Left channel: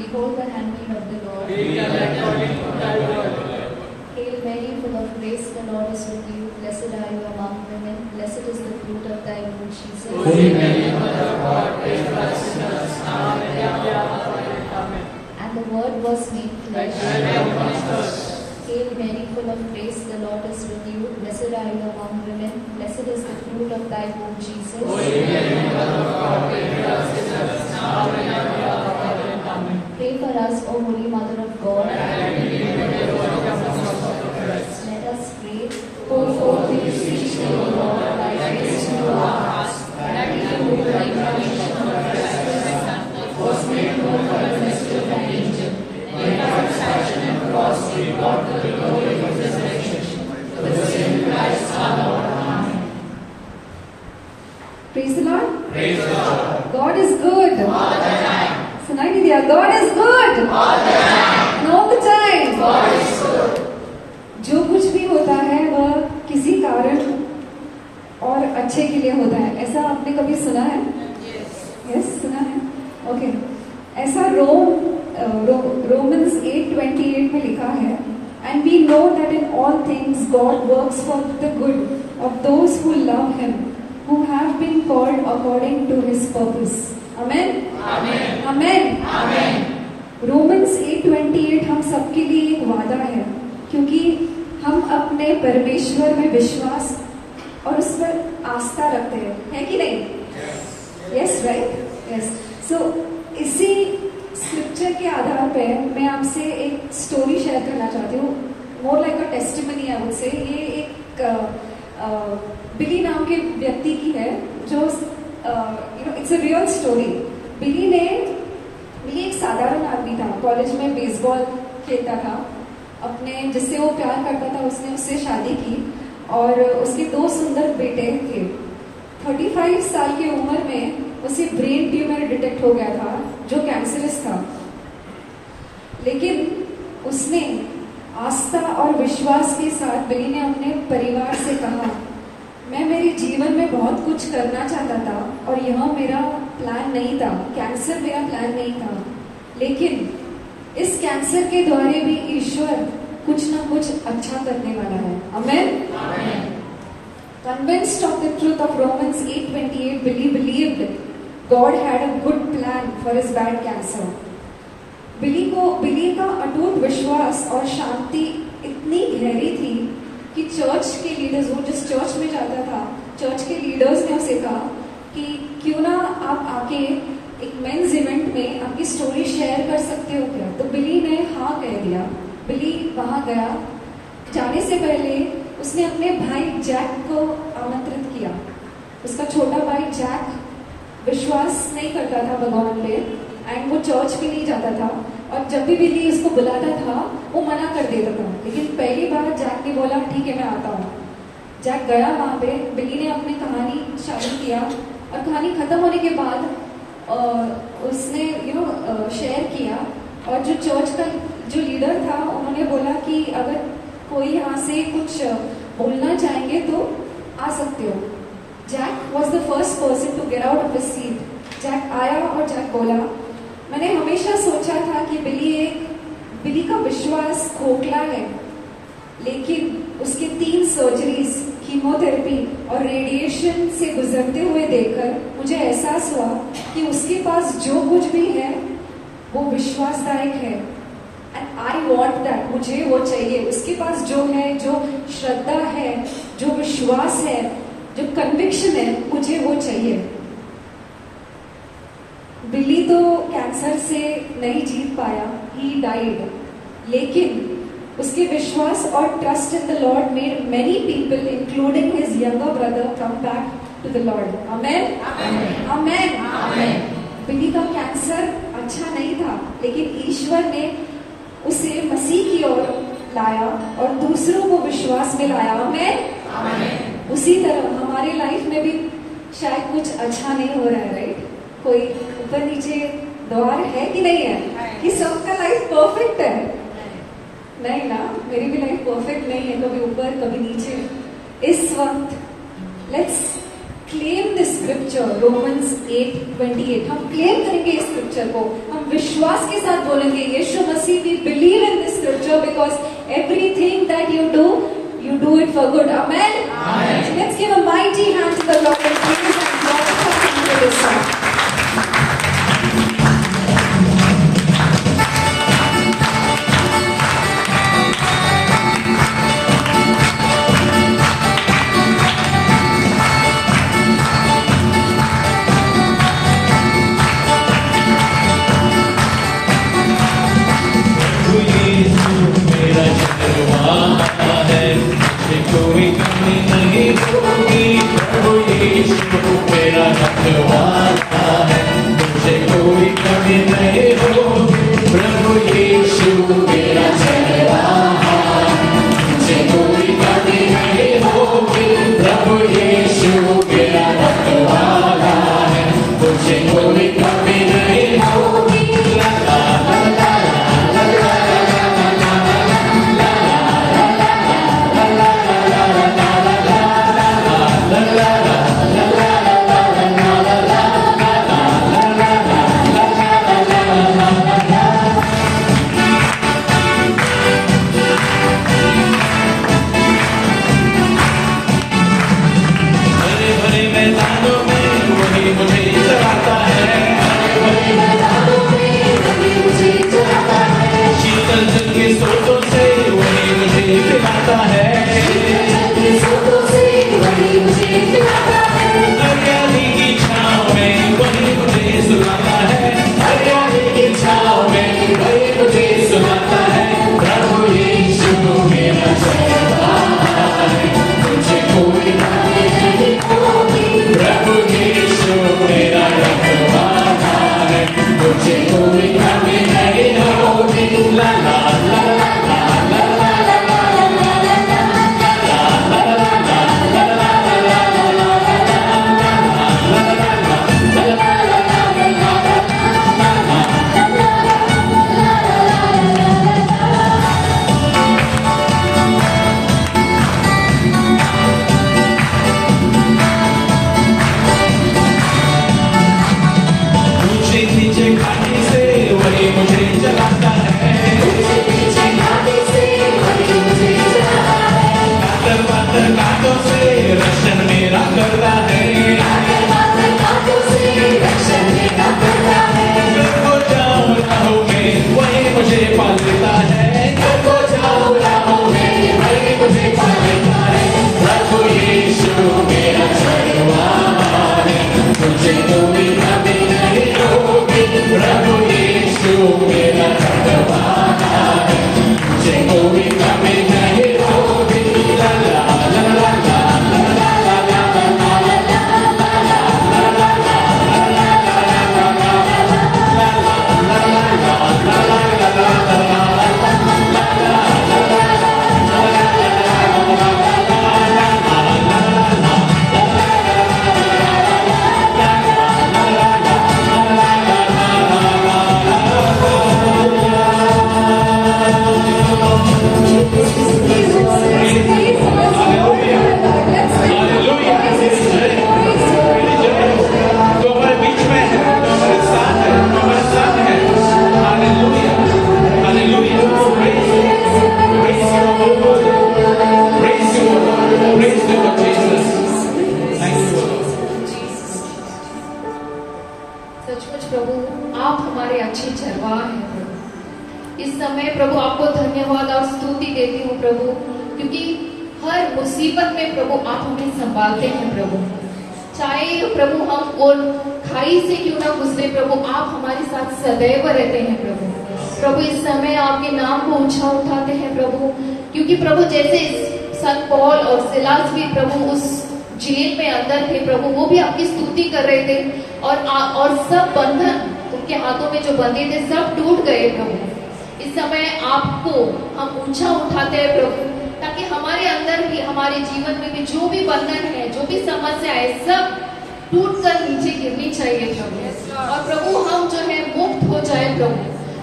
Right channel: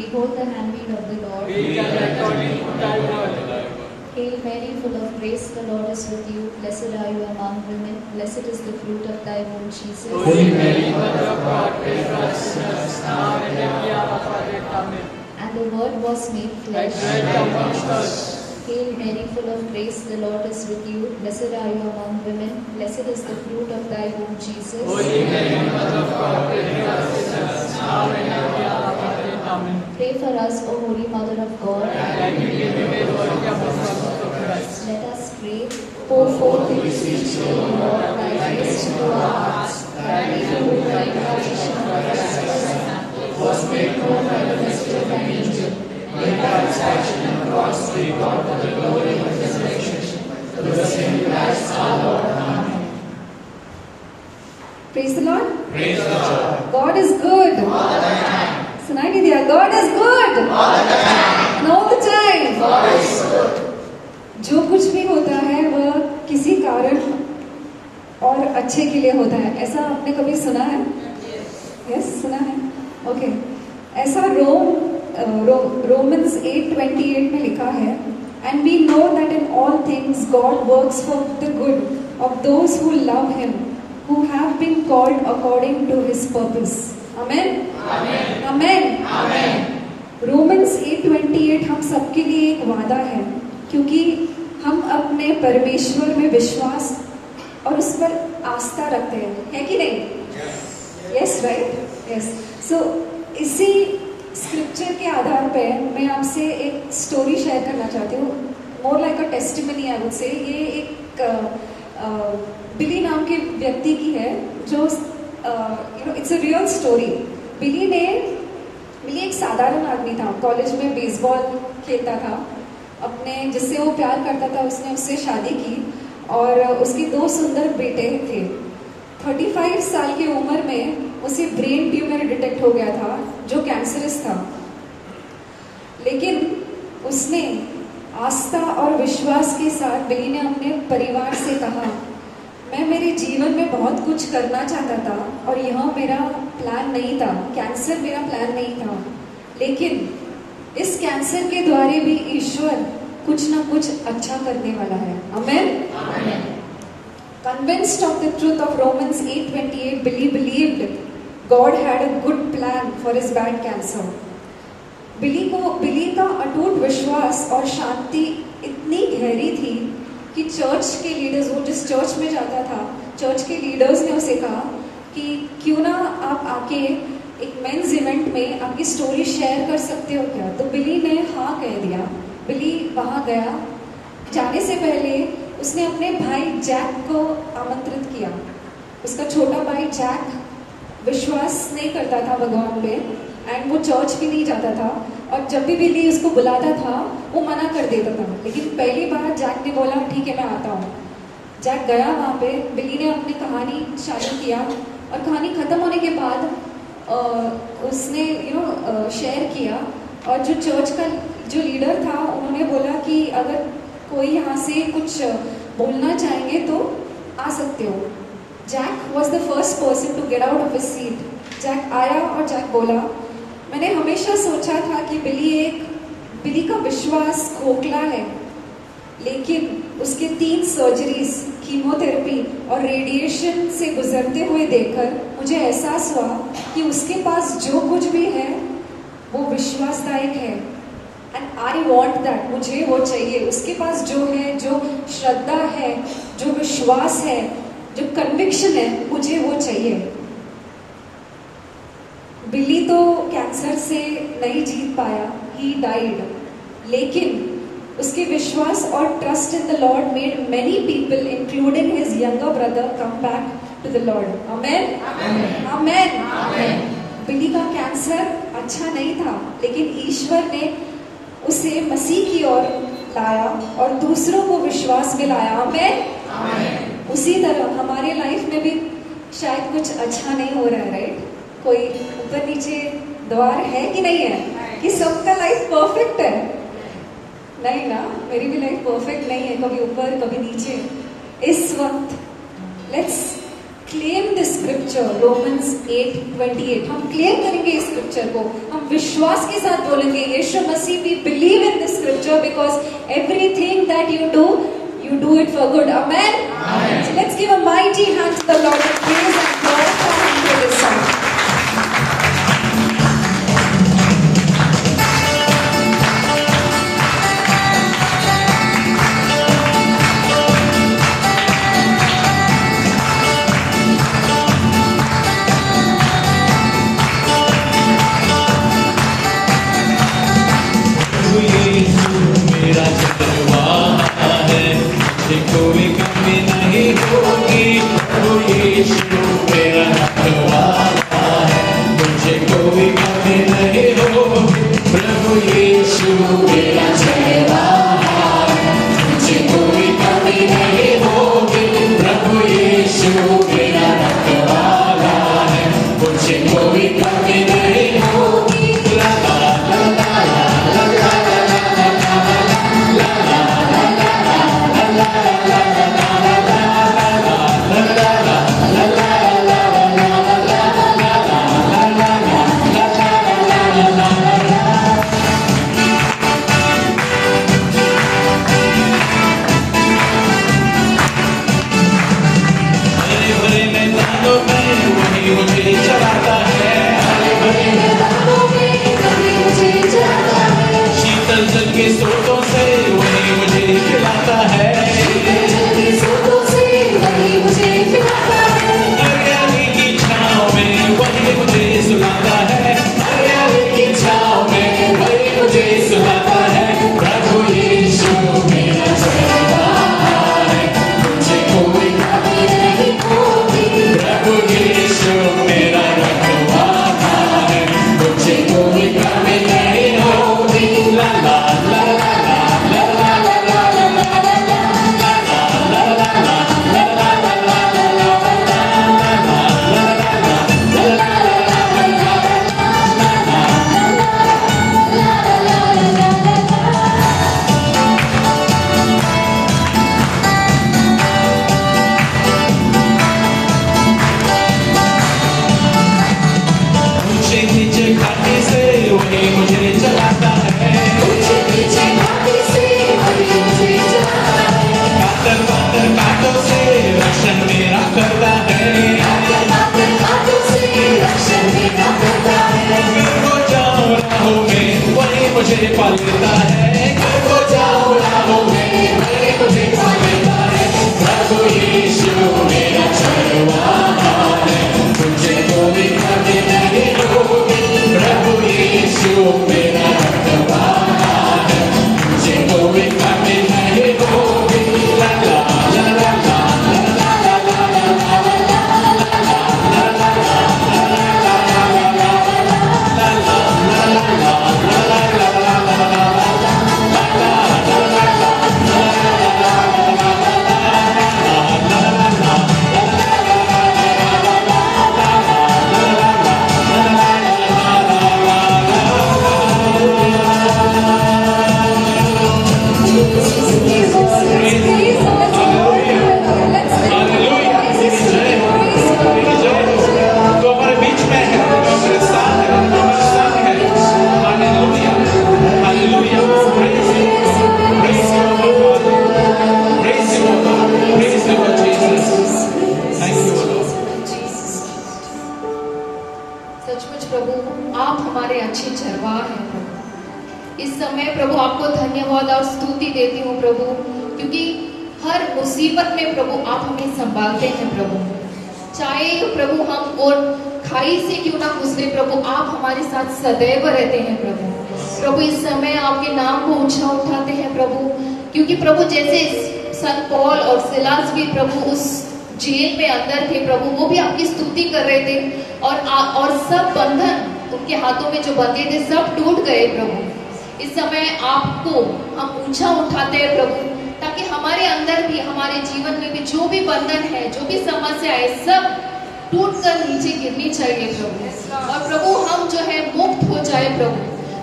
Behold the handmaid of the Lord. Be done according to thy word. Hail Mary, full of grace, the Lord is with you. Blessed are you among women. Blessed is the fruit of thy womb, Jesus. Holy Mary, Mother of God, pray for us sinners, now and at the hour of our death. Amen. And the Word was made flesh. Dwell amongst us. Hail Mary, full of grace, the Lord is with you. Blessed are you among women. Blessed is the fruit of thy womb, Jesus. Holy Mary, Mother of God, pray for us sinners, now and at the hour of our death. Amen. Pray for us, O Holy Mother of God. That we may be made worthy of the promise of Christ. Let us pray. Pour forth we beseech thee, O Lord, thy grace into our hearts, that we who the incarnation of Christ was made known by the mystery of an angel, may by his passion and cross be brought to the glory of his resurrection, through the same Christ our Lord. Amen. Praise the Lord. Praise the Lord. God is good. All the time. सुनाई नहीं दिया? God is good. All the time. And all the time. God is good. जो कुछ भी होता है वह किसी कारण और अच्छे के लिए होता है. ऐसा आपने कभी सुना है? Yes, सुना है. Okay. ऐसा Romans 8:28 में लिखा है. And we know that in all things God works for the good of those who love Him, who have been called according to His purpose. Amen. Amen. Amen. Amen. Romans 8:28 हम सबके लिए एक वादा है, क्योंकि हम अपने परमेश्वर में विश्वास और उस पर आस्था रखते हैं, है कि नहीं? Yes, right? Yes. So इसी स्क्रिप्चर के आधार पे मैं आपसे एक स्टोरी शेयर करना चाहती हूँ. More like a testimony I would say. ये एक बिली नाम के व्यक्ति की है, जो इट्स अ रियल स्टोरी. बिली एक साधारण आदमी था. कॉलेज में बेसबॉल खेलता था. अपने जिससे वो प्यार करता था उसने उससे शादी की और उसके 2 सुंदर बेटे थे. 35 साल की उम्र में उसे ब्रेन ट्यूमर डिटेक्ट हो गया था, जो कैंसरस था. लेकिन उसने आस्था और विश्वास के साथ बिली ने अपने परिवार से कहा, मैं मेरे जीवन में बहुत कुछ करना चाहता था और यह मेरा प्लान नहीं था. कैंसर मेरा प्लान नहीं था, लेकिन इस कैंसर के द्वारा भी ईश्वर कुछ ना कुछ अच्छा करने वाला है. आमेन. Convinced of the truth of Romans 8:28, Billy believed God had a good plan for his bad cancer. बिली का अटूट विश्वास और शांति इतनी गहरी थी कि चर्च के लीडर्स, वो जिस चर्च में जाता था, चर्च के लीडर्स ने उसे कहा कि क्यों ना आप आके एक मेंस इवेंट में आपकी स्टोरी शेयर कर सकते हो क्या? तो बिली ने हाँ कह दिया. बिली वहां गया. जाने से पहले उसने अपने भाई जैक को आमंत्रित किया. उसका छोटा भाई जैक विश्वास नहीं करता था भगवान पे एंड वो चर्च भी नहीं जाता था, और जब भी बिली उसको बुलाता था वो मना कर देता था. लेकिन पहली बार जैक ने बोला ठीक है मैं आता हूँ. जैक गया वहां पे. बिली ने अपनी कहानी शामिल किया और कहानी खत्म होने के बाद उसने शेयर किया. और जो चर्च का जो लीडर था उन्होंने बोला कि अगर कोई यहाँ से कुछ बोलना चाहेंगे तो आ सकते हो. Jack was the first person to get out of his seat. Jack आया और जैक बोला, मैंने हमेशा सोचा था कि बिली का विश्वास खोखला है, लेकिन उसके 3 सर्जरीज, कीमोथेरेपी और रेडिएशन से गुजरते हुए देखकर मुझे एहसास हुआ कि उसके पास जो कुछ भी है वो विश्वासदायक है. And I want that. मुझे वो चाहिए. उसके पास जो है, जो श्रद्धा है, जो विश्वास है, जो कन्विक्शन है, मुझे वो चाहिए. बिली तो कैंसर से नहीं जीत पाया, ही डाइड. लेकिन उसके विश्वास और trust in the Lord made many people including his younger brother come back to the Lord. Amen. Amen. Billy का कैंसर अच्छा नहीं था, लेकिन ईश्वर ने उसे मसीह की ओर लाया और दूसरों को विश्वास में लाया. आमेन. उसी तरह हमारी लाइफ में भी शायद कुछ अच्छा नहीं हो रहा है, राइट? कोई ऊपर नीचे द्वार है कि नहीं है कि सबका लाइफ परफेक्ट है? नहीं ना. मेरी भी लाइफ परफेक्ट नहीं है, कभी ऊपर कभी नीचे. इस वक्त let's claim this scripture, Romans 8:28. हम क्लेम करेंगे इस स्क्रिप्चर को, हम विश्वास के साथ बोलेंगे, यीशु मसीह, we believe in this scripture because everything that you do it for good. Amen. Amen. Let's give a mighty hand to the Lord and praise and glorify Him for this song. कोई कमी नहीं होगी, प्रभु यीशु मेरा रखवाला है, मुझे कोई कमी नहीं होगी, प्रभु यीशु मेरा रखवाला है, मुझे कोई कमी नहीं होगी, प्रभु यीशु मेरा रखवाला है, मुझे कोई कमी नहीं होगी।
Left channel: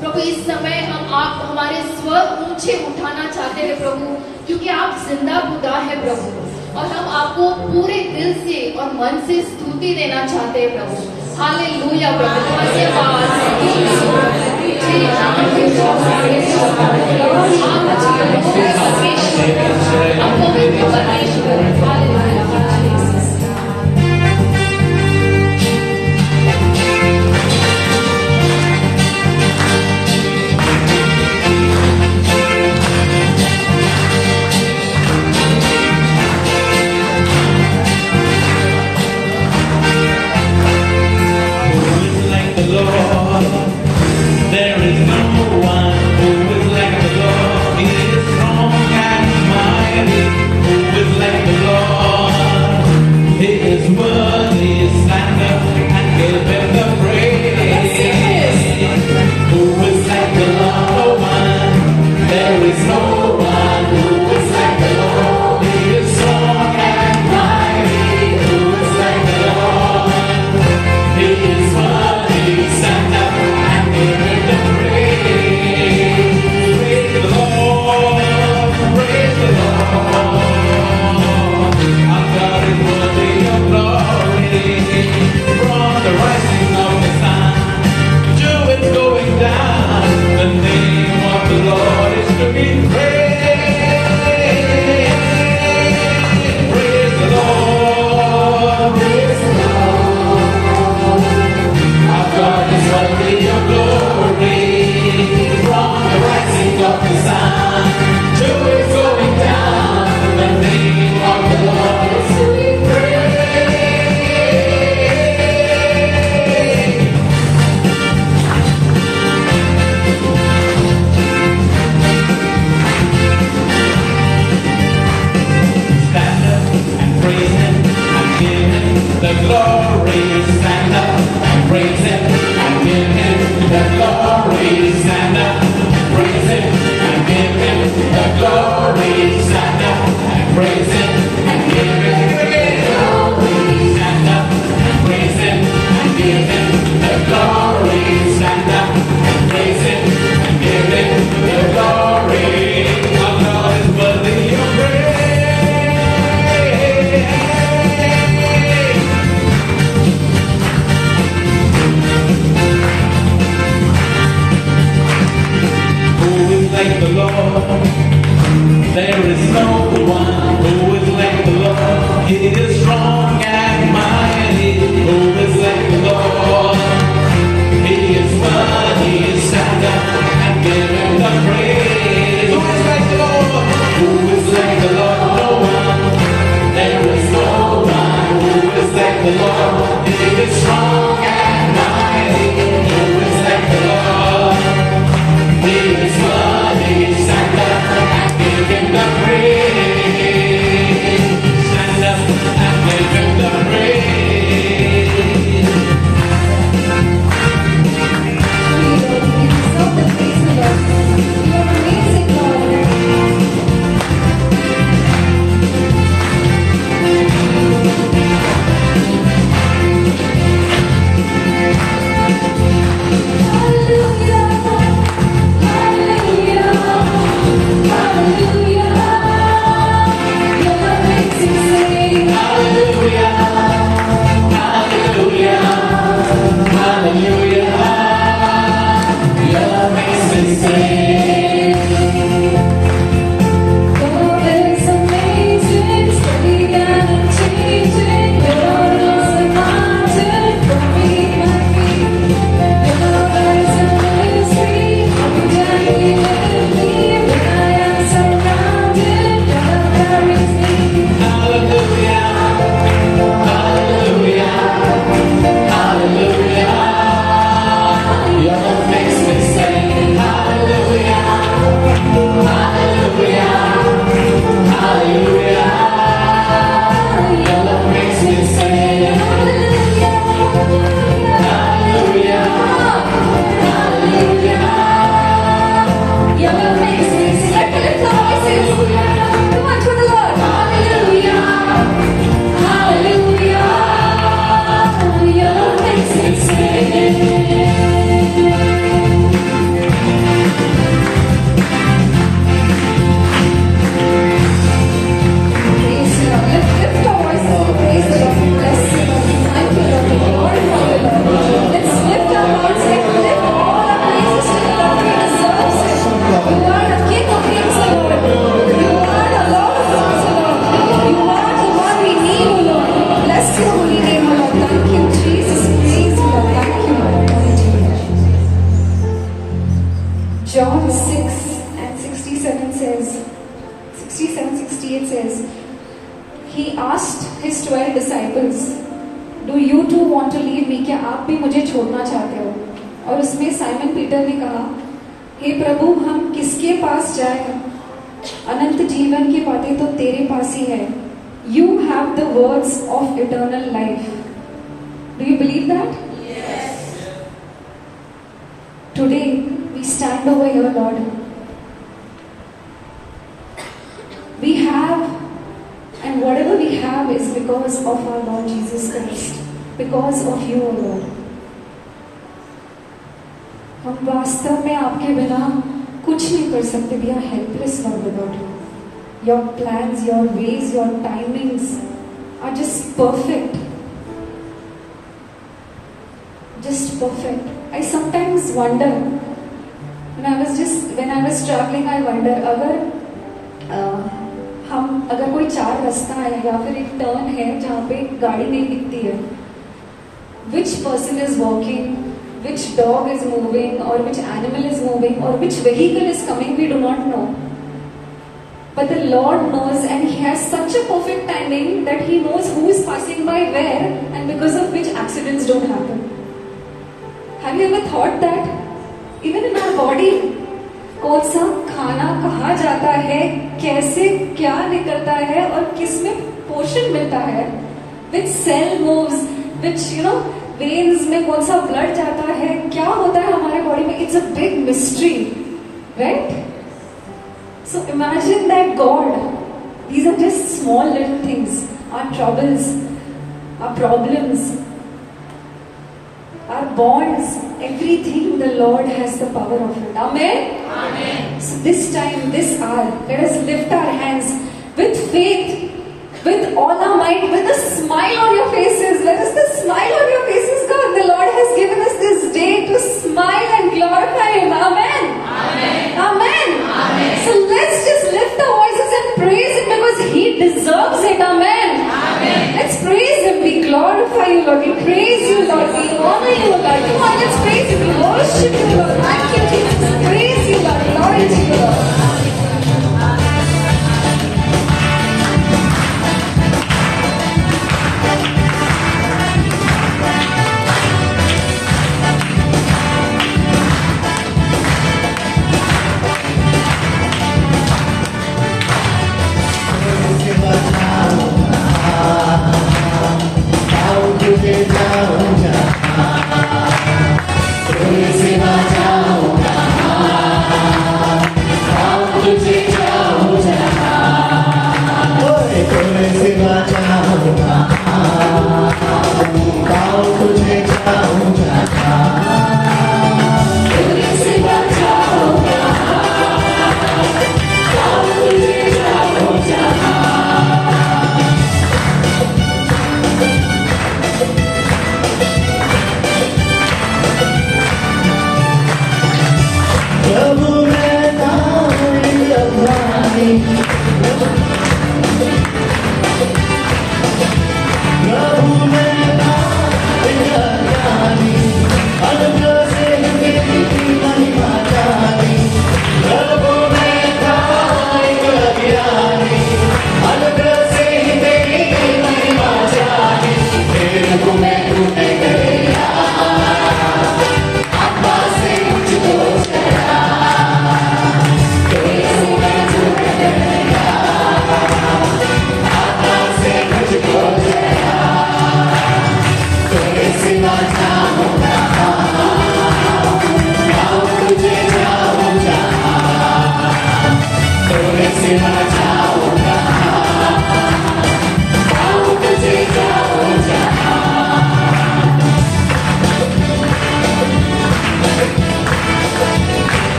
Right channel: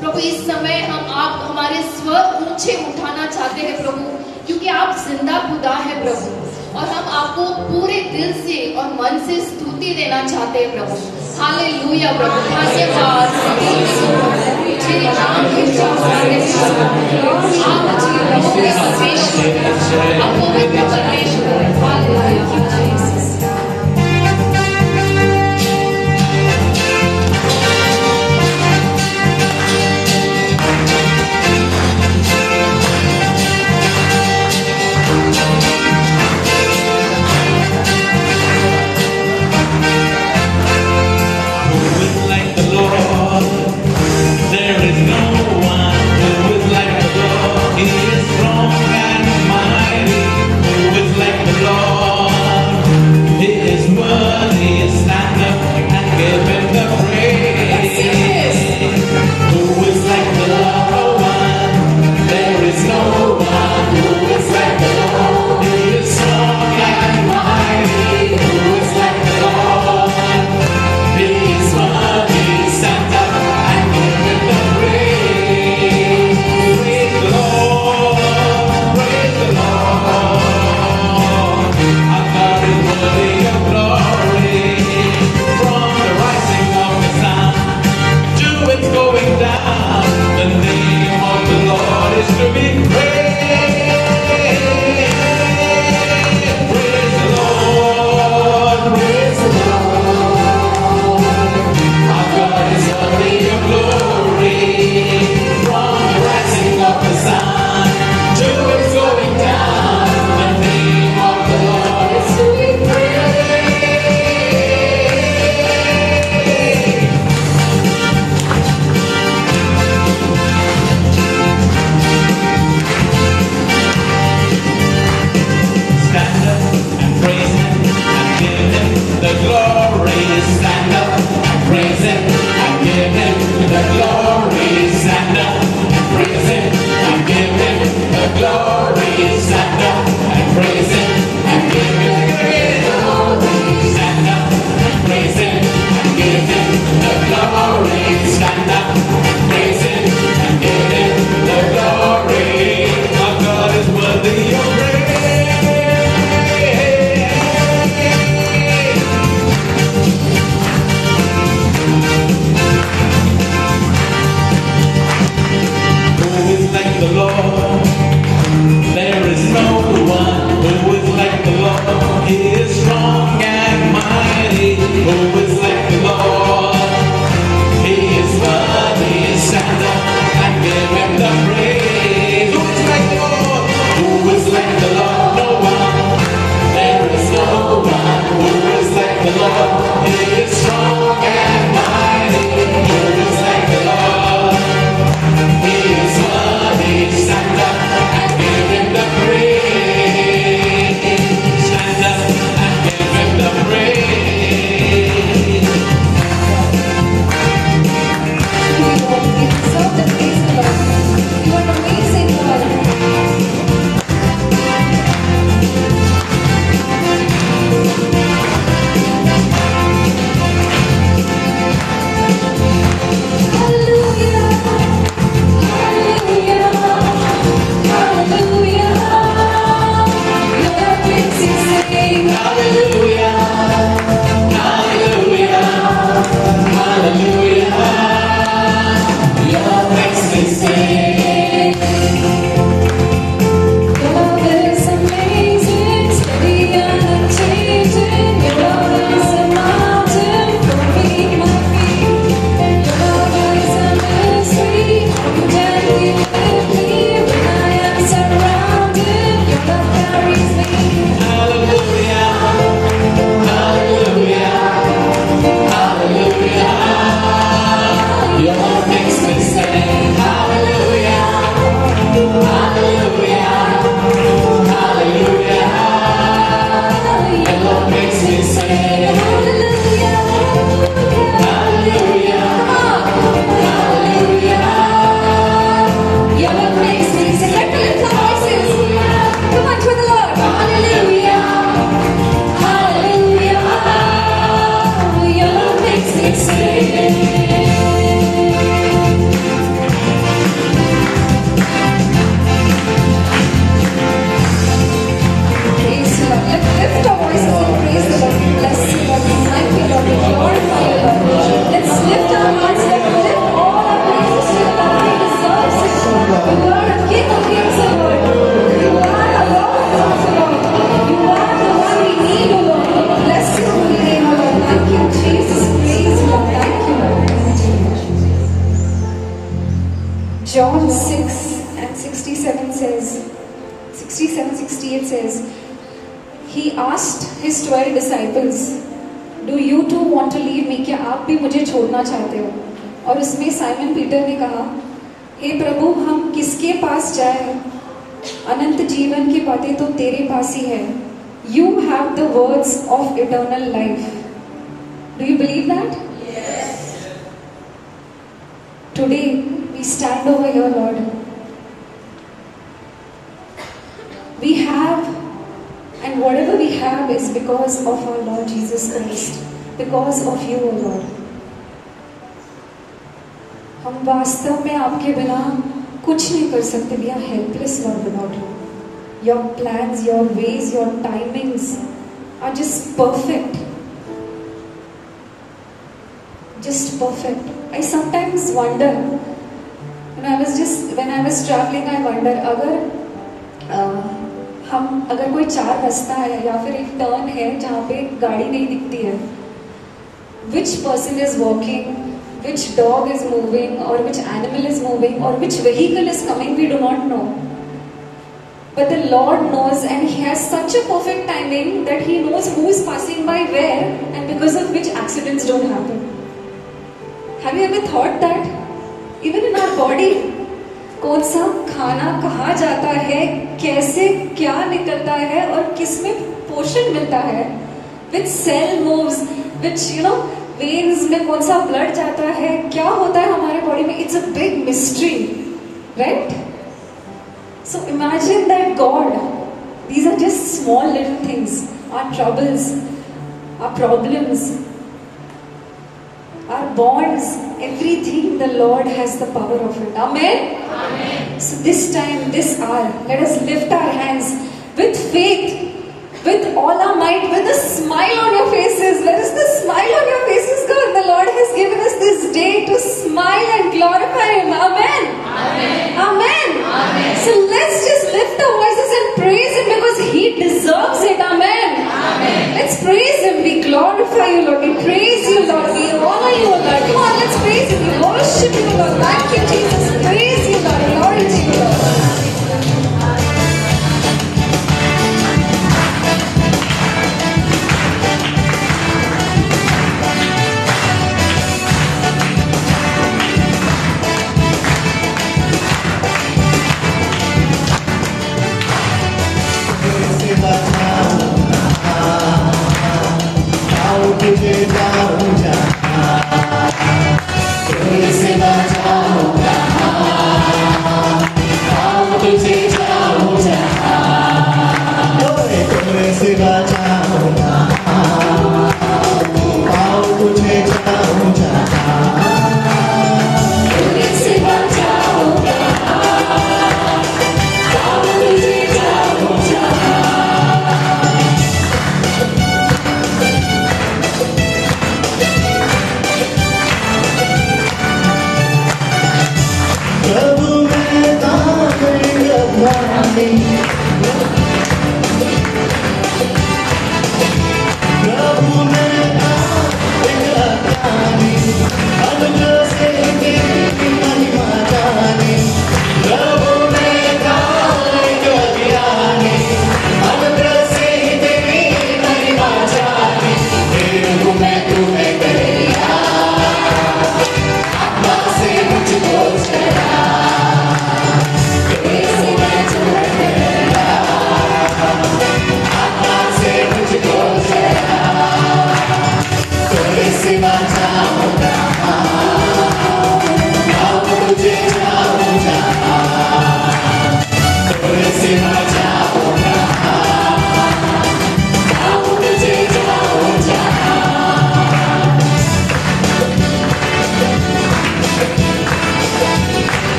प्रभु इस समय हम आप हमारे स्वर ऊंचे उठाना चाहते हैं प्रभु, क्योंकि आप जिंदा खुदा है प्रभु। और हम आपको पूरे दिल से और मन से स्तुति देना चाहते हैं प्रभु। हालेलुया प्रभु, धन्यवाद। आप पवित्र परमेश्वर, hallelujah. Like the Lord, there is no John 6 and 67 says, 67-68 says, He asked his 12 disciples, Do you too want to leave me? क्या आप भी मुझे छोड़ना चाहते हो? और उसमें साइमन पीटर ने कहा, हे प्रभु, हम किसके पास जाएं? अनंत जीवन की बातें तो तेरे पास ही है. You have the words of eternal life. Do you believe that? Yes. Today we stand over here, Lord. We have, and whatever we have is because of our Lord Jesus Christ, because of you, O Lord. हम वास्तव में आपके बिना कुछ नहीं कर सकते. We are helpless, Lord, without you. Your plans, your ways, your timings are just perfect. Just perfect. I sometimes wonder, when I was traveling, I wonder, अगर कोई चार रास्ता है या फिर एक टर्न है जहाँ पे गाड़ी नहीं दिखती है, which person is walking, which dog is moving, or which animal is moving, or which vehicle is coming, we do not know. But the Lord knows, and He has such a perfect timing that He knows who is passing by where, and because of which accidents don't happen. Have you ever thought that? Even in our body, कौन सा खाना कहाँ जाता है, कैसे क्या निकलता है और किसमें पोषण मिलता है, which cell moves, which veins में कौन सा blood जाता है, क्या होता है हमारे बॉडी में, it's a big mystery, right? So imagine that God, these are just small little things, our troubles, our problems, our bonds, everything, the Lord has the power of it. Amen? Amen. So this time, this hour, let us lift our hands with faith, with all our might, with a smile on your faces. Let us the smile on your faces, God. The Lord has given us this day to smile and glorify Him. Amen. Amen. Amen. Amen. So let's just lift our voices and praise Him because He deserves it. Amen. Amen. Let's praise Him. We glorify You, Lord. We praise You, Lord. We honor You, Lord. Come on, let's praise Him. We worship You, Lord. Thank You, Jesus. Praise You, Lord. Glory to You, Lord.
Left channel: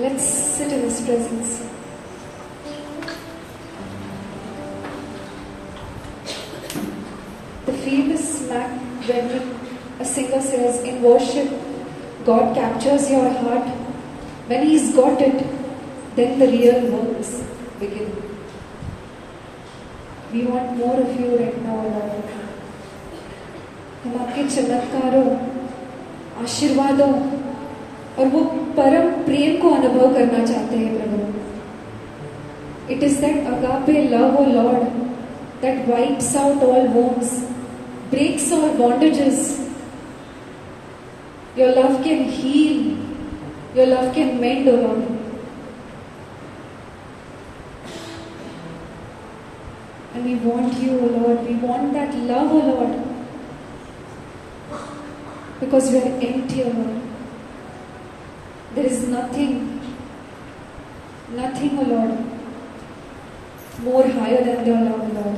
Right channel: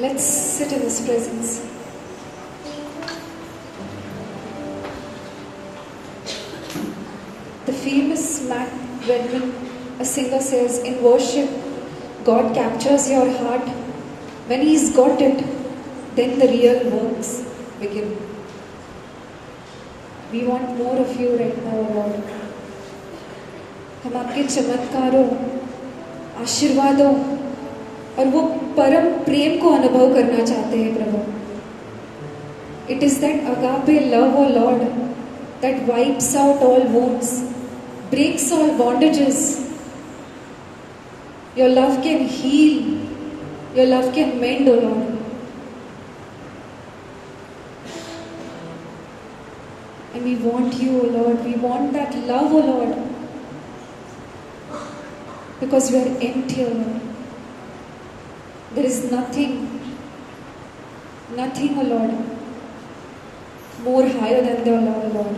Let's sit in His presence. The famous Mac Redman, a singer, says, in worship, God captures your heart. When He's got it, then the real works begin. We want more of you right now, Lord. हम आपके चमत्कारों, आशीर्वादों और वो परम प्रेम को अनुभव करना चाहते हैं प्रभु. It is that agape love, O Lord, that wipes out all wounds, breaks all bondages. Your love can heal. Your love can mend, O Lord. And we want you, O Lord. We want that love, O Lord. Because we are empty, O Lord. There is nothing, O Lord, more higher than your love, O Lord.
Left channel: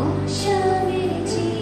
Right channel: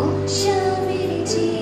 आशा में जी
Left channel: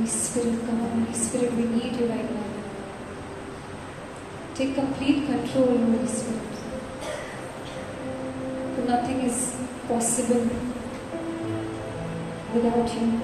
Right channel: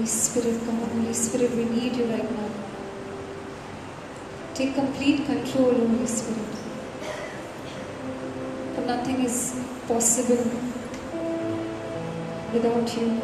Holy Spirit, come on, Holy Spirit, we need you right now. Take complete control, Holy Spirit. For nothing is possible without you.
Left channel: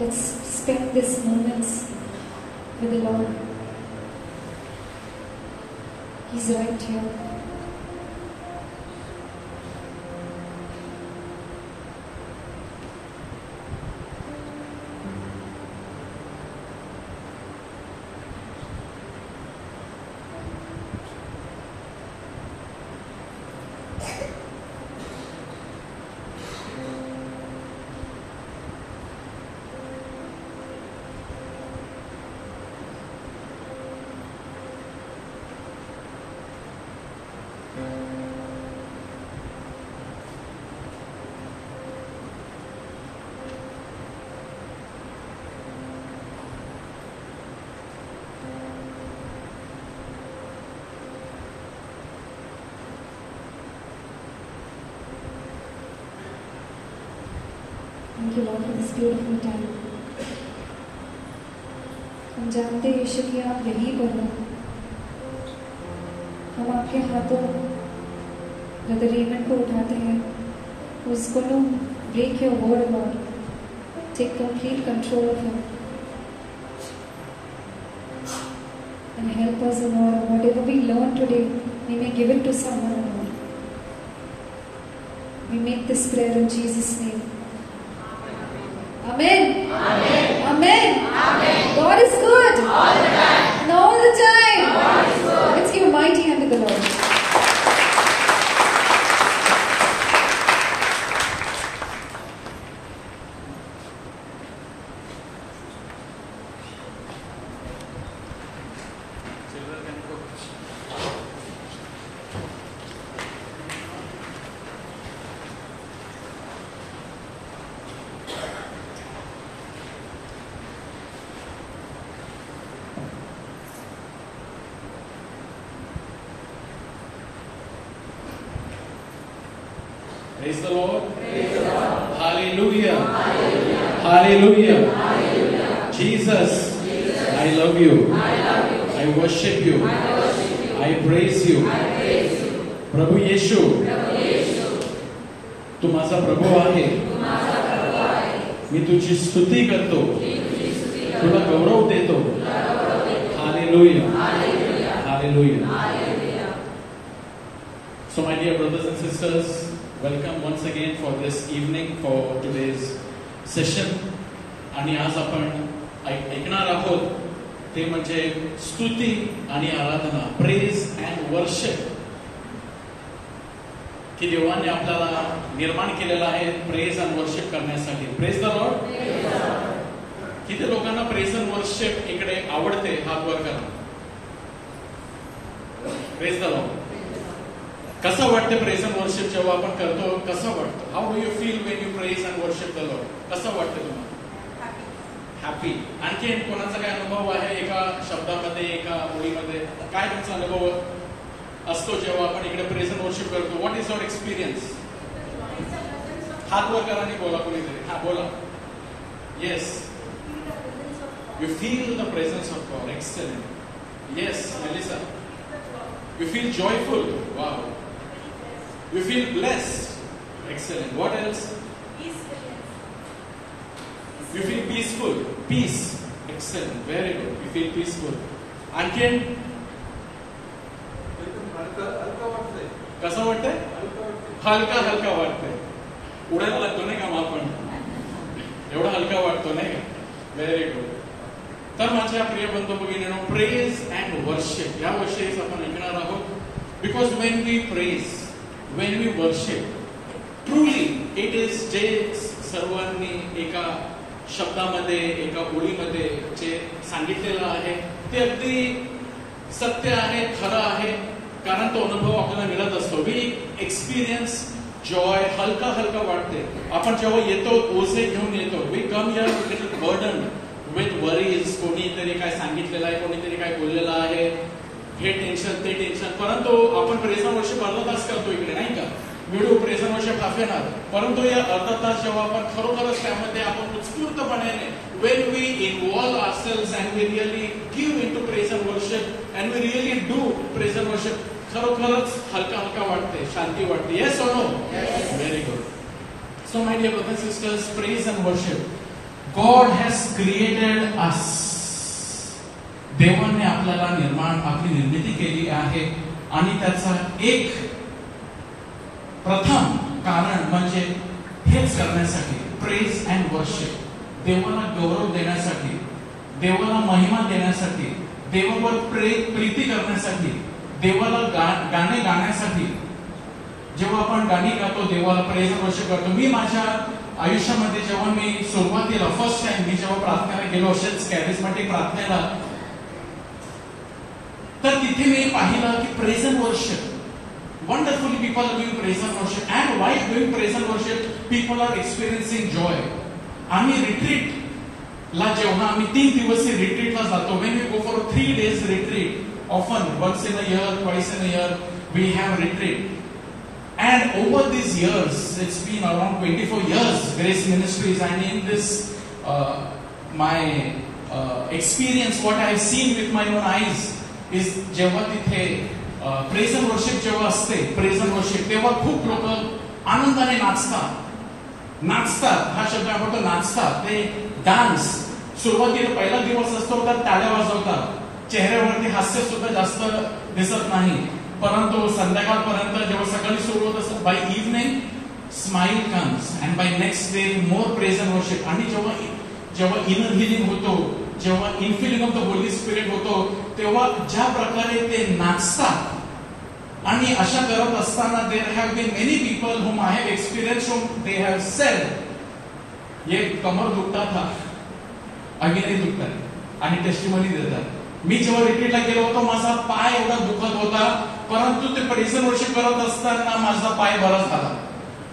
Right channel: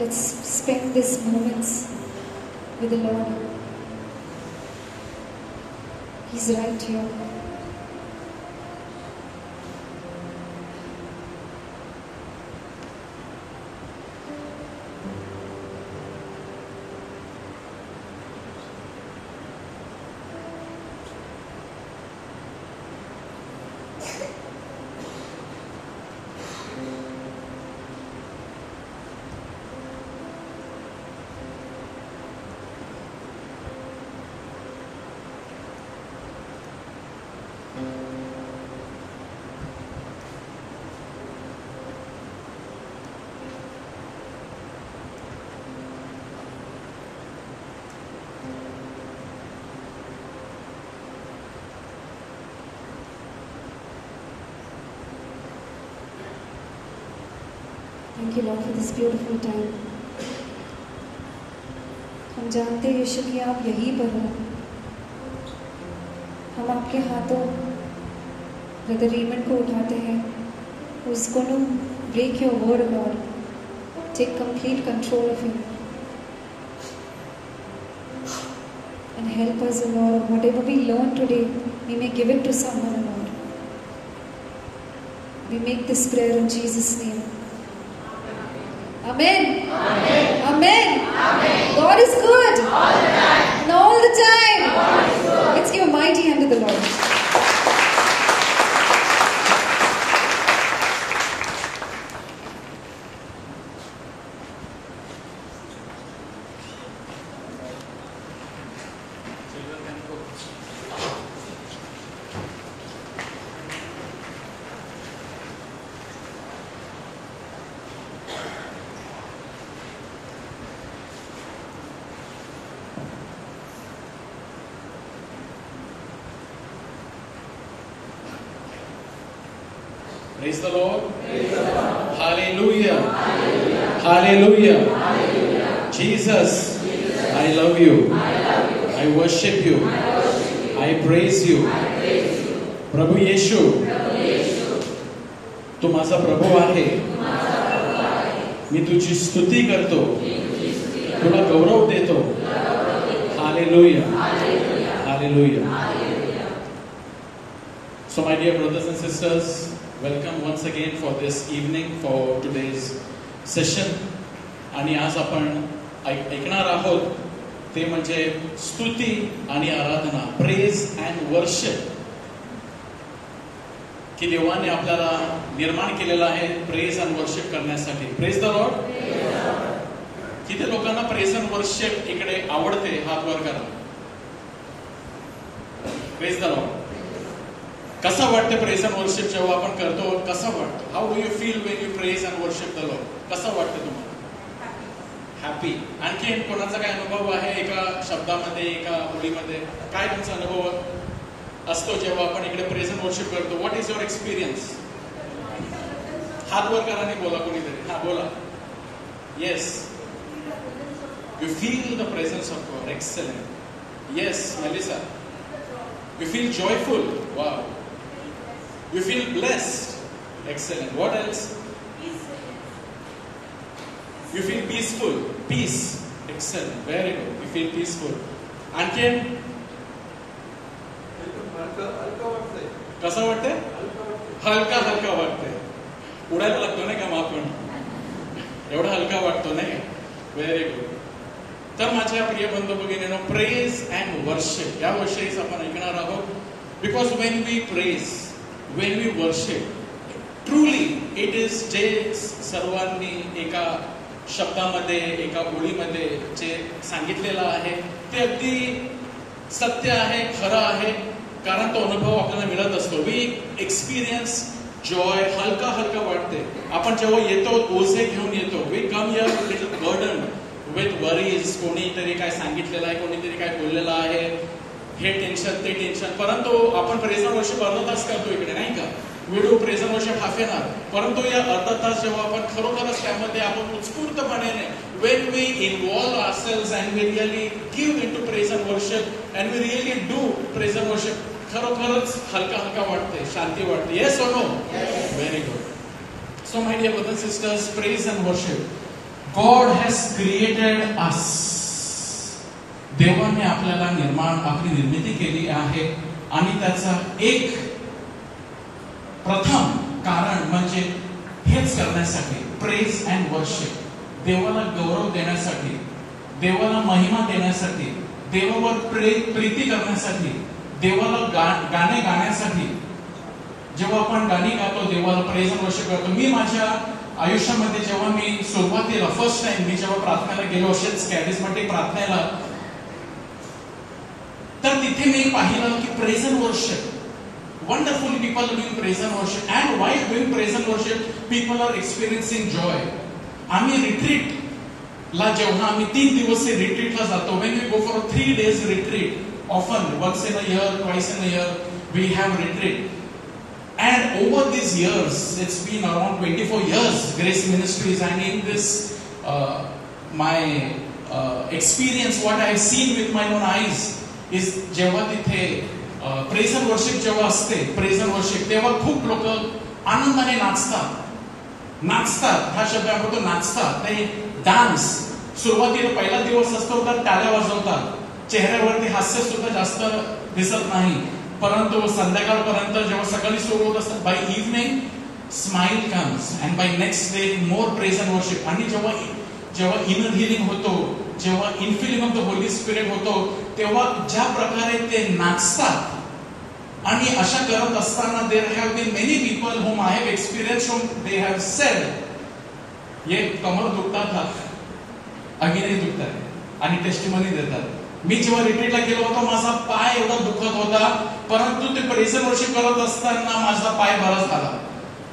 Let's spend these moments with the Lord. He's right here. Thank you, Lord, for this beautiful time. हम जानते हैं यीशु कि आप यहीं पर हो. हम आपके हाथों ब्रदर रीमन को उठाते हैं. उसको no break your word, Lord. Take complete control of him. And help us, Lord. Whatever we learn today, we may give it to someone, Lord. We make this prayer in Jesus' name. Amen. Amen. Amen. Amen. God is good. All the time. And all the time. God is good. Let's give a mighty hand to the Lord. Praise the Lord. Praise the Lord. Hallelujah. Hallelujah. Hallelujah. Hallelujah. Jesus, I love you. I worship you. I praise you. प्रभु येशू, तू माझा प्रभू आहे. मी तुझी स्तुती करतो. तुला गौरव देतो. Hallelujah. Hallelujah. So my dear brothers and sisters, Welcome once again for this evening for today's session. आणि आज आपण ऐकणार आहोत ते म्हणजे स्तुती आणि आराधना, प्रेज अँड वर्शिप. की देवाने आपल्याला निर्माण केलेला आहे प्रेज अँड वर्शिप करण्यासाठी. Praise the Lord. किती लोकांना प्रेज अँड वर्शिप इकडे आवडते? हात वर करा. Praise the Lord. कसं वाटतं प्रेज अँड वर्शिप जेव्हा आपण करतो? कसं वाटतं? How do you feel when you praise and worship the Lord? कसं वाटतं तुम्हाला? हॅपी. आणखी कोणाचा काय अनुभव आहे एका शब्दामध्ये, एका ओळीमध्ये? काय तुमचा अनुभव असतो जेव्हा आपण इकडे प्रेज अँड वर्शिप करतो? What is your experience? हात वर करा आणि बोला कोणीतरी. हा बोला. Yes. You feel the presence of God. Excellent. Yes Melissa. You feel joyful. Wow. You feel blessed. Excellent. What else? You feel peaceful. Peace. Excellent. Very good. You feel peaceful. आणखीन कसं वाटतंय? हलका हलका वाटतंय. उडायला लागतो नाही का मग आपण? एवढा हलका वाटतो नाही का? Very good. तर माझ्या प्रिय बंधू भगिनींनो, प्रेज अँड वर्शिप या विषयीच आपण ऐकणार आहोत. Because when we praise, when we worship, truly it is जे सर्वांनी एका शब्दामध्ये, एका ओळीमध्ये जे सांगितलेलं आहे ते अगदी सत्य आहे, खरं आहे. कारण तो अनुभव आपल्याला मिळत असतो. We experience joy. हलका हलका वाटते. आपण जेव्हा येतो ओझे घेऊन येतो. We come here with little burden, with worries. कोणीतरी काय सांगितलेलं आहे, कोणीतरी काय बोललेलं आहे, हे टेन्शन ते टेन्शन. परंतु आपण प्रेज अँड वर्शिप अर्धा तास करतो इकडे नाही का? Video praise and worship half an our. परंतु या अर्धा तास जेव्हा आपण खरोखरच त्यामध्ये आपण उत्स्फूर्तपणे when we involve ourselves and we really give into praise and worship and we really do praise and worship, खरोखरच हलका हलका वाटते, शांती वाटते. Yes or no? Yes. Very good. So my dear brothers and sisters, praise and worship. God has created us. देवाने आपल्याला आपली निर्मिती केली आहे आणि त्याचा एक प्रथम कारण म्हणजे हेच करण्यासाठी, प्रेज अँड वर्शिप. देवाला गौरव देण्यासाठी, देवाला महिमा देण्यासाठी, देवावर प्रीती करण्यासाठी, देवाला गाणे गाण्यासाठी. जेव्हा आपण गाणी गातो, देवाला प्रेज अँड वर्शिप करतो. मी माझ्या आयुष्यामध्ये जेव्हा मी सुरुवातीला फर्स्ट टाइम मी जेव्हा प्रार्थनेला गेलो, असेच कॅरिस्मॅटिक प्रार्थनेला, तर तिथे मी पाहिलं की praise and worship, wonderfully people are doing praise and worship. And while doing praise and worship, people are experiencing joy. आम्ही रिट्रीटला जेव्हा आम्ही 3 दिवसीय रिट्रीटला जातो, when we go for a 3 days retreat, often once in a year, twice in a year, we have retreat. And over these years, it's been around 24 years, Grace Ministries, and in this, my experience, what I have seen with my own eyes, is जेव्हा तिथे praise and worship जेव्हा असते, praise and worship, तेव्हा खूप लोक आनंदाने नाचतात. हा शब्द आपण नाचतात. ते डान्स. सुरुवातीला पहिला दिवस असतो तर टाळ्या वाजवतात. चेहऱ्यावरती हास्य सुद्धा जास्त दिसत नाही. परंतु संध्याकाळपर्यंत जेव्हा सकाळी सुरू होत असतात, by evening smile comes and by next day more praise and worship. आणि जेव्हा इनर हिलिंग होतो, जेव्हा infilling of the Holy Spirit होतो, तेव्हा ज्या प्रकारे ते नाचतात. आणि अशा करत असताना there have been many people whom I have experience, whom they have said, ये कमर दुखतात था, अगेनही दुखतात आणि टेस्टिमनी देतात. मी जेव्हा रिट्रीटला गेलो होतो, माझा पाय एवढा दुखत होता, परंतु ते प्रेज अँड वर्शिप करत असताना माझा पाय बरा झाला.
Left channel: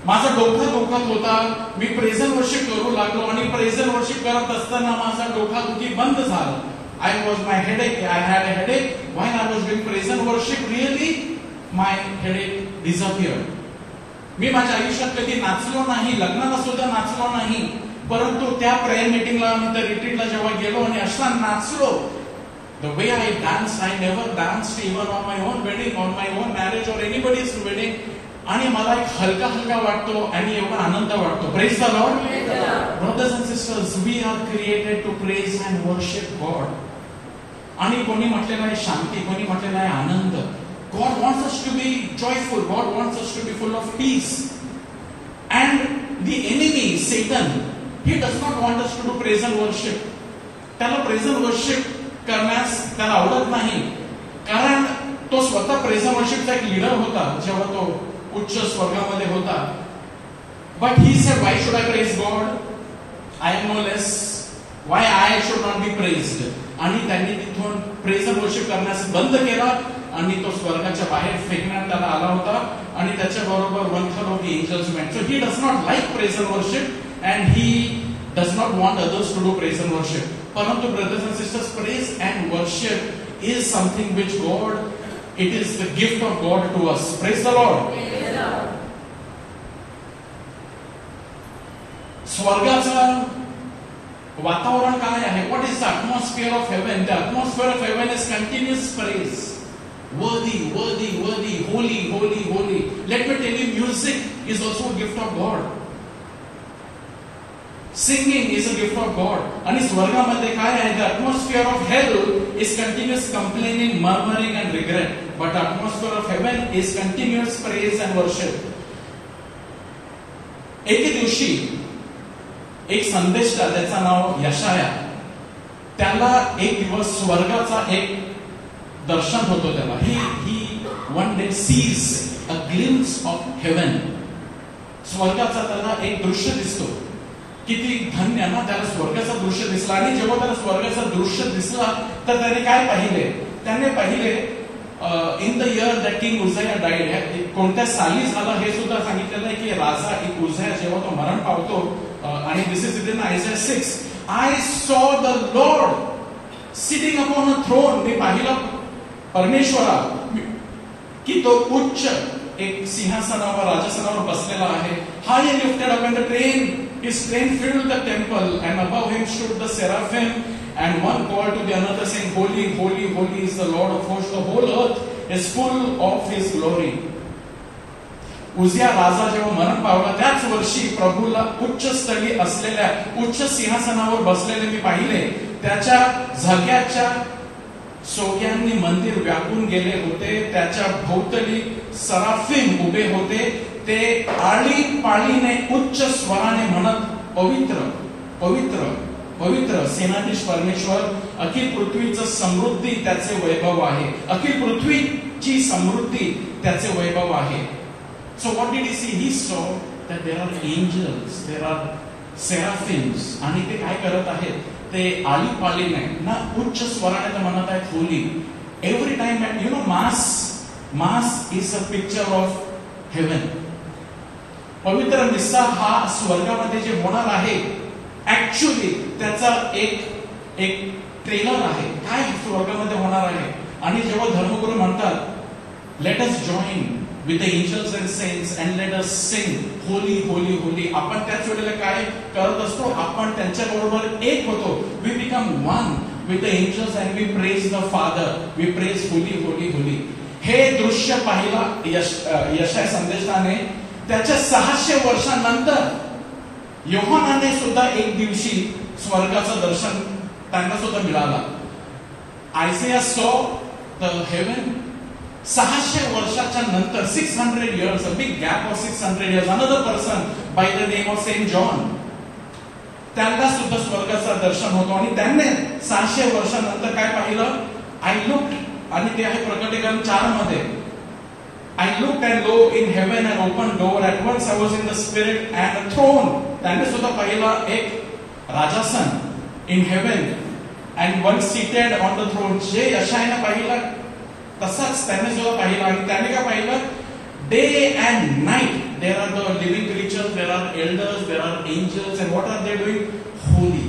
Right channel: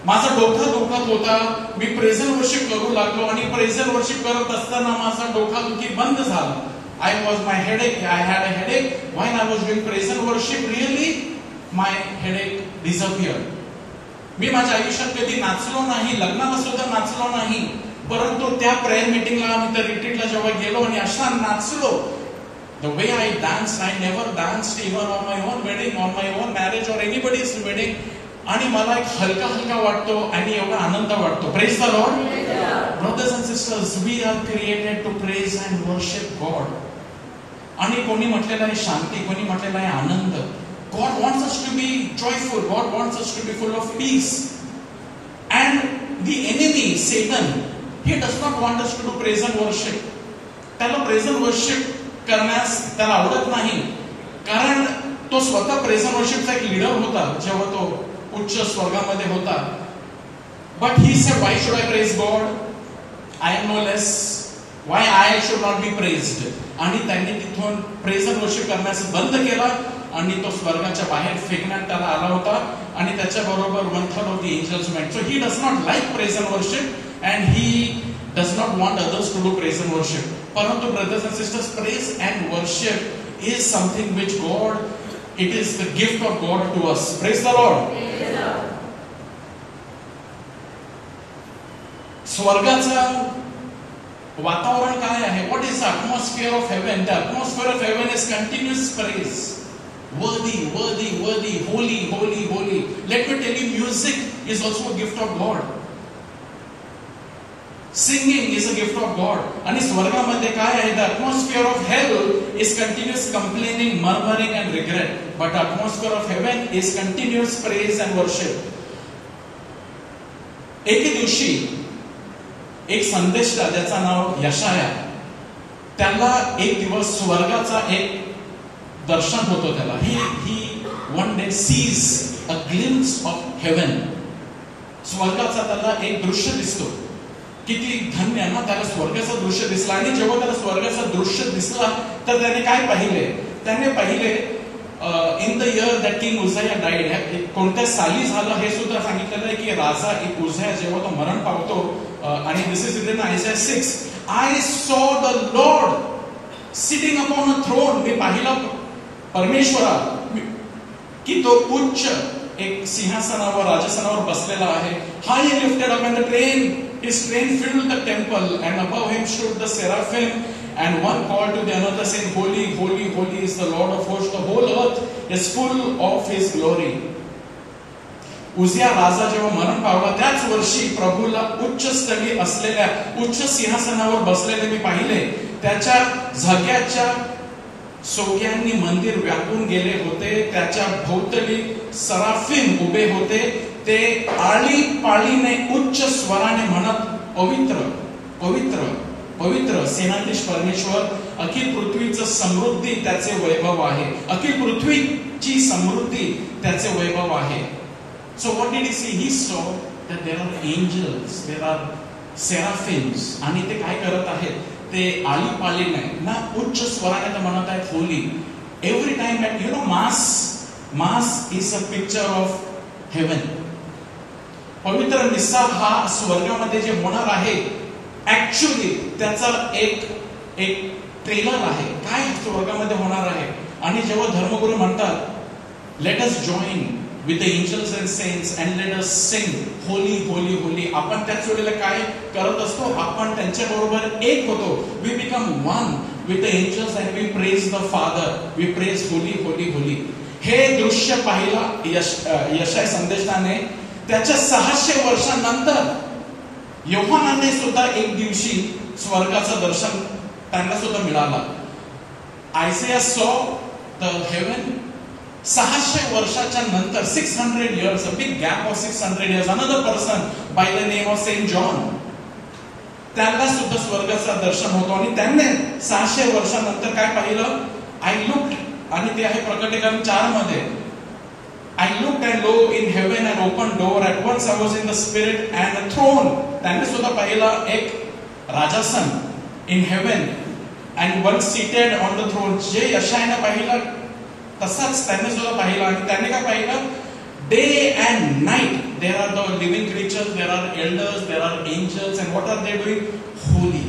माझा डोका दुखत होता, मी प्रेज अँड वर्शिप करू लागलो आणि प्रेज अँड वर्शिप करत असताना माझा डोकादुखी बंद झाला. I had a headache while I was doing praise and worship. Really, my headache disappeared. मी माझ्या आयुष्यात कधी नाचलो नाही, लग्नाला सुद्धा नाचलो नाही, परंतु त्या प्रेयर मीटिंगला, त्या रिट्रीटला जेव्हा गेलो आणि अशा नाचलो, the way I danced, I never danced even on my own wedding, on my own marriage or anybody's wedding. आणि मला एक हलका हलका वाटतो आणि एवढा आनंद वाटतो. Praise the Lord. Brothers and sisters, we are created to praise and worship God. आणि कोणी म्हटलेलं आहे शांती, कोणी म्हटलेलं आहे आनंद. God wants us to be joyful. God wants us to be full of peace. the enemy, Satan, he does not want us to do praise and worship. त्याला praise and worship करण्यास त्याला आवडत नाही, कारण तो स्वतः praise and worshipचा एक लीडर होता जेव्हा तो उच्च स्वर्गामध्ये होता. But he said, why should I praise God? I am no less. Why I should not be praised? आणि त्यांनी तिथून praise and worship करण्यास बंद केला आणि तो स्वर्गाच्या बाहेर फेकण्यात त्याला आला होता आणि त्याच्या बरोबर 1/3 of the angels went. So he does not like praise and worship and he does not want others to do praise and worship. Parantu brothers and sisters, praise and worship is something which God, it is the gift of God to us. Praise the Lord. स्वर्गाचं वातावरण काय आहे? What is the atmosphere of heaven? The atmosphere of heaven is continuous praise. Worthy, worthy, worthy, holy, holy, holy. Let me tell you, music is also a gift of God. Singing is a gift of God. आणि स्वर्गामध्ये काय आहे? The atmosphere of hell is continuous complaining, murmuring and regret. But the atmosphere of heaven is continuous praise and worship. एके दिवशी एक संदेशदा, त्याचं नाव यशाया, त्याला एक दिवस स्वर्गाचा एक दर्शन होतो. त्याला he one day sees a glimpse of heaven. स्वर्गाचा त्याला एक दृश्य दिसतो. किती धन्य ना, त्याला स्वर्गाचं दृश्य दिसला. आणि जेव्हा त्याला स्वर्गाचं दृश्य दिसला तर त्याने काय पाहिले? त्याने पाहिले in the year that king Uzziah died. कोणत्या साली झाला हे सुद्धा सांगितलेलं आहे की राजा एक उझाया जेव्हा तो मरण पावतो, आणि this is written in Isaiah 6, I saw the Lord sitting upon a throne. मी पाहिला परमेश्वरा की तो उच्च एक सिंहासनावर, राजसनावर बसलेला आहे. High lifted up in the train, his train filled the temple, and above him stood the seraphim, and one called to the another saying, holy, holy, holy is the Lord of hosts. The whole earth is full of his glory. उजिया राजा जेव्हा मरण पावला त्याच वर्षी प्रभूला उच्च स्थळी असलेल्या उच्च सिंहासनावर बसलेले मी पाहिले. त्याच्या झग्याच्या सोग्यांनी मंदिर व्यापून गेले होते. त्याच्या भोवतली सराफिम उभे होते. ते आळीपाळीने उच्च स्वराने म्हणत, पवित्र पवित्र पवित्र सेनाधीश परमेश्वर, अखिल पृथ्वीचं समृद्धी त्याचे वैभव आहे. अखिल पृथ्वीची समृद्धी त्याचे वैभव आहे. So what did he see? He saw that there are angels, there are seraphims, आणि ते काय करत आहेत? ते आळीपाळीने ना उच्च स्वराने ते म्हणत आहेत Holi. Every time that you know mass is a picture of haven. पवित्र निस्सा हा स्वर्गामध्ये जे होणार आहे, ऍक्च्युअली त्याचा एक ट्रेलर आहे. काय स्वर्गामध्ये होणार आहे? आणि जेव्हा धर्मगुरू म्हणतात let us join with the angels and saints and let us sing holy holy holy, आपण त्याच वेळेला काय करत असतो? आपण त्यांच्या बरोबर एक होतो. we become one with the angels and we praise the Father, we praise holy holy holy. हे दृश्य पाहिला यशाया संदेशाने. त्याच्या 600 वर्षांनंतर योहानाने सुद्धा एक दिवशी स्वर्गाचं दर्शन त्यांना सुद्धा मिळालं. आयझाया saw the heaven. 600 वर्षाच्या नंतर, 600 years, a big gap of 600 years, another person by the name of Saint John, त्याला सुद्धा स्वर्गाचं दर्शन होतो. आणि त्याने 600 वर्षानंतर काय पाहिलं? आय लुक्ड, आणि ते आहे प्रकटीकरण 4 मध्ये. I looked and lo, in heaven an open door. At once I was in the spirit and a throne. त्याने सुद्धा पाहिलं एक राजासन in heaven and one seated on the throne. जे यशायाने पाहिलं तसाच त्याने सुद्धा पाहिलं. आणि त्याने काय पाहिलं? Day and night there are the living creatures, there are elders, there are angels, and what are they doing? Holy,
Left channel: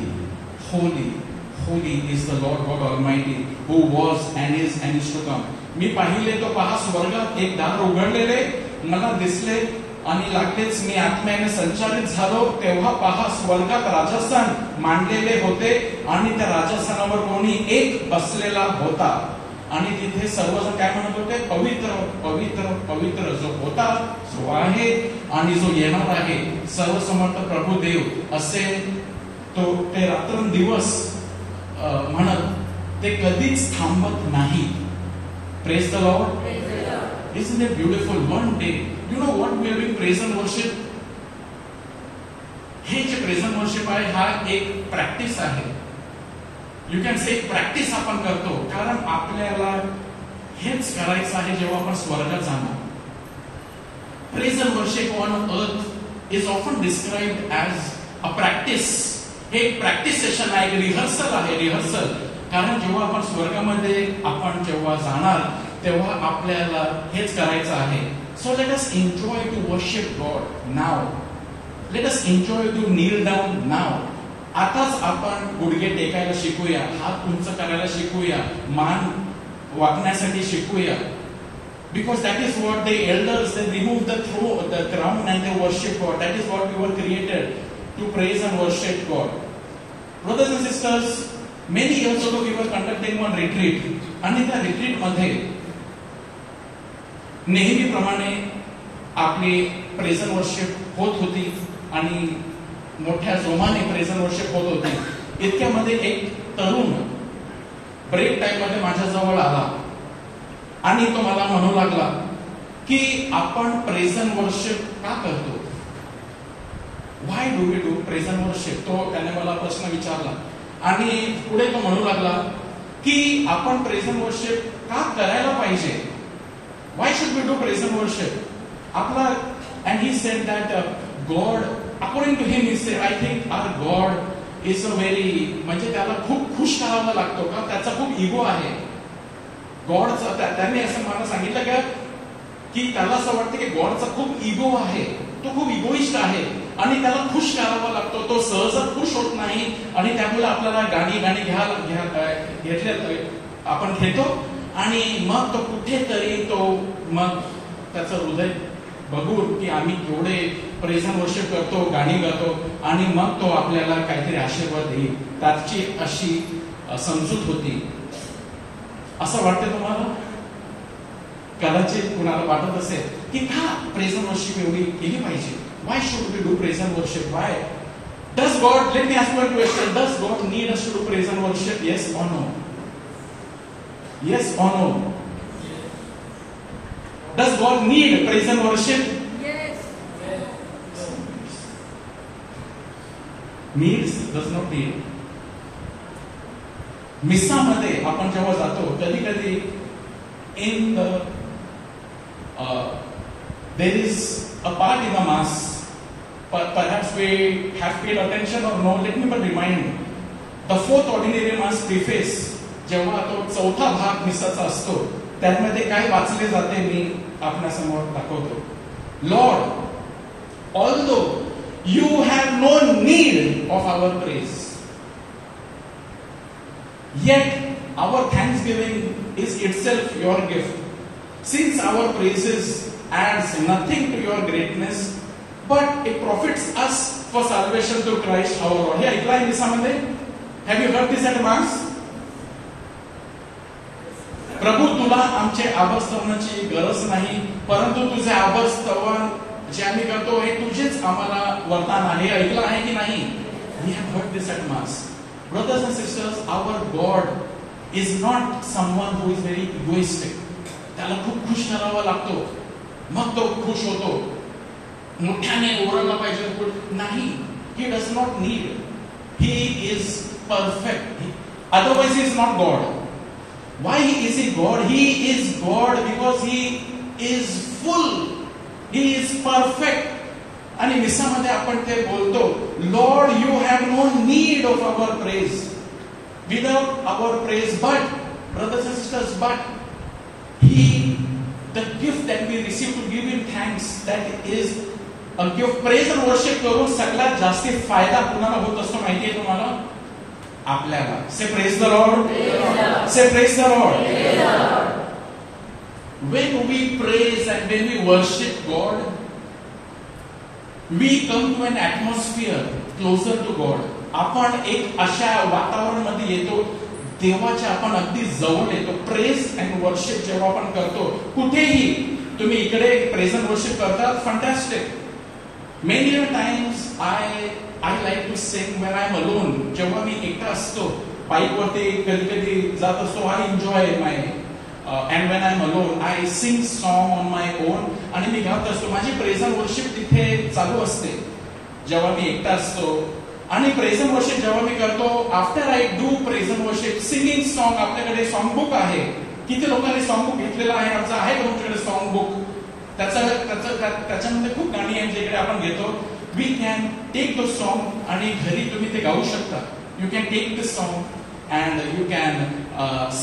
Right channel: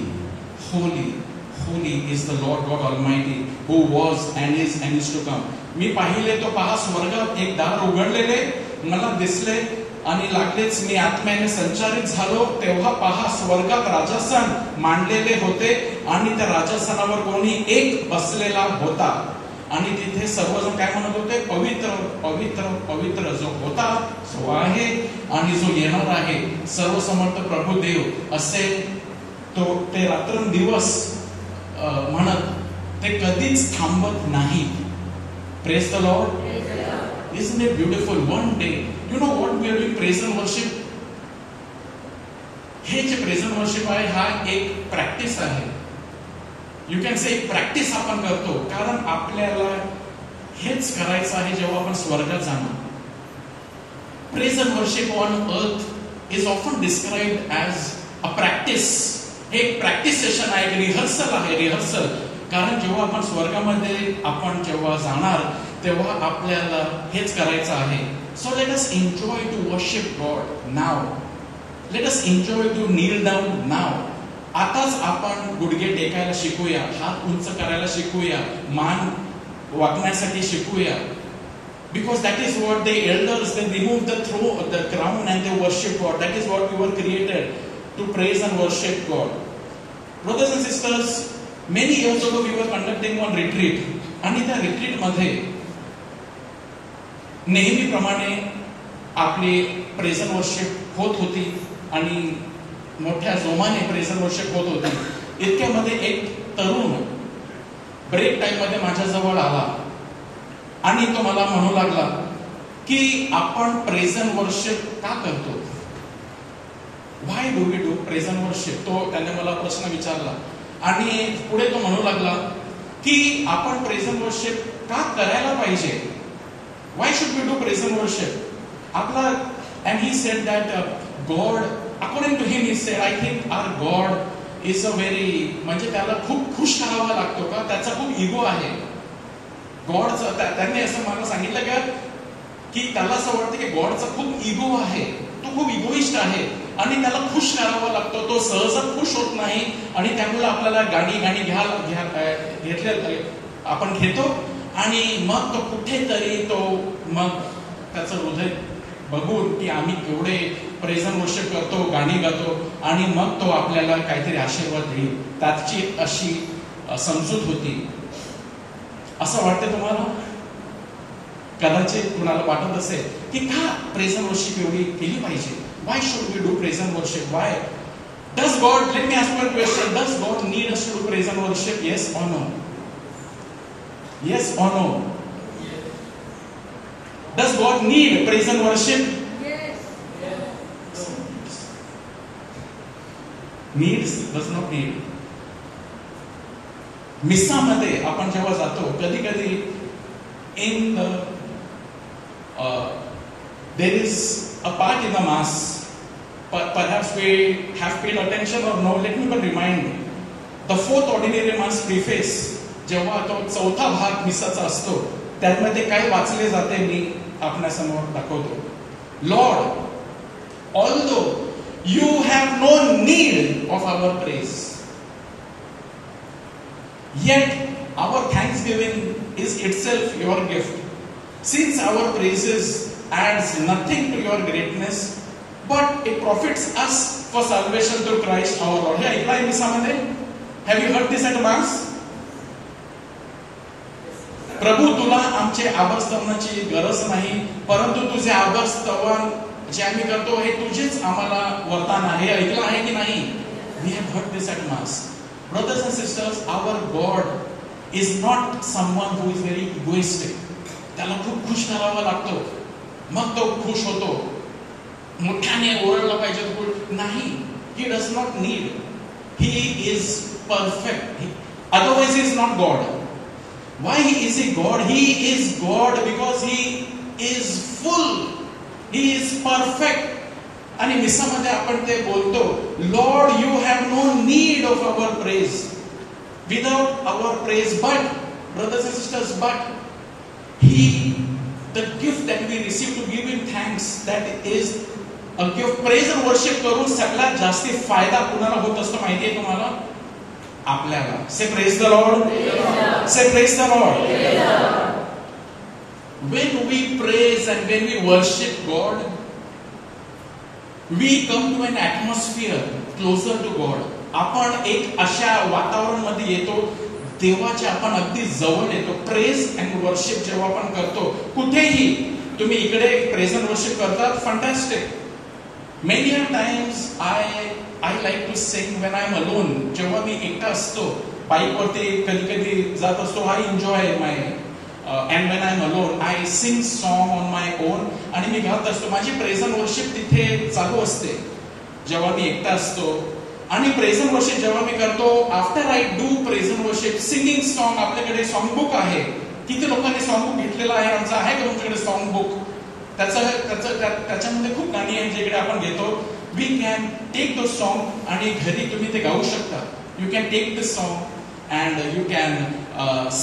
holy, holy is the Lord God Almighty, who was and is to come. मी पाहिले तो पहा स्वर्गात एक दार उघडलेले मला दिसले आणि लागलेच मी आत्म्याने संचारित झालो. तेव्हा पहा स्वर्गात राजस्थान मांडलेले होते आणि त्या राजस्थानावर कोणी एक बसलेला होता. आणि तिथे सर्वजण काय म्हणत होते? पवित्र पवित्र पवित्र जो होता, जो आहे आणि जो येणार आहे, सर्वसमर्थ प्रभू देव असे तो ते रात्रंदिवस म्हणत ते कधीच थांबत नाही. Praise the Lord. Isn't it beautiful? One day, you know what we are doing? Praise and worship. Present worship आहे हा एक प्रॅक्टिस आहे. यू कॅन से प्रॅक्टिस आपण करतो, कारण आपल्याला हेच करायचं आहे जेव्हा आपण स्वर्गात जाणार. Present worship on earth is often described as a practice. हे एक प्रॅक्टिस सेशन आहे, रिहर्सल आहे, रिहर्सल. कारण जेव्हा आपण स्वर्गामध्ये आपण जेव्हा जाणार तेव्हा आपल्याला हेच करायचं आहे. So let us enjoy to worship God now. Let us enjoy to kneel down now. आताच आपण गुडघे टेकायला शिकूया, हात उंच करायला शिकूया, मान वाकण्यासाठी शिकूया. Because that is what the elders, they remove the crown and they worship God. That is what we were created, to praise and worship God. Brothers and sisters, many years ago we were conducting one retreat. आणि त्या रिट्रीट मध्ये नेहमीप्रमाणे आपली present worship होत होती आणि मोठ्या जोमाने प्रेझेंट वर्शिप होत होती. इतक्यामध्ये एक तरुण ब्रेक टाइम मध्ये माझ्या जवळ आला आणि तो मला म्हणू लागला की आपण प्रेझेंट वर्शिप का करतो. Why do we do present worship. त्याने मला प्रश्न विचारला आणि पुढे तो म्हणू लागला की आपण प्रेझेंट वर्शिप का करायला पाहिजे. Why should we do present worship. आपला and he said that God according to him he said I think our God is a very, म्हणजे त्याला खूप खुश करावा लागतो का, त्याचा खूप इगो आहे. गॉडचा त्याने असं मला सांगितलं का की त्याला असं वाटतं की गॉडचा खूप इगो आहे, तो खूप इगोइस्ट आहे आणि त्याला खुश करावा लागतो. तो सहज खुश होत नाही आणि त्यामुळे आपल्याला गाणी घेतल्या आपण घेतो आणि मग तो कुठेतरी तो मग त्याचं हृदय बघून की आम्ही केवढे प्रेझेंट वर्शिप करतो, गाणी गातो आणि मग तो आपल्याला काहीतरी आशीर्वाद देईल. त्याची अशी समजूत होती. असं वाटतं तुम्हाला. कदाचित कुणाला वाटत असेल की का प्रेझेंट वर्शिप एवढी केली पाहिजे. Why should we do present worship. Why does God, let me ask you a question, does God need us to do present worship. Yes or no. Yes or no. Does God need present worship. Needs, does not need. मिसामध्ये आपण जेव्हा जातो कधी कधी in the there is a part in the mass, perhaps we have paid attention or no. Let me but remind, the fourth ordinary mass preface, जेव्हा तो चौथा भाग मिसाचा असतो त्यामध्ये काय वाचले जाते मी आपल्यासमोर दाखवतो. Lord, although you have no need of our praise, yet our thanksgiving is itself your gift. Since our praises adds nothing to your greatness, but it profits us for salvation through Christ our Lord. हे ऐकलंय मिसामध्ये. Have you heard this at mass? प्रभू, तुला आमचे आभार स्तवनाची गरज नाही, परंतु तुझे आभार स्तवन जे आम्ही करतो हे तुझेच आम्हाला वरदान आहे. ऐकलं आहे की नाही. We have heard this at mass. Brothers and sisters, our God is not someone who is very egoistic. त्याला खूप खुश करावा लागतो मग तो खुश होतो. मोठ्याने ओरडला पाहिजे नाही. He does not need. He is perfect. Otherwise he is not God. Why is he God? He is God because he is full. He is perfect. आणि मिसामध्ये आपण ते बोलतो, Lord, you have no need of our praise. Without our praise, but brothers and sisters, but the gift that we receive to give him thanks, that is a gift. Praise and worship करून सगळ्यात जास्त फायदा कुणाला होत असतो माहितीये तुम्हाला? आपल्याला. Say praise the Lord. Say praise the Lord. When we praise and when we worship God, we come to an atmosphere closer to God. आपण एक अशा वातावरण मध्ये येतो देवाच्या आपण अगदी जवळ येतो. प्रेज अँड वर्शिप जेव्हा आपण करतो कुठेही, तुम्ही इकडे प्रेझेंट वर्शिप करतात, fantastic. Many times I like to sing when I'm alone. जेव्हा मी एकटा असतो बाईक वरती कधी कधी जात असतो, I enjoy my and when I'm alone I sing song on my own. आणि मी गात असतो. माझी प्रेझेंट वर्शिप तिथे चालू असते जेव्हा मी एकटा असतो. आणि प्रेझ अँड वर्शिप जेव्हा मी करतो, after I do praise and worship, singing song, आपल्याकडे सॉन्ग बुक आहे. किती लोकांनी सॉन्ग बुक घेतलेलं आहे? आमचं आहे का तुमच्याकडे सॉन्ग बुक? त्याच्यामध्ये खूप गाणी आहेत जिकडे आपण घेतो. We can take the song आणि घरी तुम्ही ते गाऊ शकता. You can take this song and you can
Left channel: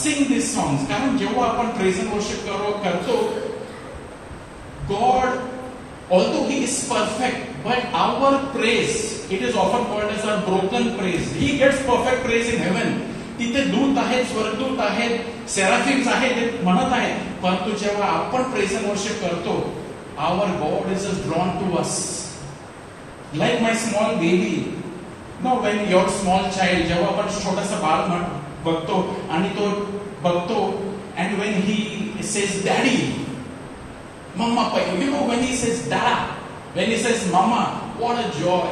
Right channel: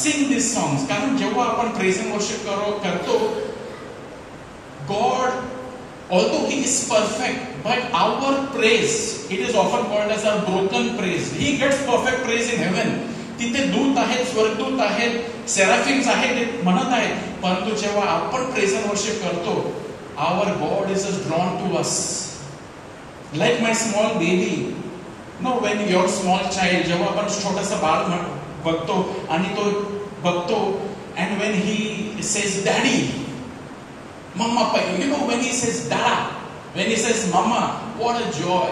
sing this songs. कारण जेव्हा आपण प्रेझ अँड वर्शिप करतो, God although he is perfect, but our praise, it is often called as a broken praise. He gets perfect praise in heaven. तिथे दूत आहेत, स्वर्गदूत आहेत, सेराफिम्स आहेत, ते म्हणत आहेत. परंतु जेव्हा आपण प्रेझ अँड वर्शिप करतो, our God is just drawn to us. Like my small baby. No, when your small child, जेव्हा आपण छोटंसं बाळ बघतो आणि तो बघतो, and when he says daddy, Mama, you know, when he says dad, when he says mama, what a joy.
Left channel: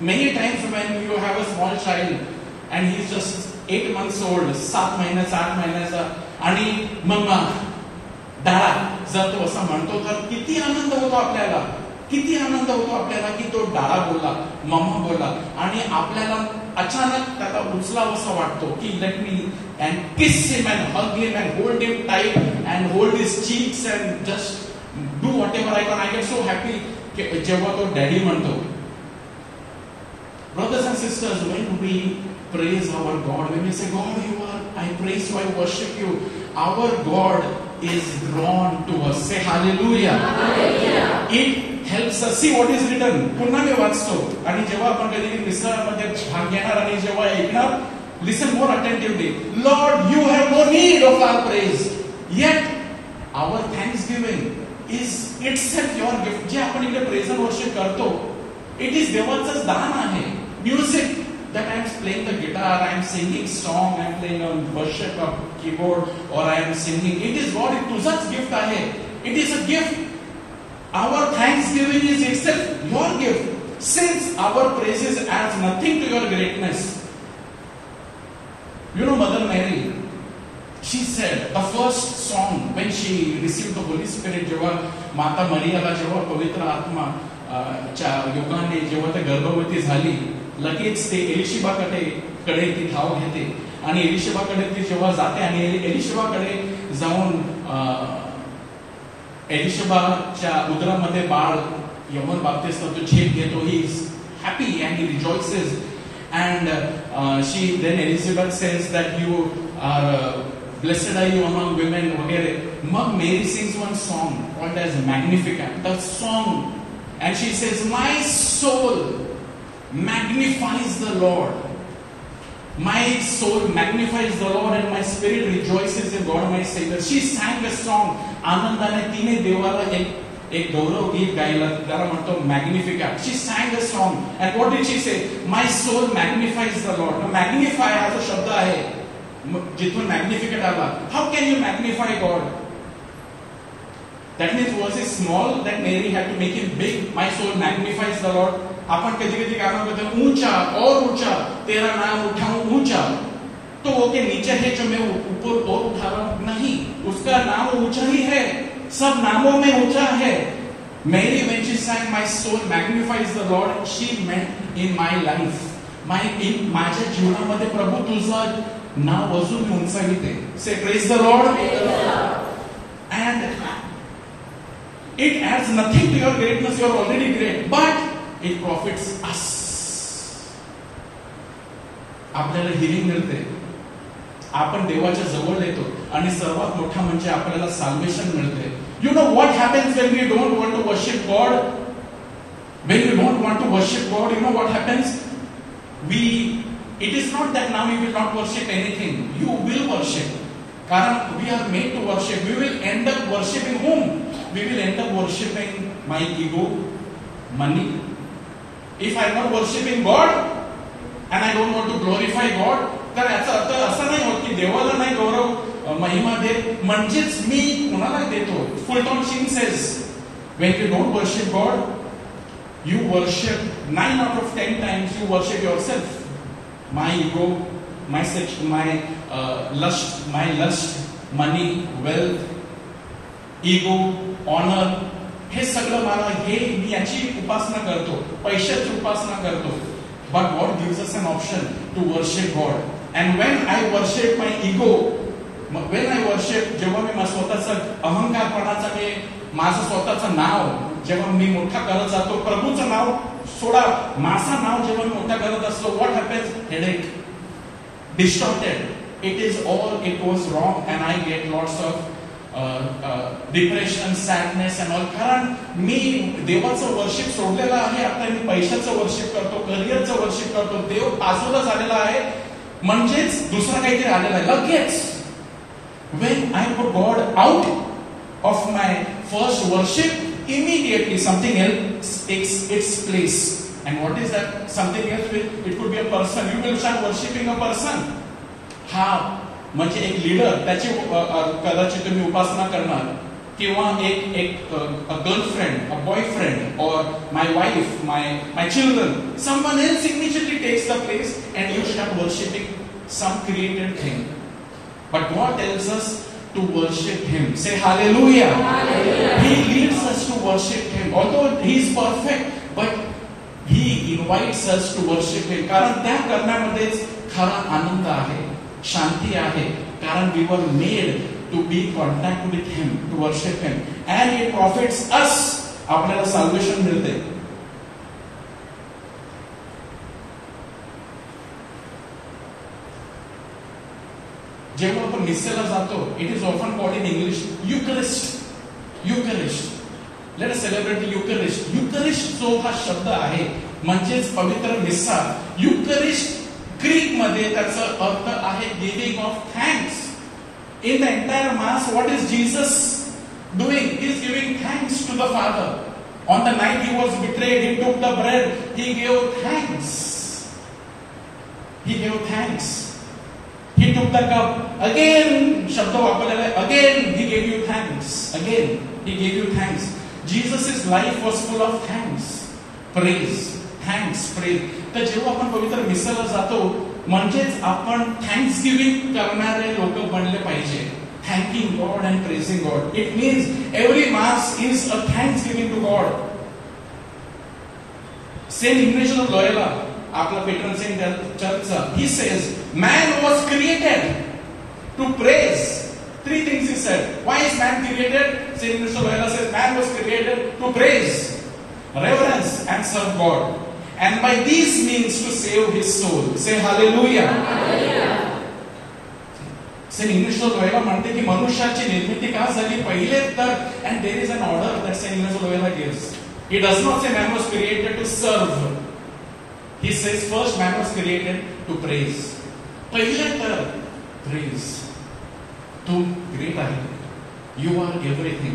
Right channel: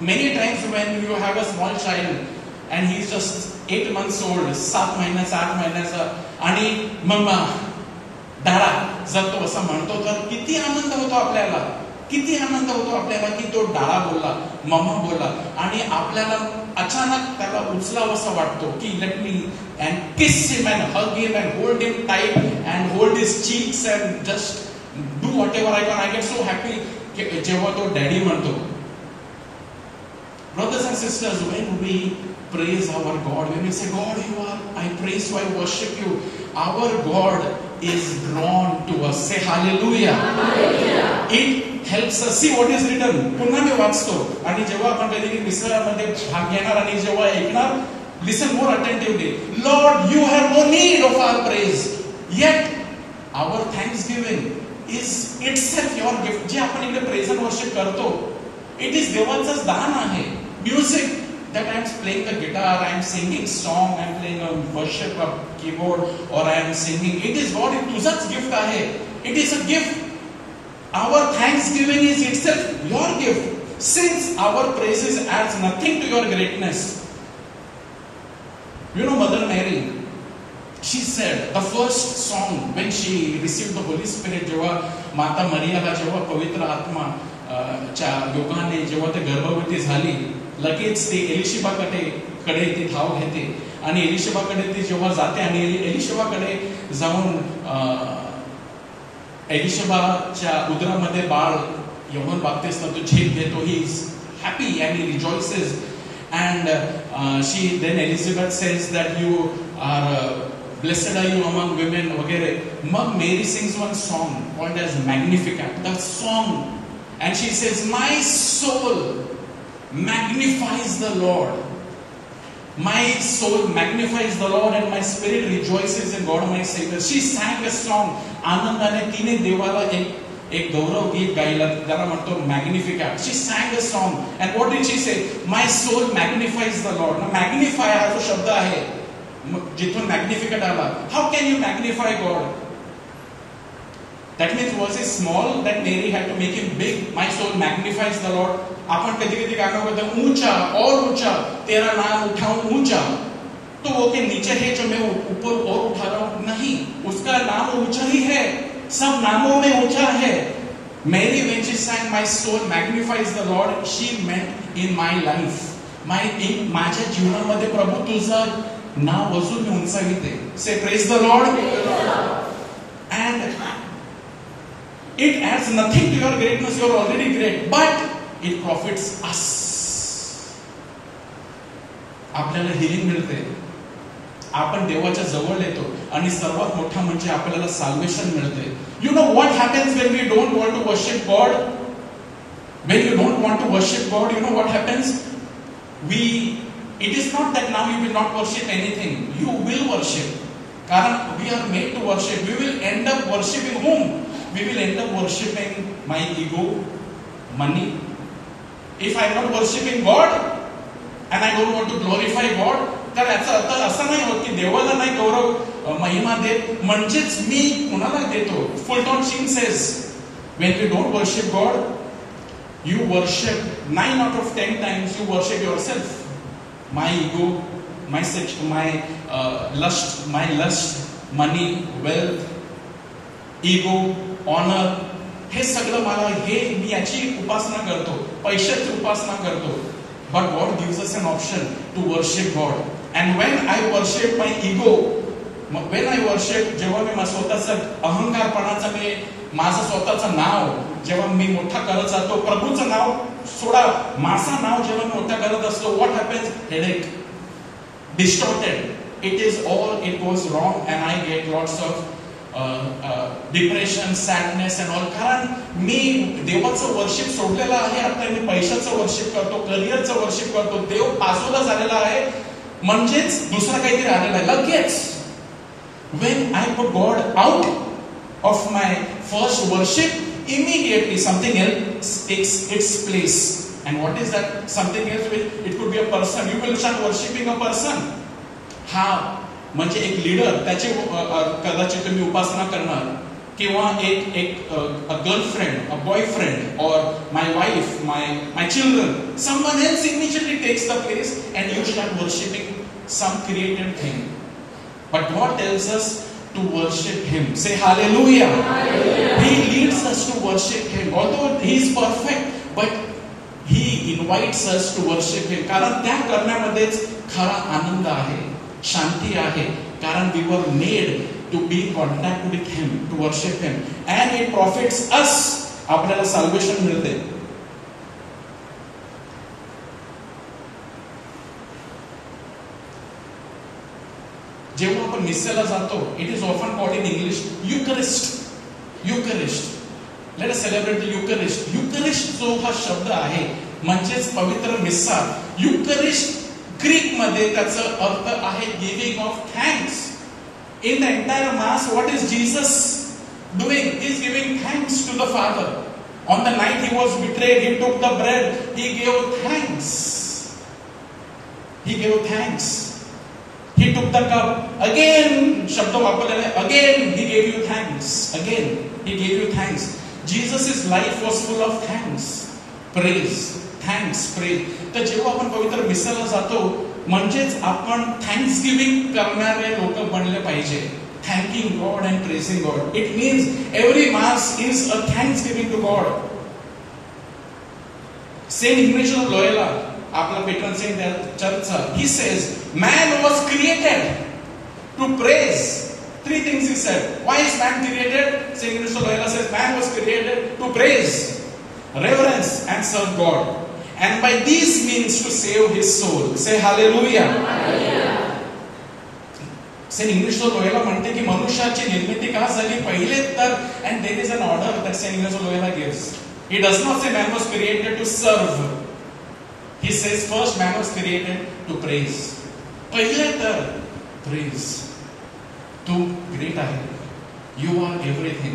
Many times when you have a small child and he's just 8 months old, 7 महिन्याचा, 8 महिन्याचा, आणि मम्मा, दादा जर तो असं म्हणतो, तर किती आनंद होतो आपल्याला. किती आनंद होतो आपल्याला की तो दादा बोलला, मम्मा बोलला, आणि आपल्याला अचानक त्याला उचलावंसं वाटतो की let me and kiss him and hug him and hold him tight and hold his cheeks and just do whatever I can. I get so happy जेव्हा तो डॅडी म्हणतो. Brothers and sisters, when we praise our God, when we say, God, you are, I praise you, I worship you, our God is drawn to us. Say hallelujah. Hallelujah. It helps us. See what is written. पुन्हा मी वाचतो, आणि जेव्हा आपण कधी मिसळामध्ये भाग घेणार आणि जेव्हा ऐकणार, listen more attentively. Lord, you have no need of our praise, yet our thanksgiving is itself your gift. जे आपण इकडे प्रेझ अँड वर्शिप करतो, इट इज देवाचंच दान आहे. Music that I am playing the guitar, I am singing song, I am playing a worship keyboard, or I am singing, it is God, it तुझाच gift आहे. It is a gift. Our thanksgiving is itself your gift. Since our praises adds nothing to your greatness. You know Mother Mary, she said the first song when she received the Holy Spirit, जेव्हा माता मरियाला जेव्हा पवित्र आत्मा च्या योगाने जेव्हा ते गर्भवती झाली, लगेच ते एलिशिबाकडे ती धाव घेते आणि एलिशिबाकडे ती जेव्हा जाते आणि एलिशिबाकडे जाऊन एलिशिबाच्या उदरामध्ये बाळ योहान बाप्तिस्ट तो झेप घेतो. He is happy and he रिजॉइसेस and she then Elizabeth says that you are blessed are you among women वगैरे. मग Mary sings one song called as Magnificat, the song, and she says, my soul magnifies the Lord, my soul magnifies the Lord and my spirit rejoices in God my Savior. She sang a song, आनंदाने तिने देवाला एक गौरव गीत गायला, त्याला म्हणतो Magnificat. She sang a song and what did she say? My soul magnifies the Lord. Now magnify हा जो शब्द आहे जिथून मॅग्निफिकॅट आला. How can you magnify God? That means was it small that Mary had to make it big? My soul magnifies the Lord. आपण कधी-कधी गाना कहते हैं ऊंचा और ऊंचा, तेरा नाम उठाऊं ऊंचा. तो वो के नीचे है जो मैं ऊपर और उठा रहा हूं, नहीं, उसका नाम ऊंचा ही है, सब नामों में ऊंचा है. Mary, when she sang my soul magnifies the Lord, she meant in my life, माझ्या जीवनामध्ये प्रभू तुझं नाव अजून उंचाविते. Say praise the Lord. And it adds nothing to your greatness, you are already great, but it profits us. आपल्याला हिलिंग मिळते, आपण देवाच्या जवळ येतो, आणि सर्वात मोठा म्हणजे आपल्याला साल्वेशन मिळते. You know what happens when we don't want to worship God? When you don't want to worship God, you know what happens? It is not that now we will not worship anything. You will worship. Karan we are made to worship. We will end up worshiping whom? We will end up worshiping my ego, money. If I am not worshiping God and I don't want to glorify God, तर याचा अर्थ असा नाही होत की देवाला नाही गौरव महिमा देत म्हणजेच मी कुणाला देतो. फुलटॉन सिंग says when you don't worship God, you worship 9 out of 10 times you worship yourself. My ego, my sex, my lust, money, wealth, ego, honor, हे सगळं मला, हे मी याची उपासना करतो, पैशाची उपासना करतो. but God gives us an option to worship God. And when I worship my ego, when I worship, जेव्हा मी स्वतःचा अहंकारपणाचा मी माझं स्वतःचं नाव जेव्हा मी मोठा करत जातो, प्रभूचं नाव सोडा, माझं नाव जेव्हा मी मोठा करत असतो, what happens? Headache, distorted. It is all, it goes wrong, and I get lots of depression, sadness and all. कारण मी देवाचं वर्शिप सोडलेलं आहे. आता मी पैशाचं वर्शिप करतो, करिअरचं वर्शिप करतो, देव बाजूला झालेला आहे, म्हणजेच दुसरं काहीतरी आलेलं आहे. लगेच when I put God out of my first worship, immediately something else takes its place. And what is that something else? It could be a person. You will start worshiping a person. हा म्हणजे एक लीडर, त्याची कदाचित तुम्ही उपासना करणार, किंवा एक girlfriend, a boyfriend, और my wife, my children. Someone else immediately takes the place and you start worshiping some created thing. But God tells us to worship Him. Say hallelujah. Hallelujah. He leads us to worship Him. Although He is perfect, but He invites us to worship Him. कारण त्या करण्यामध्येच खरा आनंद आहे, शांती आहे. कारण we were made to be in contact with Him, to worship Him, and it profits us. आपल्याला salvation मिळते. जेव्हा आपण मिसेला जातो, it is often called in English Eucharist. Eucharist, let us celebrate Eucharist. Eucharist जो हा शब्द आहे म्हणजेच पवित्र मिसा. युकरिस्ट ग्रीक मध्ये त्याचा अर्थ आहे giving of thanks. In the entire mass, what is Jesus doing? He is giving thanks to the Father. On the night he was betrayed, he took the bread, he gave thanks. He gave thanks. He took the cup. Again, शब्द वापरलेला आहे. Again, He gave you thanks. Again, He gave you thanks. Jesus' life was full of thanks, praise, thanks, praise. तर जेव्हा आपण पवित्र मिसाला जातो, म्हणजेच आपण थँक्स गिव्हिंग करणारे लोक बनले पाहिजे. Thanking God and praising God. It means every mass is a thanksgiving to God. Saint Ignatius of Loyola, आपला पेट्रन सेंट चर्चचा, he says man was created to praise. Three things he said. Why is man created? Saint Ignatius of Loyola says man was created to praise, reverence and serve God, and by these means to save his soul. Say hallelujah. Saint Ignatius of Loyola म्हणते की मनुष्याची निर्मिती का झाली? पहिले तर, and there is an order that Saint Ignatius of Loyola gives. He does not say man was created to serve. He says first man was created to praise. पहिले तर praise. तू great आहे. You are everything.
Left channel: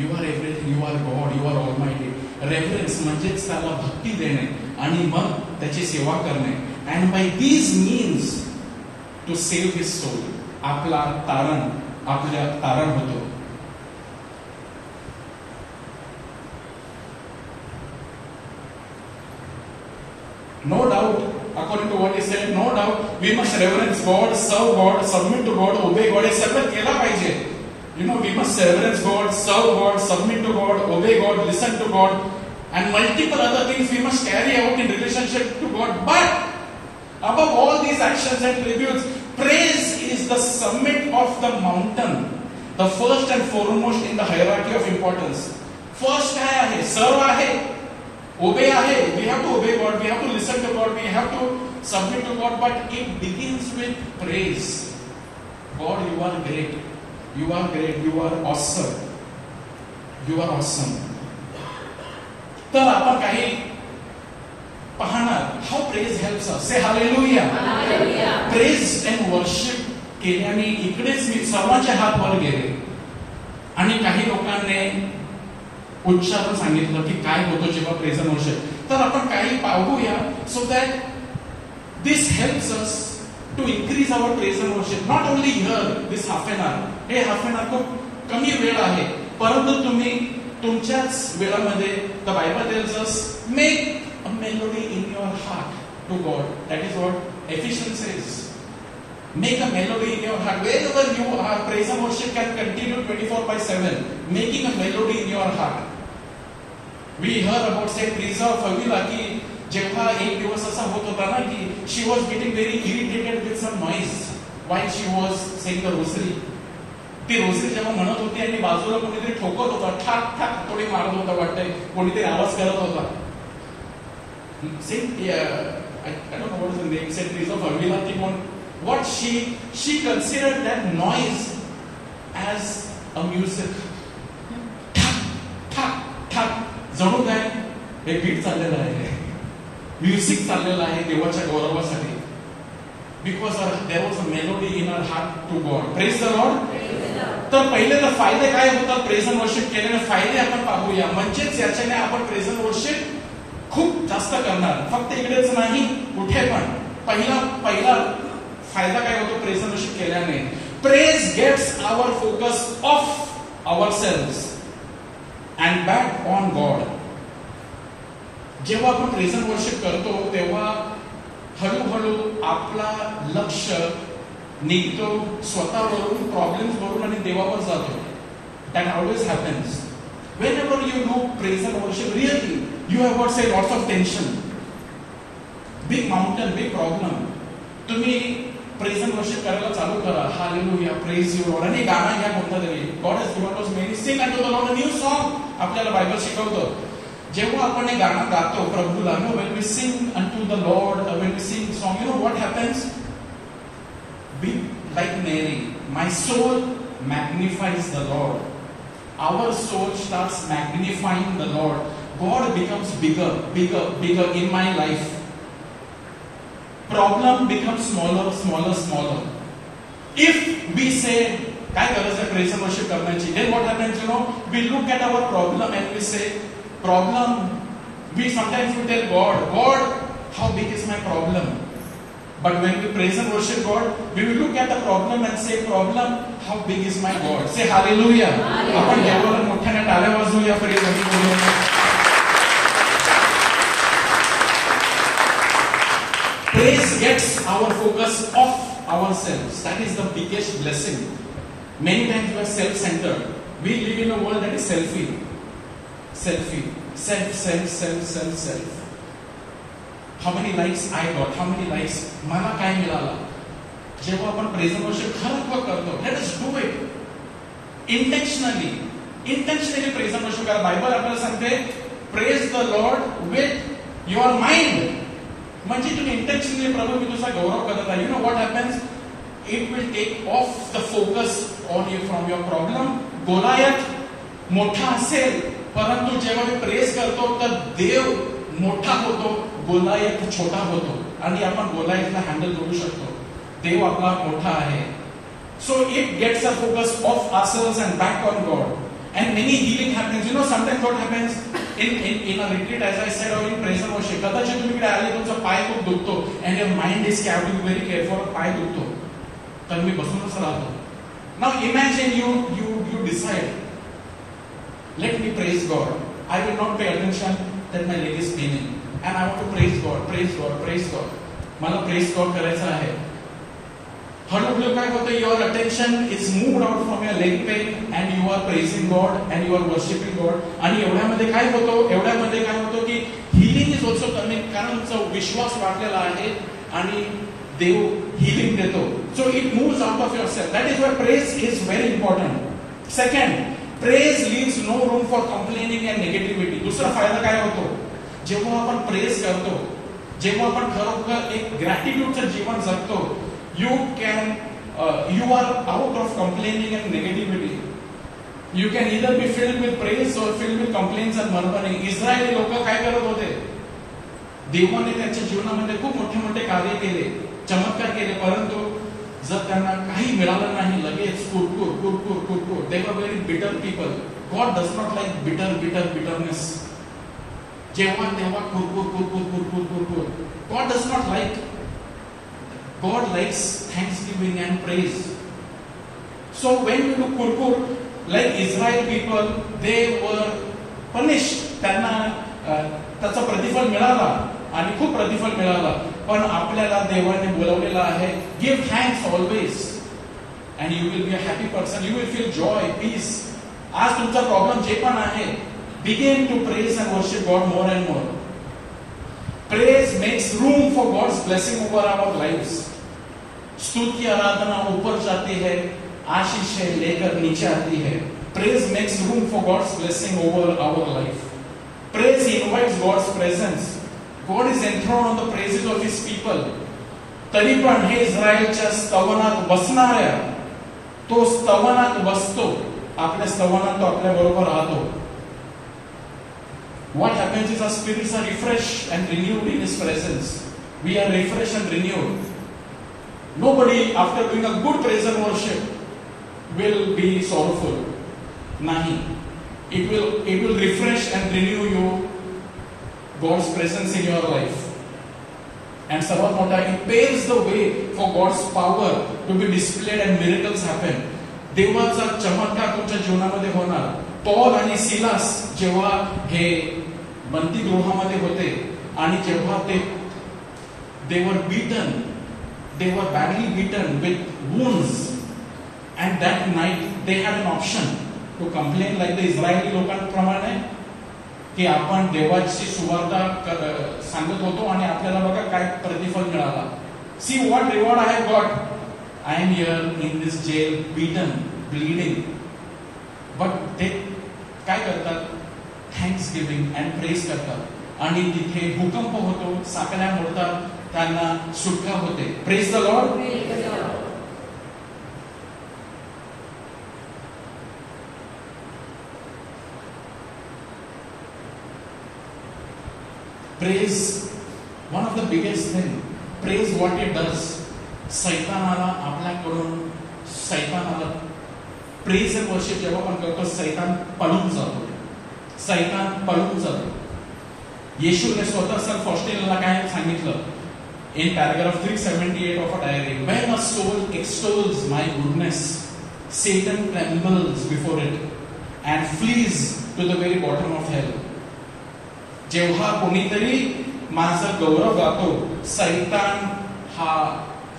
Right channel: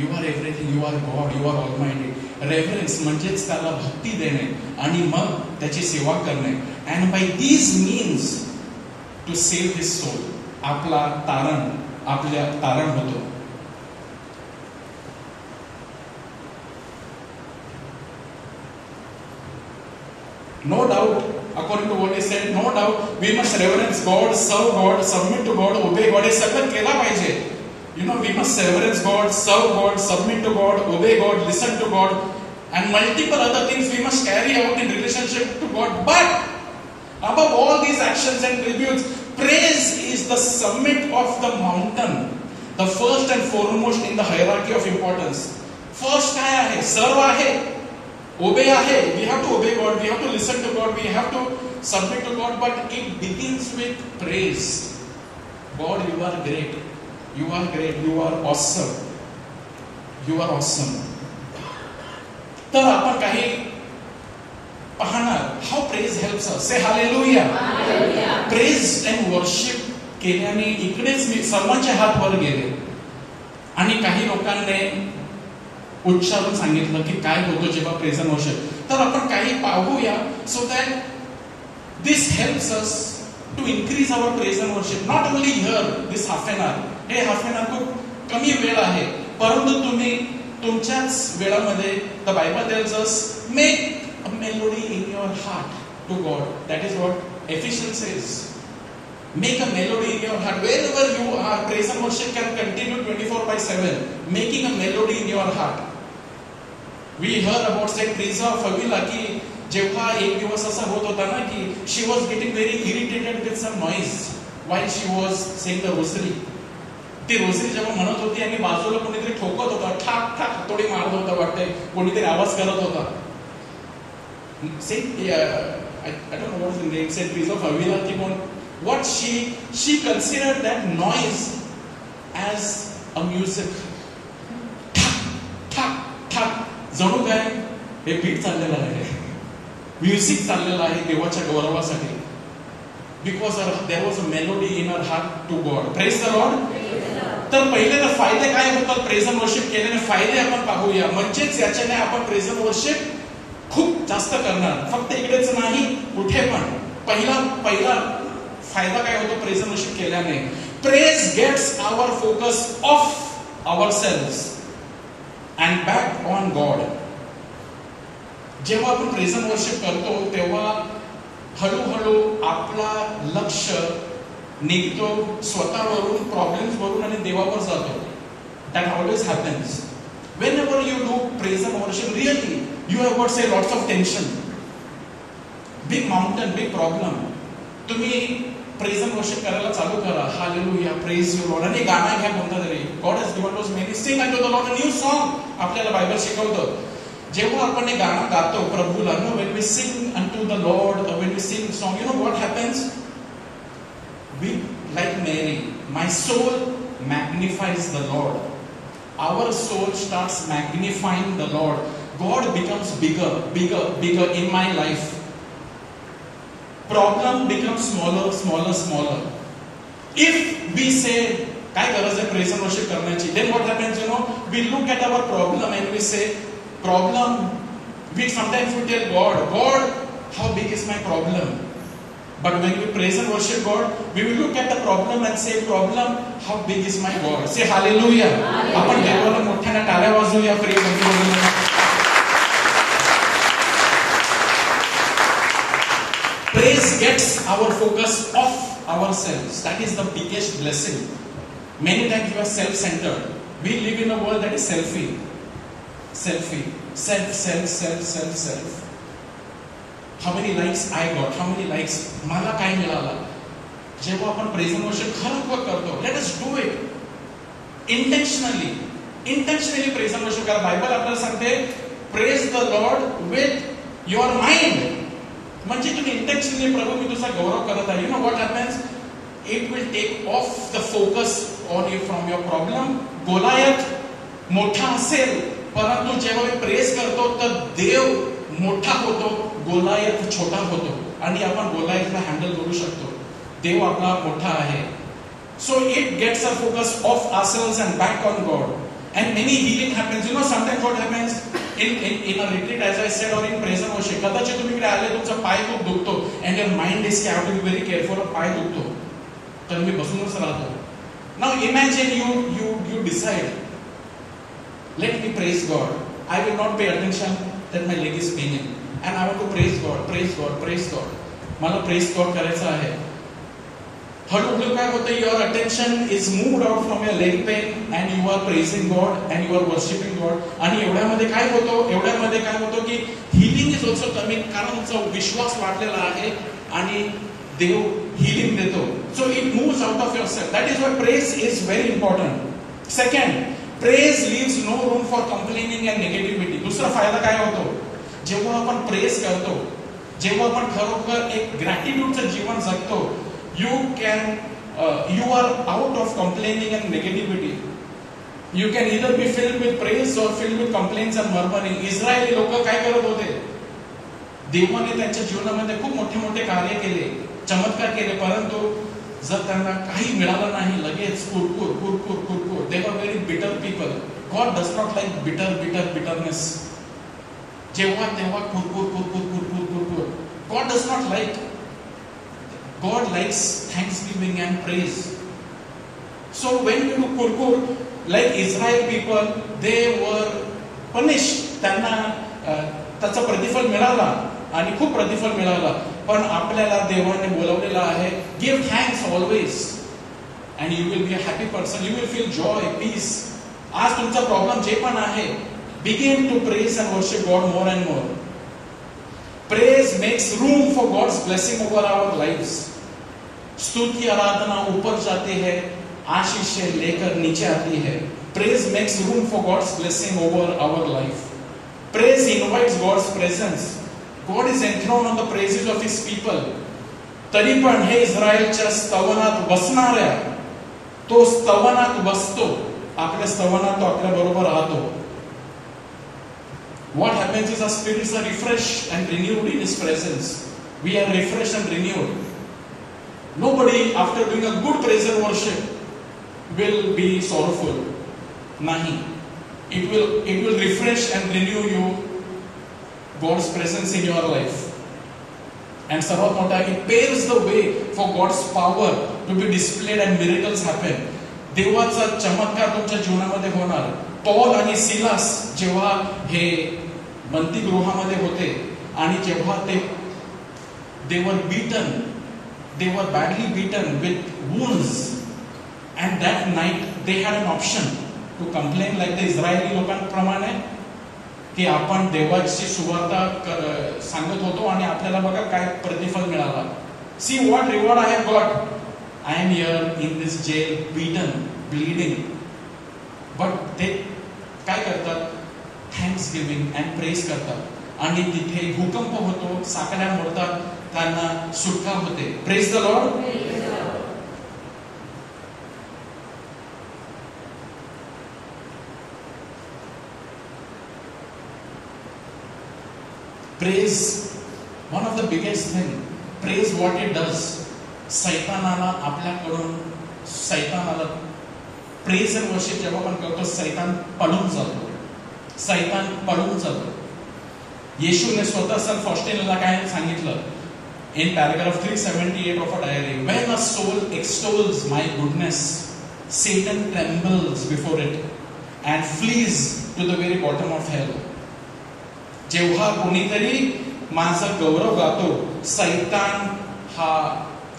You are everything. You are God. You are Almighty. Reverence म्हणजेच त्याला भक्ती देणे आणि मग त्याची सेवा करणे. And by these means to save his soul. आपला तारण होतो. No doubt, according to what he said, no doubt we must reverence God, serve God, submit to God, obey God. हे सगळं केलं पाहिजे. You know, we must reverence God, serve God, submit to God, obey God, listen to God, and multiple other things we must carry out in relationship to God. But above all these actions and tributes, praise is the summit of the mountain, the first and foremost in the hierarchy of importance. First काय आहे? serve आहे. Obey आहे. We have to obey God. We have to listen to God. We have to submit to God. But it begins with praise. God, you are great. You are great. You are awesome. You are awesome. तर आपण काही पाहणार. How praise helps us. Say hallelujah. Hallelujah. Praise and worship केल्याने इकडेच मी सर्वांचे हात वर गेले आणि काही लोकांनी उच्चारून सांगितलं की काय होतं जेव्हा प्रेझ एंड वर्शिप. तर आपण काही पाहूया so that this helps us to increase our praise and worship. Not only here this half an hour. हे हाफ एन आवर खूप कमी वेळ आहे, परंतु तुम्ही तुमच्याच वेळामध्ये the Bible tells us make a melody in your heart to God. That is what Ephesians says. Make a melody in your heart. Wherever you are, praise and worship can continue 24/7. Making a melody in your heart. We heard about Saint Teresa of Avila कि जेव्हा एक दिवस असा होत होता ना की she was getting very irritated with some noise while she was saying the rosary. ती रोसरी जेव्हा म्हणत होती आणि बाजूला कोणीतरी ठोकत होता, ठाक ठाक थोडी मारत होता वाटतंय, कोणीतरी आवाज करत होता. Saint I don't know what is the name, Saint Teresa of Avila thing on what she considered that noise as a music. ठक ठक ठक जणू काय हे बीट चाललेलं आहे, म्युझिक चाललेलं आहे देवाच्या गौरवासाठी. Because there was a melody in our heart to God. Praise the Lord. तर पहिले तर फायदे काय होतात प्रेझ अँड वर्शिप केल्याने, फायदे आपण पाहूया. म्हणजेच याच्याने आपण प्रेझ अँड वर्शिप खूप जास्त करणार, फक्त इकडेच नाही कुठे पण. पहिला फायदा काय होतो प्रेझ अँड वर्शिप केल्याने? Praise gets our focus off ourselves and back on God. जेव्हा आपण प्रेझ अँड वर्शिप करतो तेव्हा हळूहळू आपला लक्ष निघतो स्वतःवरून, प्रॉब्लेम्स वरून आणि देवावर जातो. That always happens whenever you do praise and worship. Really you have got say lots of tension, big mountain, big problem. तुम्ही praise and worship करायला चालू करा. Hallelujah, praise you Lord. आणि गाणं घ्या कोणता तरी. God has given us many. Sing unto the Lord a new song. आपल्याला बायबल शिकवतं. जेव्हा आपण हे गाणं गातो प्रभूला, when we sing unto the Lord, when we sing song, you know what happens? We like Mary, my soul magnifies the Lord. Our soul starts magnifying the Lord. God becomes bigger, bigger, bigger in my life. Problem becomes smaller, smaller, smaller. If we say, काय गरज आहे praise and worship करण्याची? Then what happens? You know, we look at our problem and we say, problem. We sometimes we tell God, how big is my problem? But when we praise and worship God, we will look at the problem and say, problem, how big is my God? Say hallelujah. आपण देवाला मोठ्याने टाळ्या वाजवूया प्रेम मध्ये. Praise gets our focus off ourselves. That is the biggest blessing. Many times we are self-centered. We live in a world that is selfie. Self. How many likes I got? How many likes? मला काय मिळालं? जेव्हा आपण praise and worship खरं करतो, let us do it intentionally praise and worship करा. Bible आपल्याला सांगते praise the Lord with your mind. म्हणजे तुम्ही इंटेन्शनली प्रभू मी तुझा गौरव करत आहे. You know what happens? It will take off the focus on you from your problem. Goliath मोठा असेल, परंतु जेव्हा मी प्रेज करतो तर देव मोठा होतो, गोलायत छोटा होतो आणि आपण गोलायतला हँडल करू शकतो. देव आपला मोठा आहे. So it gets a focus off ourselves and back on God. And many healing happens. You know, sometimes what happens in a retreat, as I said, or in praise and worship. कदाचित तुम्ही इकडे आले, तुमचा पाय खूप दुखतो and your mind is have to be very careful. पाय दुखतो तर मी बसूनच राहतो. Now imagine you decide, let me praise God. I will not pay attention that my leg is paining. And I want to praise God. मला praise God करायचं आहे. हळूहळू काय होतं? Your attention is moved out from your leg pain and you are praising God and you are worshiping God. आणि एवढ्यामध्ये काय होतं की healing is also coming, कारण तुमचा विश्वास वाढलेला आहे आणि देव healing देतो. So it moves out of yourself. That is why praise is very important. Second, praise leaves no room for complaining and negativity. दुसरा फायदा काय होतो? जेव्हा आपण प्रेज करतो, जेव्हा आपण खरोखर एक ग्रॅटिट्यूडचं जीवन जगतो, you are out of complaining and negativity. You can either be filled with praise or filled with complaints and murmuring. Israeli लोक काय करत होते? देवाने त्यांच्या जीवनामध्ये खूप मोठे मोठे कार्य केले, चमत्कार केले, परंतु जर त्यांना काही मिळालं नाही लगेच कुरकुर. They were very bitter people. God does not like bitterness. जेव्हा तेव्हा कुरकुर. God does not like. God likes thanksgiving and praise. So when you do kurkur, like Israel people, they were punished. त्यांना त्याचं प्रतिफल मिळाला आणि खूप प्रतिफल मिळालं. पण आपल्याला देवाने बोलवलेलं आहे, give thanks always and you will be a happy person. You will feel joy, peace. आज तुमचा प्रॉब्लेम जे पण आहे, begin to praise and worship God more and more. Praise makes room for God's blessing over our lives. स्तुति आराधना ऊपर जाती है, आशीषें लेकर नीचे आती है. Praise makes room for God's blessing over our life. Praise invites God's presence. God is enthroned on the praises of His people. तरी पण हे इस्रायलच्या स्तवनात बसणाऱ्या, तो स्तवनात बसतो, आपल्या स्तवनात तो आपल्या बरोबर राहतो. What happens is our spirits are refreshed and renewed in His presence. We are refreshed and renewed. Nobody, after doing a good praise and worship, will be sorrowful. Nahi. It will refresh and renew you, God's presence in your life. And सर्वात मोठा, it paves the way for God's power to be displayed and miracles happen. देवाचा चमत्कार तुमच्या जीवनामध्ये होणार. पॉल आणि सिलास जेव्हा हे बंदी गृहामध्ये होते आणि जेव्हा they were beaten, they were badly beaten with wounds, and that night they had an option to complain like the Israeli लोकांप्रमाणे की आपण देवाची सुवार्ता सांगत होतो आणि आपल्याला बघा काय प्रतिफल मिळाला. See what reward I have got. I am here in this jail, beaten, bleeding. But they काय करतात? Thanksgiving and praise करतात आणि तिथे भूकंप होतो, साखळ्या मोडतात, त्यांना सुटका होते. Praise the Lord. Praise, one of the biggest thing. Praise what it does. सैतानाला आपल्याकडून प्रेज अँड वर्शिप जेव्हा आपण करतो, सैतान पळून जातो. सैतान पळून जातो. येशूने स्वतः सर फॉस्टेनला काय सांगितलं in paragraph 378 of a diary, when a soul extols my goodness, Satan trembles before it and flees to the very bottom of hell. जेव्हा कोणीतरी माझा गौरव गातो, सैतान हा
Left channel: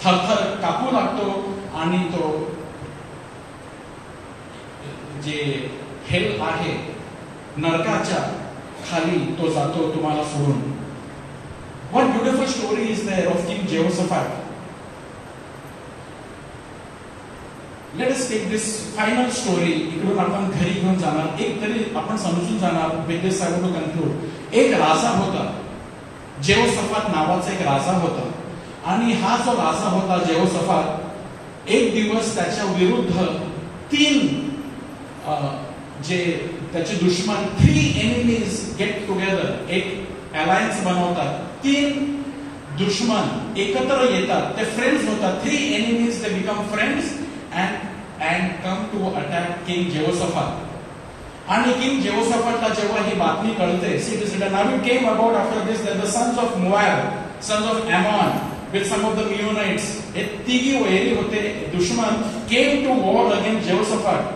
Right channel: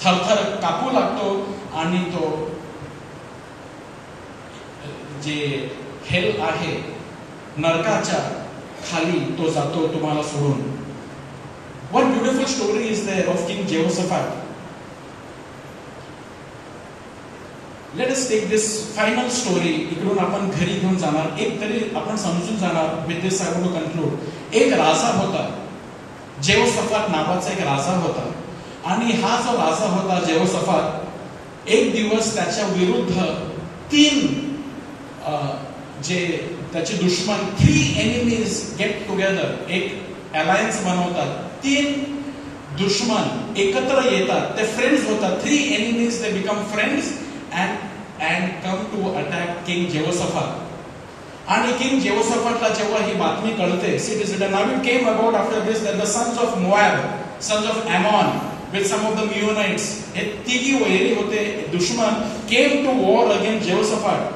थरथर कापू लागतो आणि तो जे हेल आहे नरकाच्या खाली तो जातो तुम्हाला सोडून. What beautiful story is there of King Jehoshaphat. Let us take this final story. इकडून आपण घरी घेऊन जाणार, एक तरी आपण समजून जाणार. With this I want to conclude. एक राजा होता, जेहोशाफात नावाचा एक राजा होता आणि हा जो राजा होता जेहोशाफात, एक दिवस त्याच्या विरुद्ध तीन जे त्याचे दुश्मन, 3 enemies गेट टुगेदर, एक अलायन्स बनवतात. 3 दुश्मन एकत्र येतात, ते फ्रेंड्स होतात. 3 enemies they become friends and come to attack King Jehoshaphat. आणि किंग जेहोशाफातला जेव्हा ही बातमी कळते, now it came about after this that the sons of Moab, sons of Ammon, with some of the Meunites, हे तिघी वैरी होते दुश्मन, came to war against Jehoshaphat.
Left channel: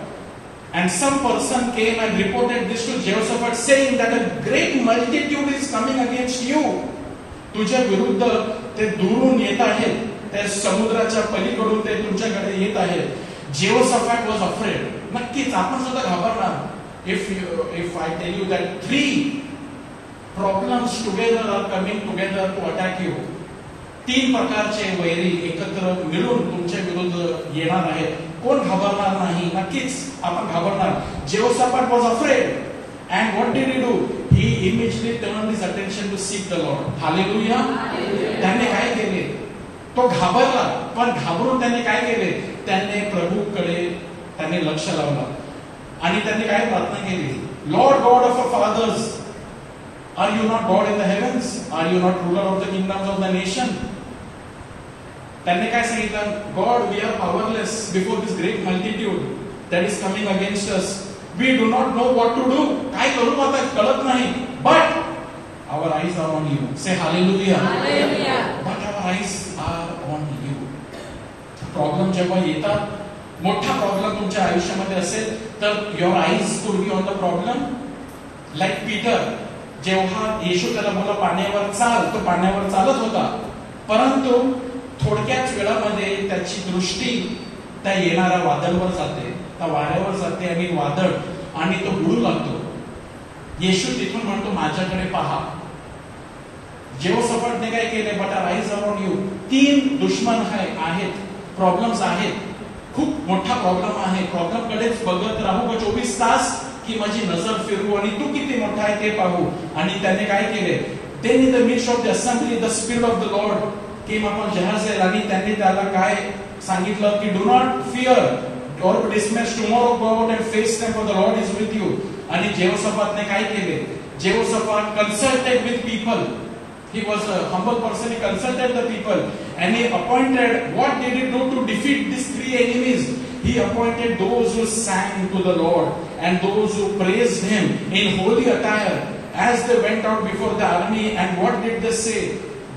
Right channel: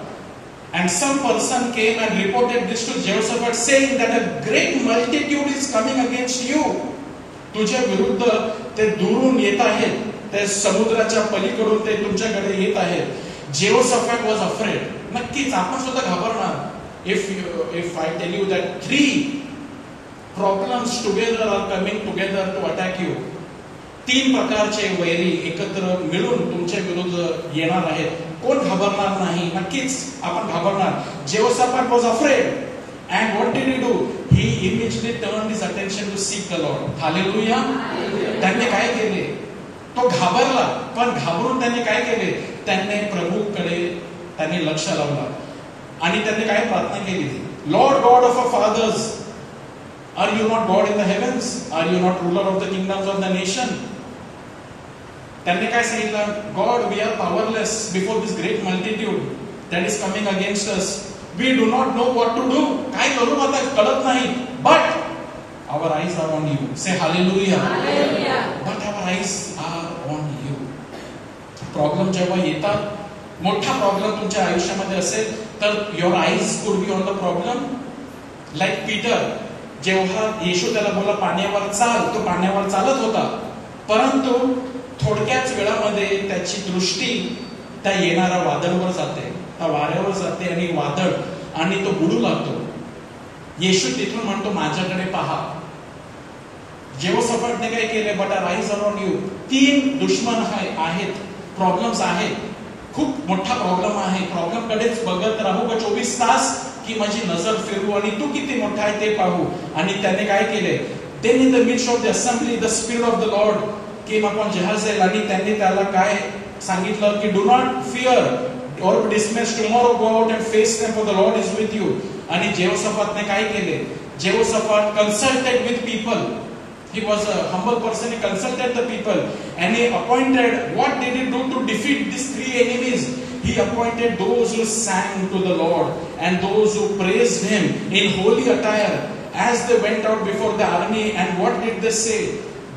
And some person came and reported this to Jehoshaphat, saying that a great multitude is coming against you. तुझ्या विरुद्ध ते दूरून येत आहेत, ते समुद्राच्या पलीकडून ते तुमच्याकडे येत आहेत. Jehoshaphat was afraid. नक्कीच आपण सुद्धा घाबरणार. If I tell you that 3 problems together are coming together to attack you, 3 प्रकारचे वैरी एकत्र मिळून तुमच्या विरुद्ध येणार आहेत, कोण घाबरणार नाही? नक्कीच आपण घाबरणार. Jehoshaphat was afraid, and what did he do? He immediately turned his attention to seek the Lord. Hallelujah. त्यांनी काय केले? तो घाबरला, पण घाबरून त्यांनी काय केले? त्यांनी प्रभूकडे त्यांनी लक्ष लावलं आणि त्यांनी काय प्रार्थना केली? Lord God of our fathers, are you not God in the heavens? Are you not ruler of the kingdoms of the nation? त्यांनी काय सांगितलं? God, we are powerless before this great multitude that is coming against us. We do not know what to do. काय करू आता कळत नाही. But our eyes are on you. Say hallelujah. Hallelujah. But our eyes are on you. Problem जेव्हा येतात, मोठा प्रॉब्लेम तुमच्या आयुष्यामध्ये असेल तर your eyes could be on the problem. Like Peter, जेव्हा येशू त्याला बोलला पाण्यावर चाल, तो पाण्यावर चालत होता, परंतु थोडक्याच वेळामध्ये त्याची दृष्टी त्या येणाऱ्या वादळावर जाते, त्या वाऱ्यावर जाते आणि वादळ आणि तो बुडू लागतो. येशू तिथून म्हणतो माझ्याकडे पहा. जेहोशाफाटने काय केले, बट राईज अराउंड यू, 3 दुश्मन आहेत, प्रॉब्लेम्स आहेत, खूप मोठा प्रॉब्लेम आहे, प्रॉब्लेम कडेच बघत राहू का 24 तास, की माझी नजर फिरवू आणि तू किती मोठा आहे ते पाहू. आणि त्याने काय केले, then in the midst of the assembly the spirit of the Lord came upon Jehaziel आणि त्यांनी त्याला काय सांगितलं की do not fear or be dismayed, tomorrow go out and face them for the Lord is with you. आणि जेहोशाफाटने काय केले, जेहोशाफाट consulted with people, he was a humble person, he consulted the people and he appointed, what did he do to defeat these 3 enemies? He appointed those who sang to the Lord and those who praised him in holy attire as they went out before the army. And what did they say?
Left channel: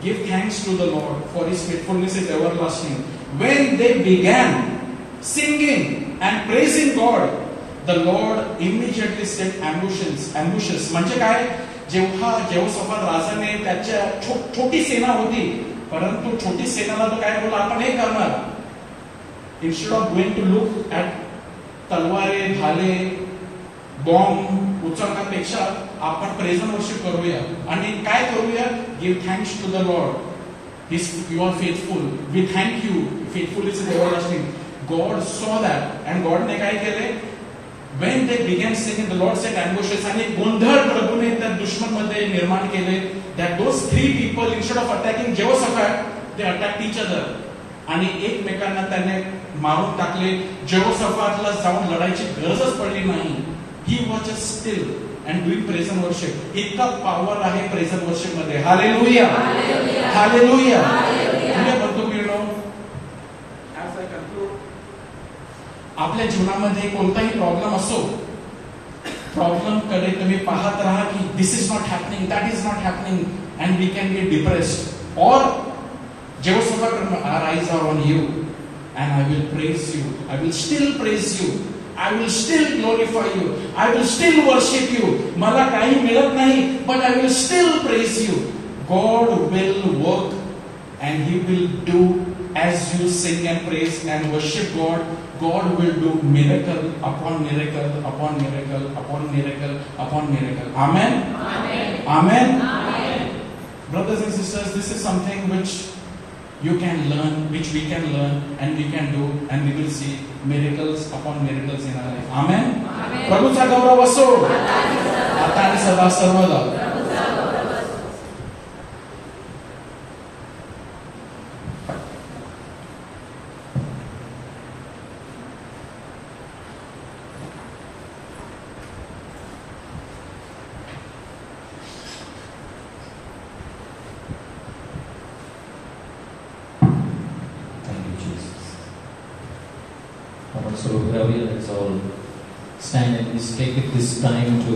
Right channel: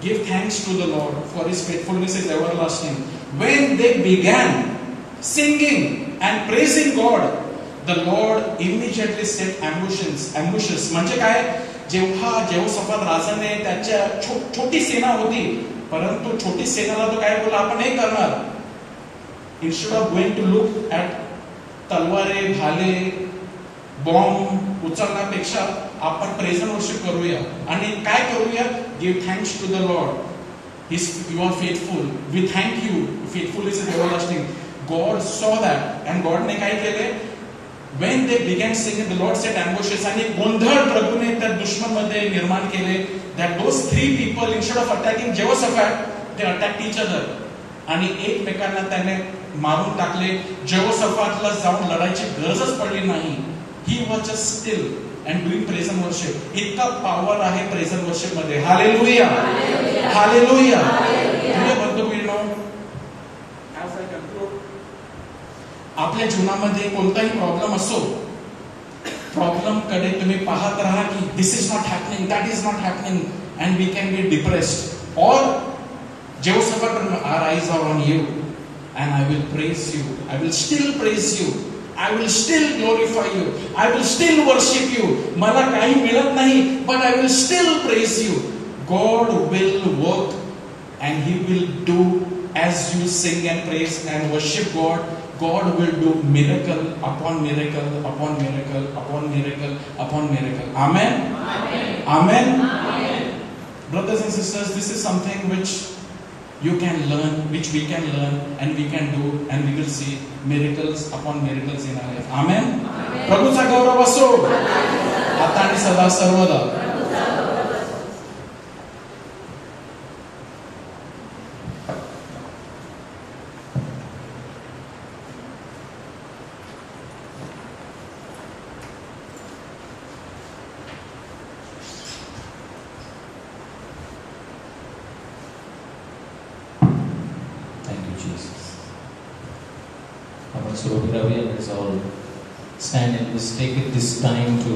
Give thanks to the Lord, for his faithfulness is everlasting. When they began singing and praising God, the Lord immediately set ambushes. म्हणजे काय, जेव्हा जेहोशाफाट राजाने त्याच्या छोटी सेना होती, परंतु छोटी सेनाला तो काय बोला, आपण हे करणार, instead of going to look at तलवारे, भाले, बॉम्ब उचलण्यापेक्षा आपण प्रेझ एंड वर्शिप करूया. आणि काय करूया, give thanks to the Lord, you are faithful, we thank you, faithful is everlasting. God saw that and गॉडने काय केले, when they began singing, the Lord set ambushes, आणि गोंधळ प्रभूने त्या दुश्मन मध्ये निर्माण केले, that those 3 people instead of attacking Jehoshaphat, they attacked each other. आणि एकमेकांना त्याने मारून टाकले. जेहोशाफाटला जाऊन लढायची गरजच पडली नाही. He was just still and doing praise and worship. इतका पॉवर आहे प्रेझ एंड वर्शिप मध्ये. Hallelujah, hallelujah. ऍज आय कन्क्लूड, आपल्या जीवनामध्ये कोणताही प्रॉब्लेम असो, प्रॉब्लेम कडे तुम्ही पाहत राहा की this is not happening, that is not happening, and we can be depressed. और Jehoshaphat will arise on you and I will praise you. I will still praise you. I will still glorify you. I will still worship you. मला काही मिळत नाही, but I will still praise you. God will work and he will do as you sing and praise and worship God. God will do miracle upon miracle upon miracle upon miracle upon miracle. Amen. Amen. Amen. Brothers and sisters, this is something which you can learn, which we can learn and we can do, and we will see miracles upon miracles in our life. Amen. प्रभूचा गौरव असो आता आणि सदा सर्वदा. Let's all stand and let's take this time to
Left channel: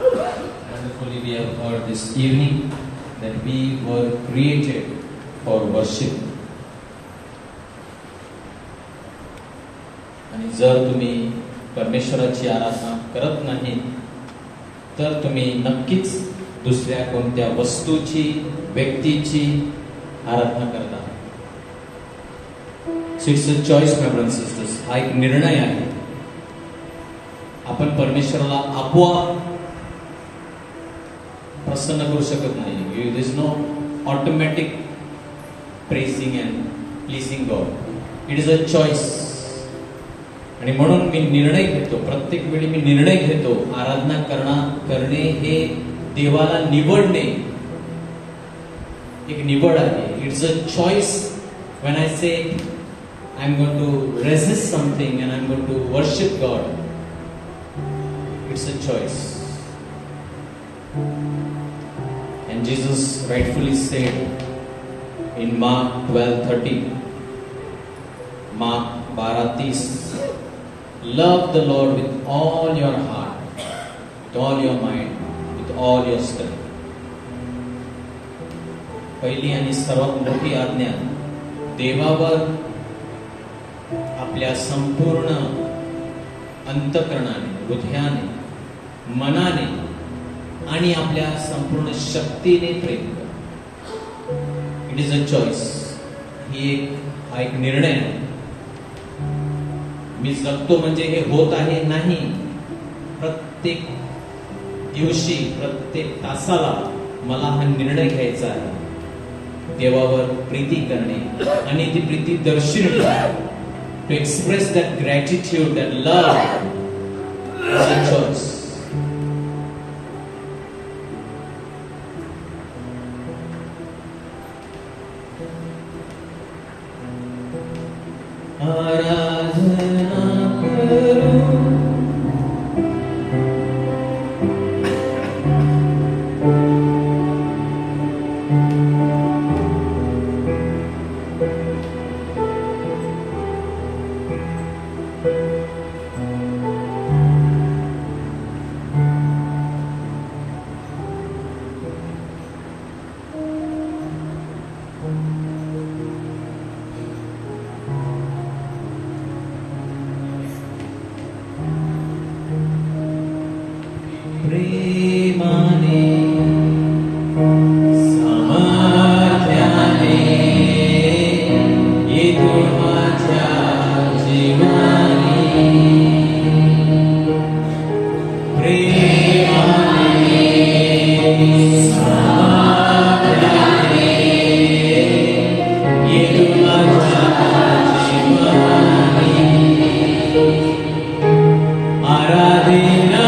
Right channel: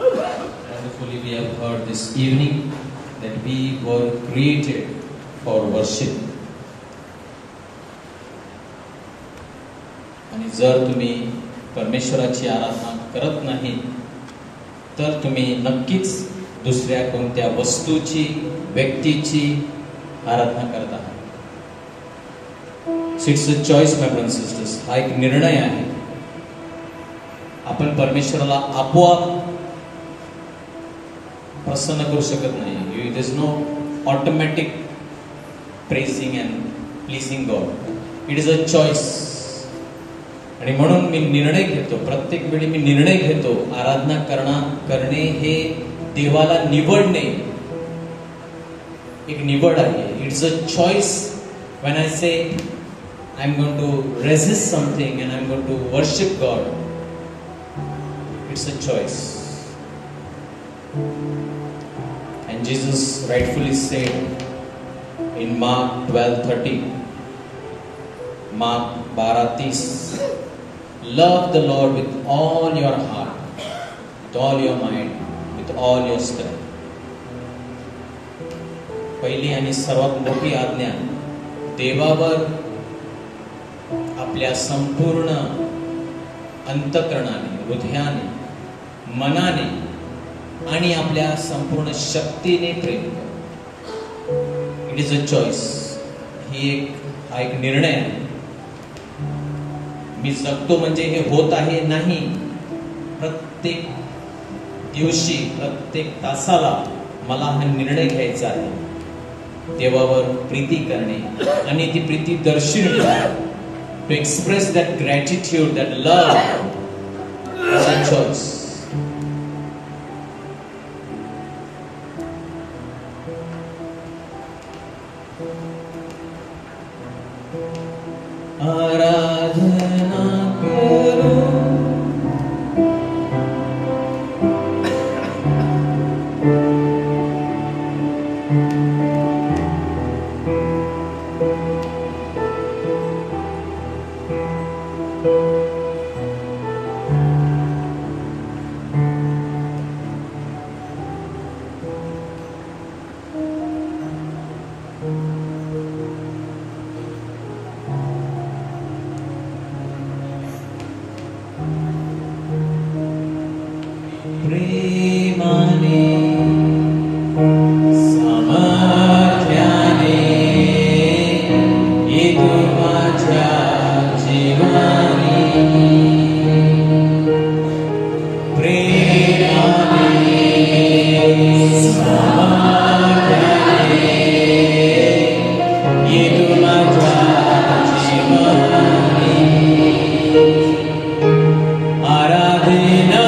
wonderfully we have heard this evening that we were created for worship. आणि जर तुम्ही परमेश्वराची आराधना करत नाही तर तुम्ही नक्कीच दुसऱ्या कोणत्या वस्तूची, व्यक्तीची आराधना करत आहात. So it's a choice, my brothers and sisters. हा एक निर्णय आहे. आपण परमेश्वराला आपोआप प्रसन्न करू शकत नाही. There is no automatic praising and pleasing God. It is a choice. आणि म्हणून मी निर्णय घेतो, प्रत्येक वेळी मी निर्णय घेतो, आराधना करणे हे देवाला निवडणे एक निवड आहे. It's a choice. When I say I'm going to resist something and I'm going to worship God, it's a choice. And Jesus rightfully said in Mark 12:30, Mark 12:30, love the Lord with all your heart, with all your mind, with all your strength. पहिली आणि सर्वात मोठी आज्ञा देवावर आपल्या संपूर्ण अंतःकरणाने, हृदयाने, मनाने आणि आपल्या संपूर्ण शक्तीने प्रेम कर. It is a choice. हा एक निर्णय आहे. मी जगतो म्हणजे हे होत आहे नाही. प्रत्येक दिवशी, प्रत्येक तासाला मला हा निर्णय घ्यायचा आहे देवावर प्रीती करणे आणि ती प्रीती दर्शवणे, to express that gratitude, that love as a choice. आराधना करो प्रेमाने सामर्थ्याने येतो माझ्या जीवानी, प्रेमाने सामर्थ्याने येतो माझ्या जीवानी, आराधना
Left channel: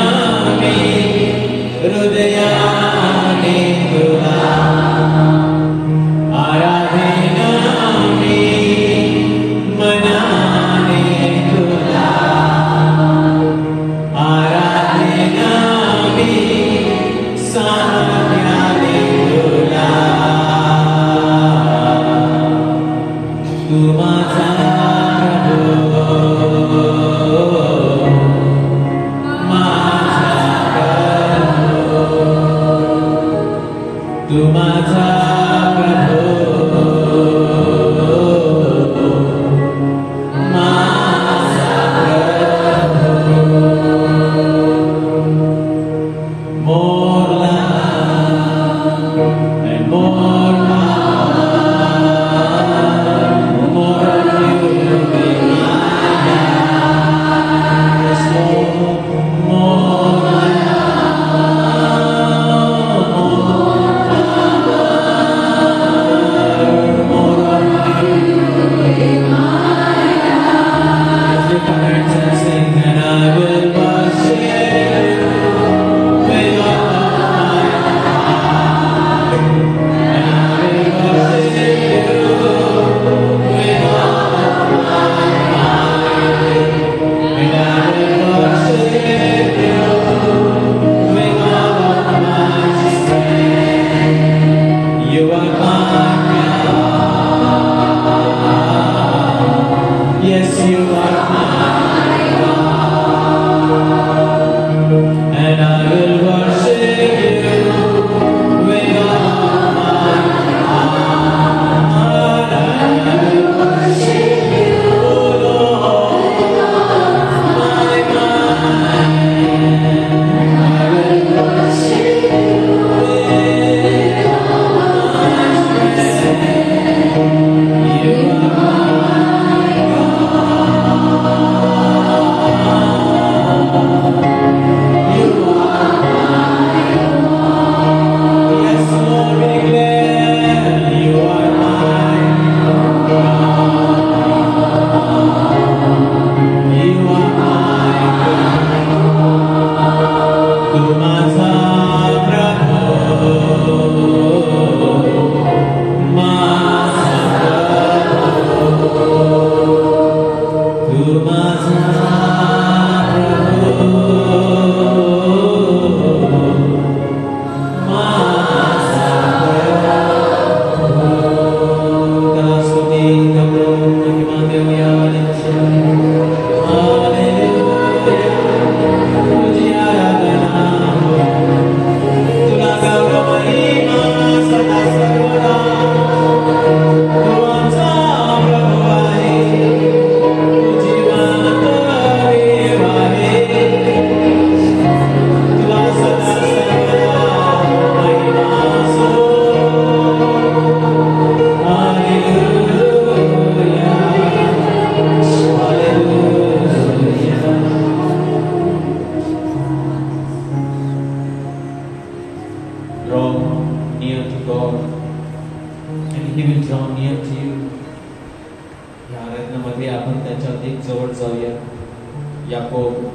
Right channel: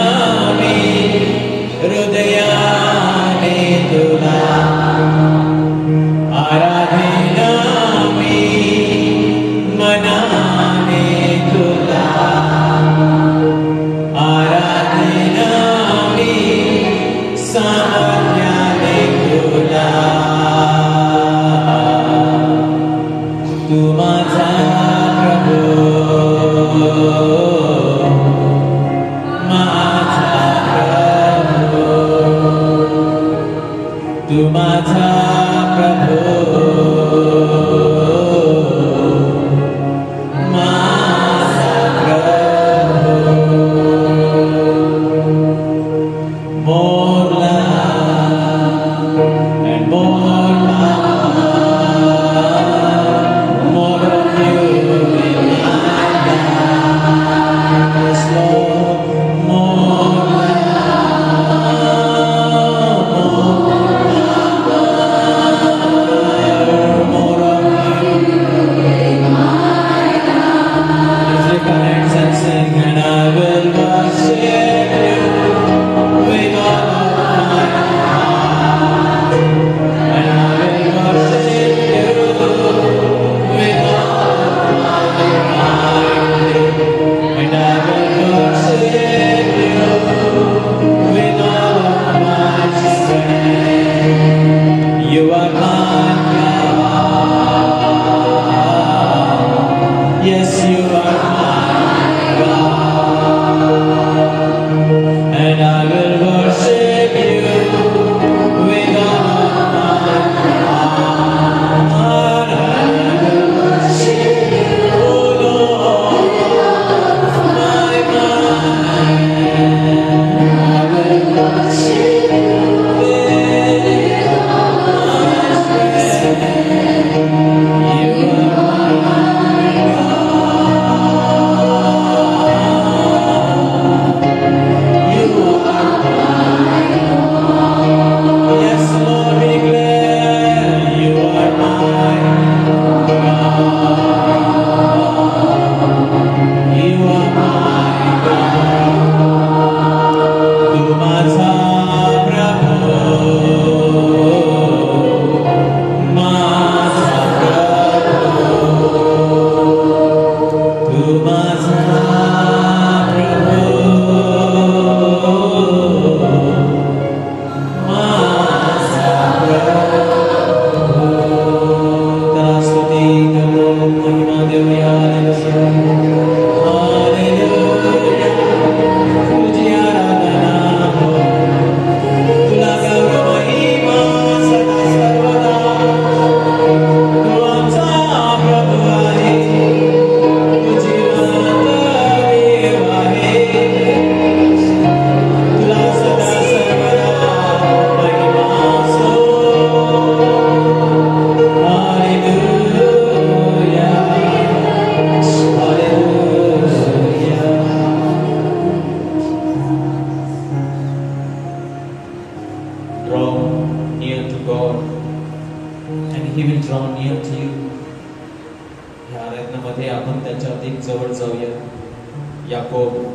याकोब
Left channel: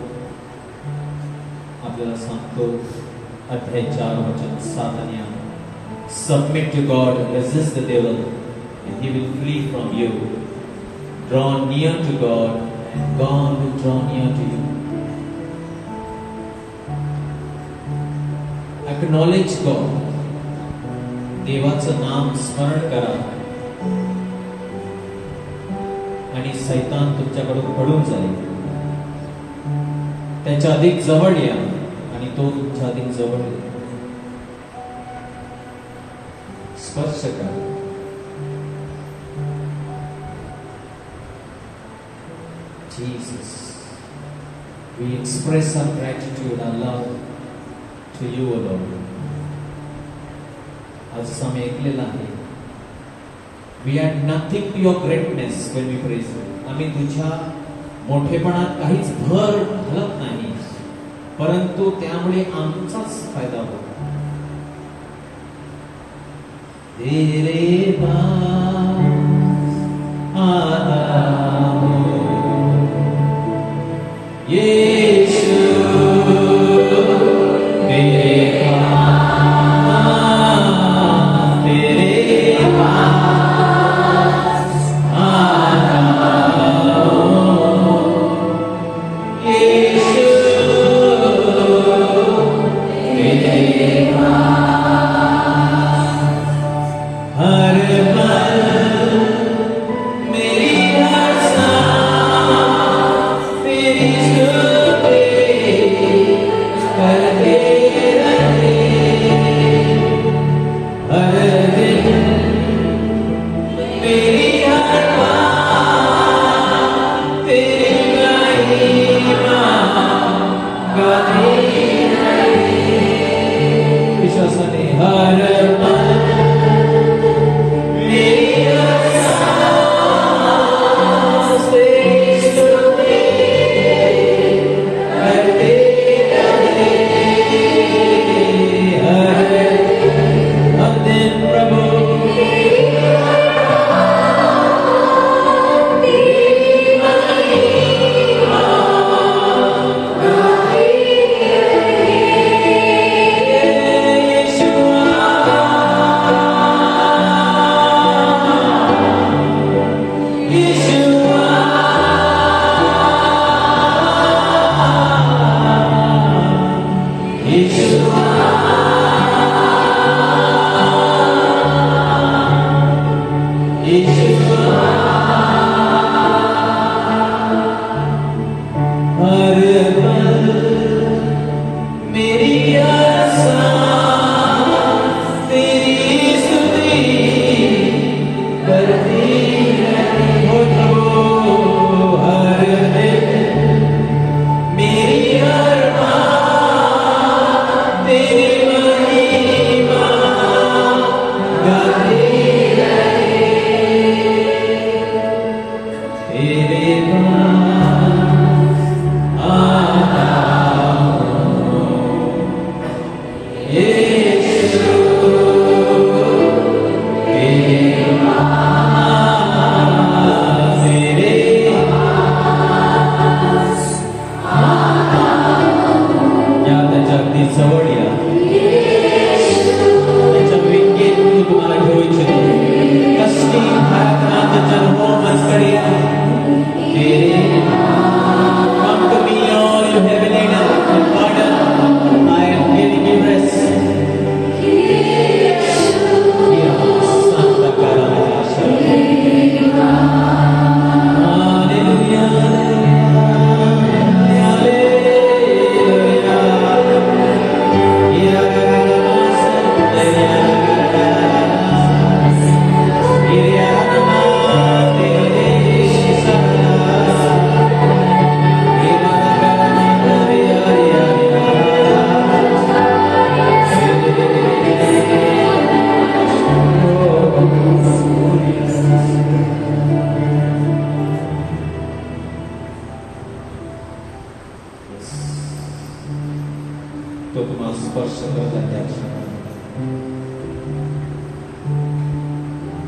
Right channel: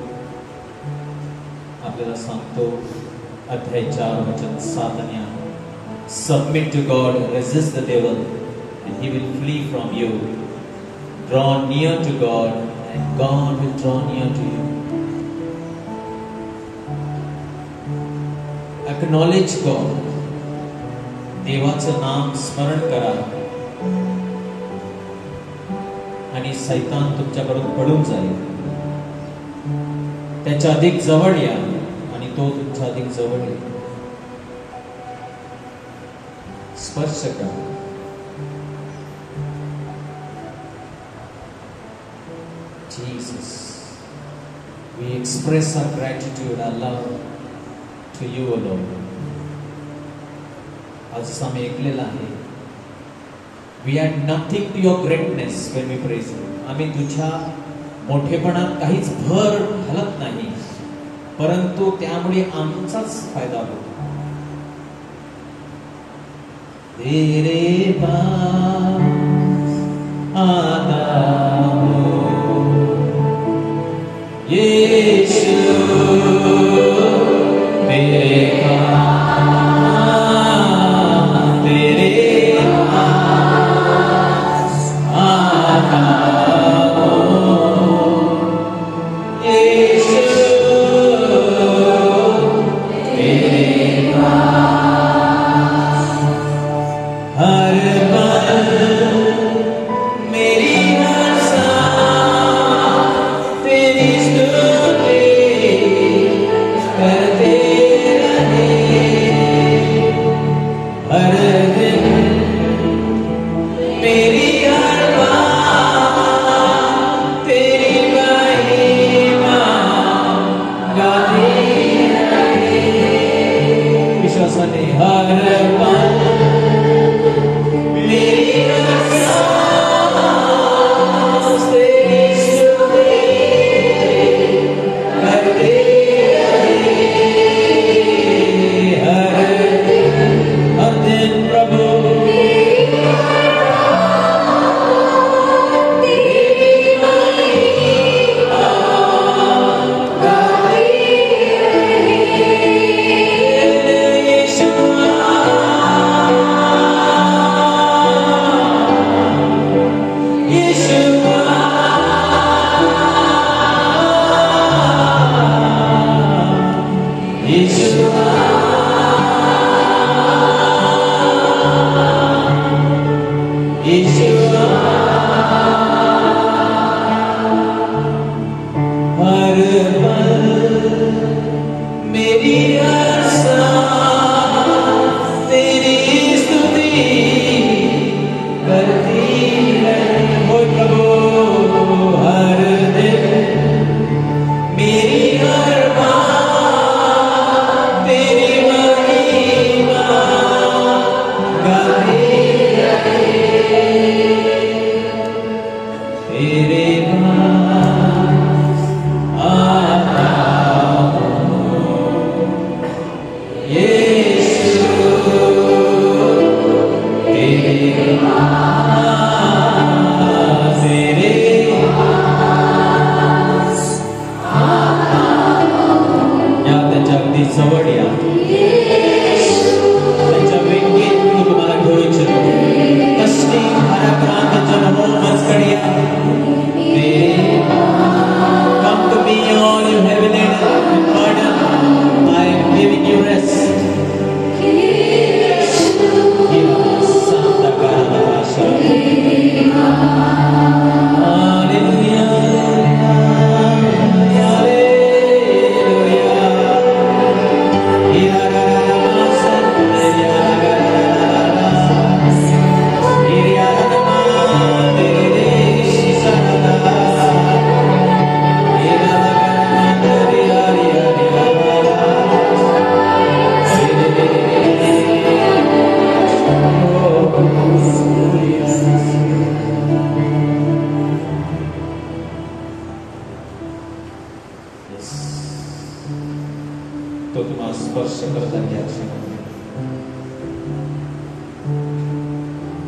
आपल्याला सांगतो, अध्याय 4 वचन 7 आणि 8, submit to God, resist the devil and he will flee from you. Draw near to God and God will draw near to you. Acknowledge God. देवाचं नाम स्मरण करा आणि सैतान तुमच्याकडून पडून जाईल. त्याच्या अधिक जवळ या आणि तो तुमच्या अधिक जवळ येईल. स्पर्श करा. Jesus, we express our gratitude, our love to you, O Lord. आज आम्ही ऐकलेलं आहे, we add nothing to your greatness when we praise you. आम्ही तुझ्या मोठेपणात काहीच भर घालत नाही, परंतु त्यामुळे आमचाच फायदा होतो. तेरे पास आता हूं यीशु, तेरे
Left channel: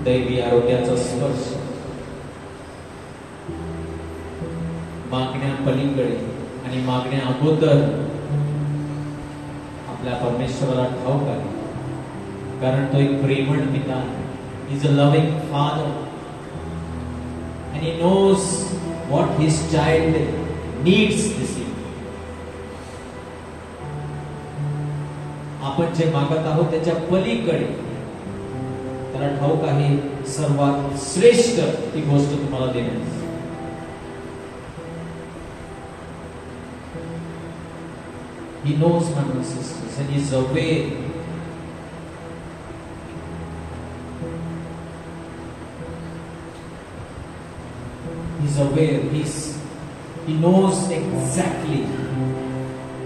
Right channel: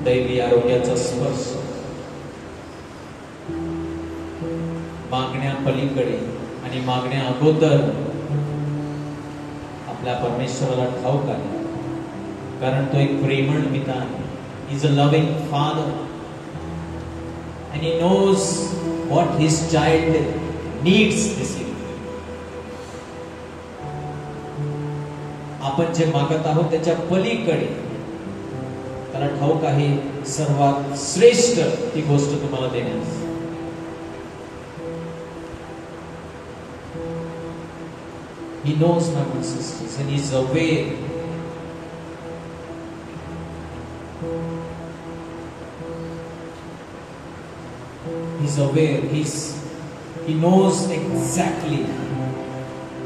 दैवी आरोग्याचा स्पर्श मागण्या पलीकडे आणि आणि मागण्या अगोदर आपल्या परमेश्वराला ठाऊक आहे, कारण तो एक प्रेमळ पिता आहे. He is a loving father and he knows what his child needs this year. आपण जे मागत आहोत त्याच्या पलीकडे त्याला ठाऊक आहे सर्वात श्रेष्ठ ती गोष्ट तुम्हाला देण्यास. He knows my sisters and he is aware. He's aware. He knows exactly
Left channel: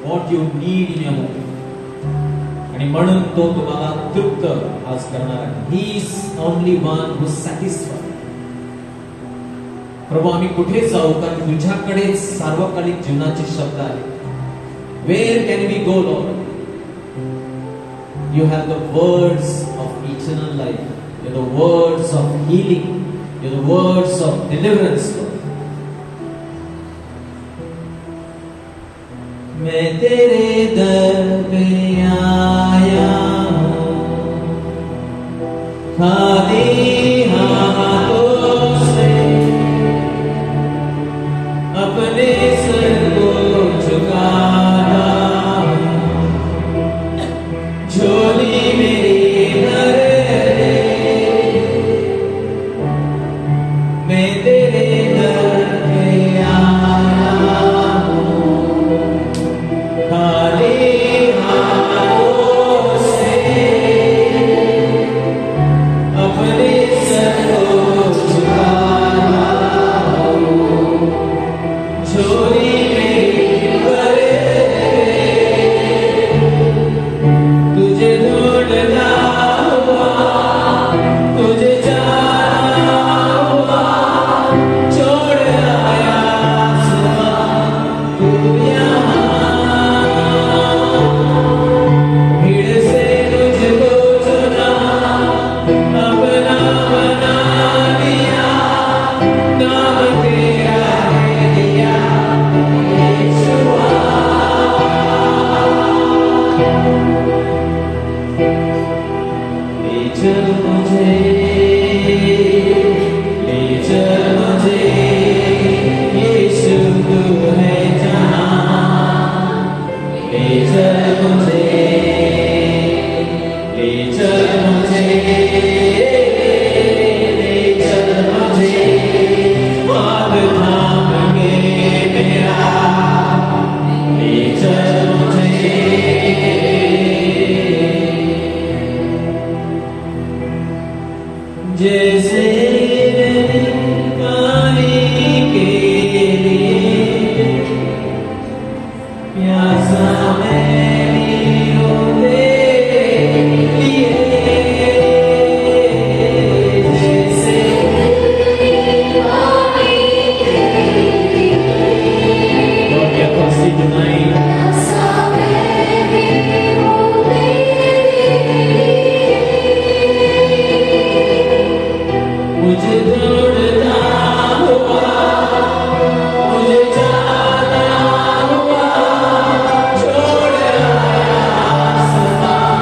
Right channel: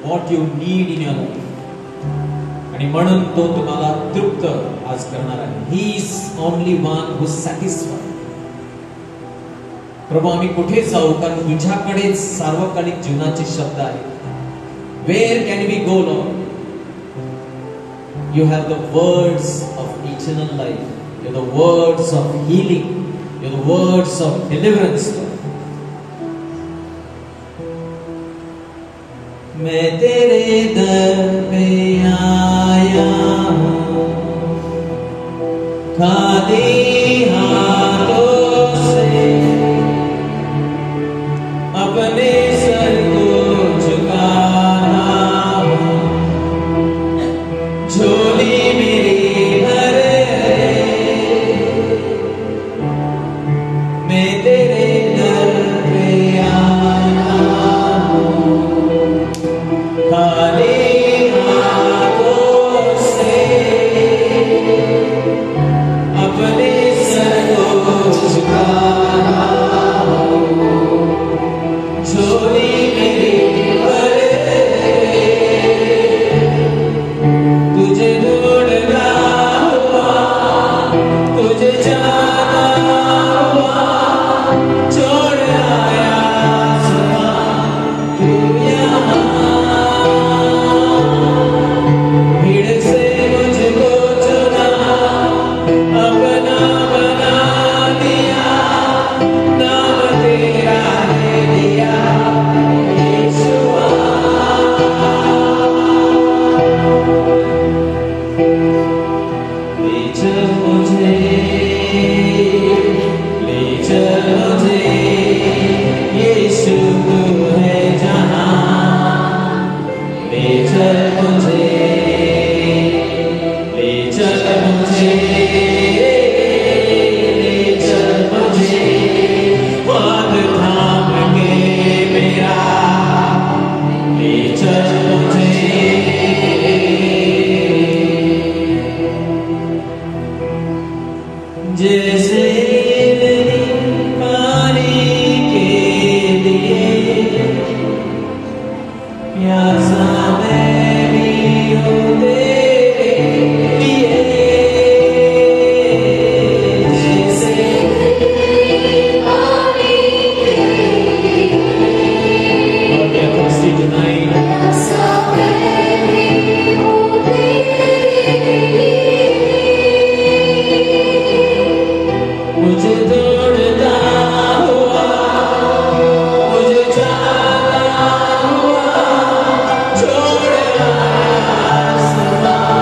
what you need in your life. आणि म्हणून तो तुम्हाला तृप्त आज करणार आहे. He is only one who satisfies. प्रभू आम्ही कुठे जाऊ, कारण तुझ्याकडे सार्वकालिक जीवनाचे शब्द आहेत. Where can we go, Lord? You have the words of eternal life. You have the words of healing. You have the words of deliverance, Lord. मैं तेरे दर पे आया हूँ, खाली हाथों से अपने सर को झुकाता हूँ. झोली मेरी भर मैं तेरे दर पे आया हूँ, खाली हाथों से अपने सर को झुकाता हूँ. झोली मेरी भर तुझे ढूंढना हुआ, तुझे जाना हुआ, छोड़ आया आसमां तू यहाँ. भीड़ से मुझको चुना, अपना बना लिया, नाम तेरा है दिया यीशुआ. ले चल मुझे, ले चल मुझे, यीशु तू है जहाँ. ले चल मुझे, ले चल मुझे, ले चल मुझे, हाथ थाम के मेरा, ले चल मुझे. जैसे पानी के लिए प्यासा मैं भी हूँ तेरे लिए. जैसे Lord, we are thirsty tonight. मुझे दौड़ता हुआ, मुझे जाना हुआ, छोड़ आया आसमां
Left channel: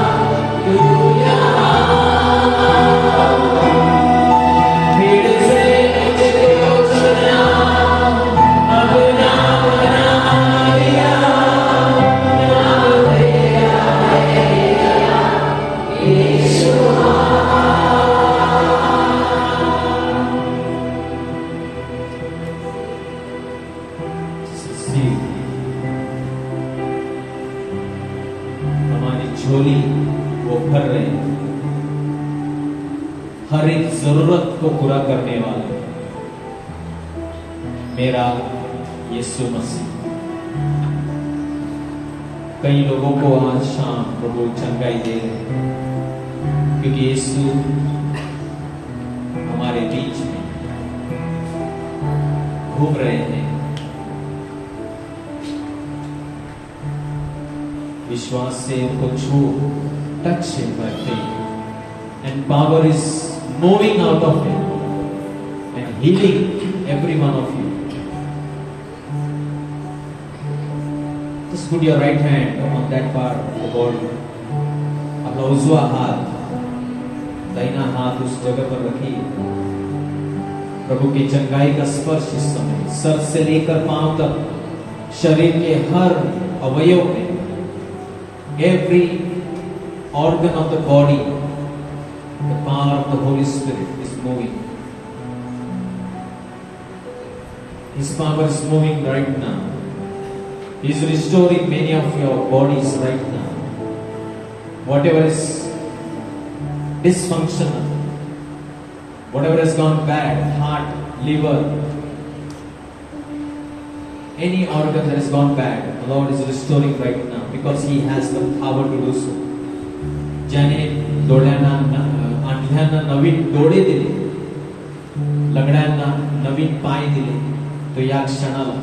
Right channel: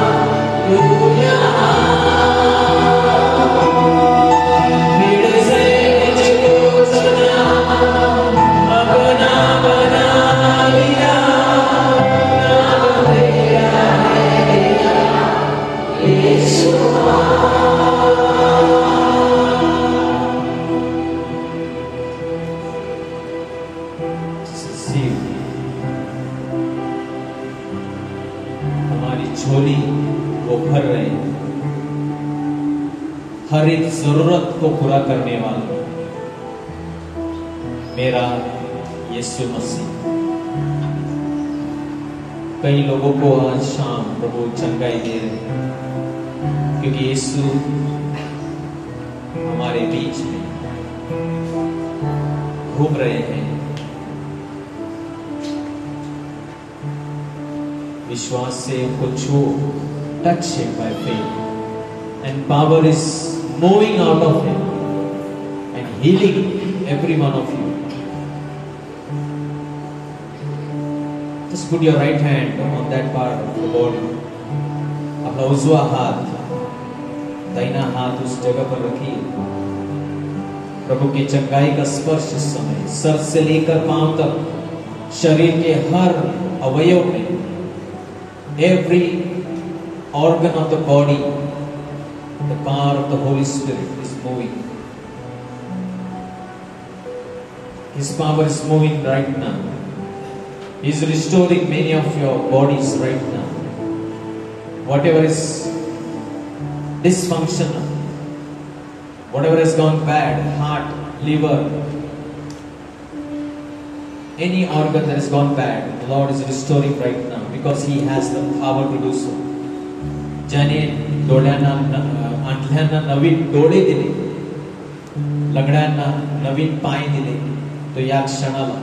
तू यहाँ. भीड़ से मुझको चुना, अपना बना लिया, नाम तेरा है यीशुआ. हमारी झोली वो भर रहे हैं, हर एक जरूरत को पूरा करने वाला मेरा यीशु मसीह. कई लोगों को आज शाम प्रभु चंगाई दे रहे हैं, क्योंकि यीशु हमारे बीच में घूम रहे हैं. विश्वास से उनको छू, touch him by faith, and power is moving out of him and healing every one of you. Just put your right hand on that part of the body. अपना उजवा हाथ, दाहिना हाथ उस जगह पर रखिए. प्रभु की चंगाई का स्पर्श इस समय सर से लेकर पांव तक शरीर के हर अवयव में, every organ of the body, the power of the Holy Spirit is moving. His power is moving right now. He is restoring many of your bodies right now. Whatever is dysfunctional, whatever has gone bad, heart, liver, any organ that has gone bad, the Lord is restoring right now because He has the power to do so. ज्याने डोळ्यांना, अंधळ्यांना नवीन डोळे दिले, लंगड्यांना नवीन पाय दिले, तो या क्षणाला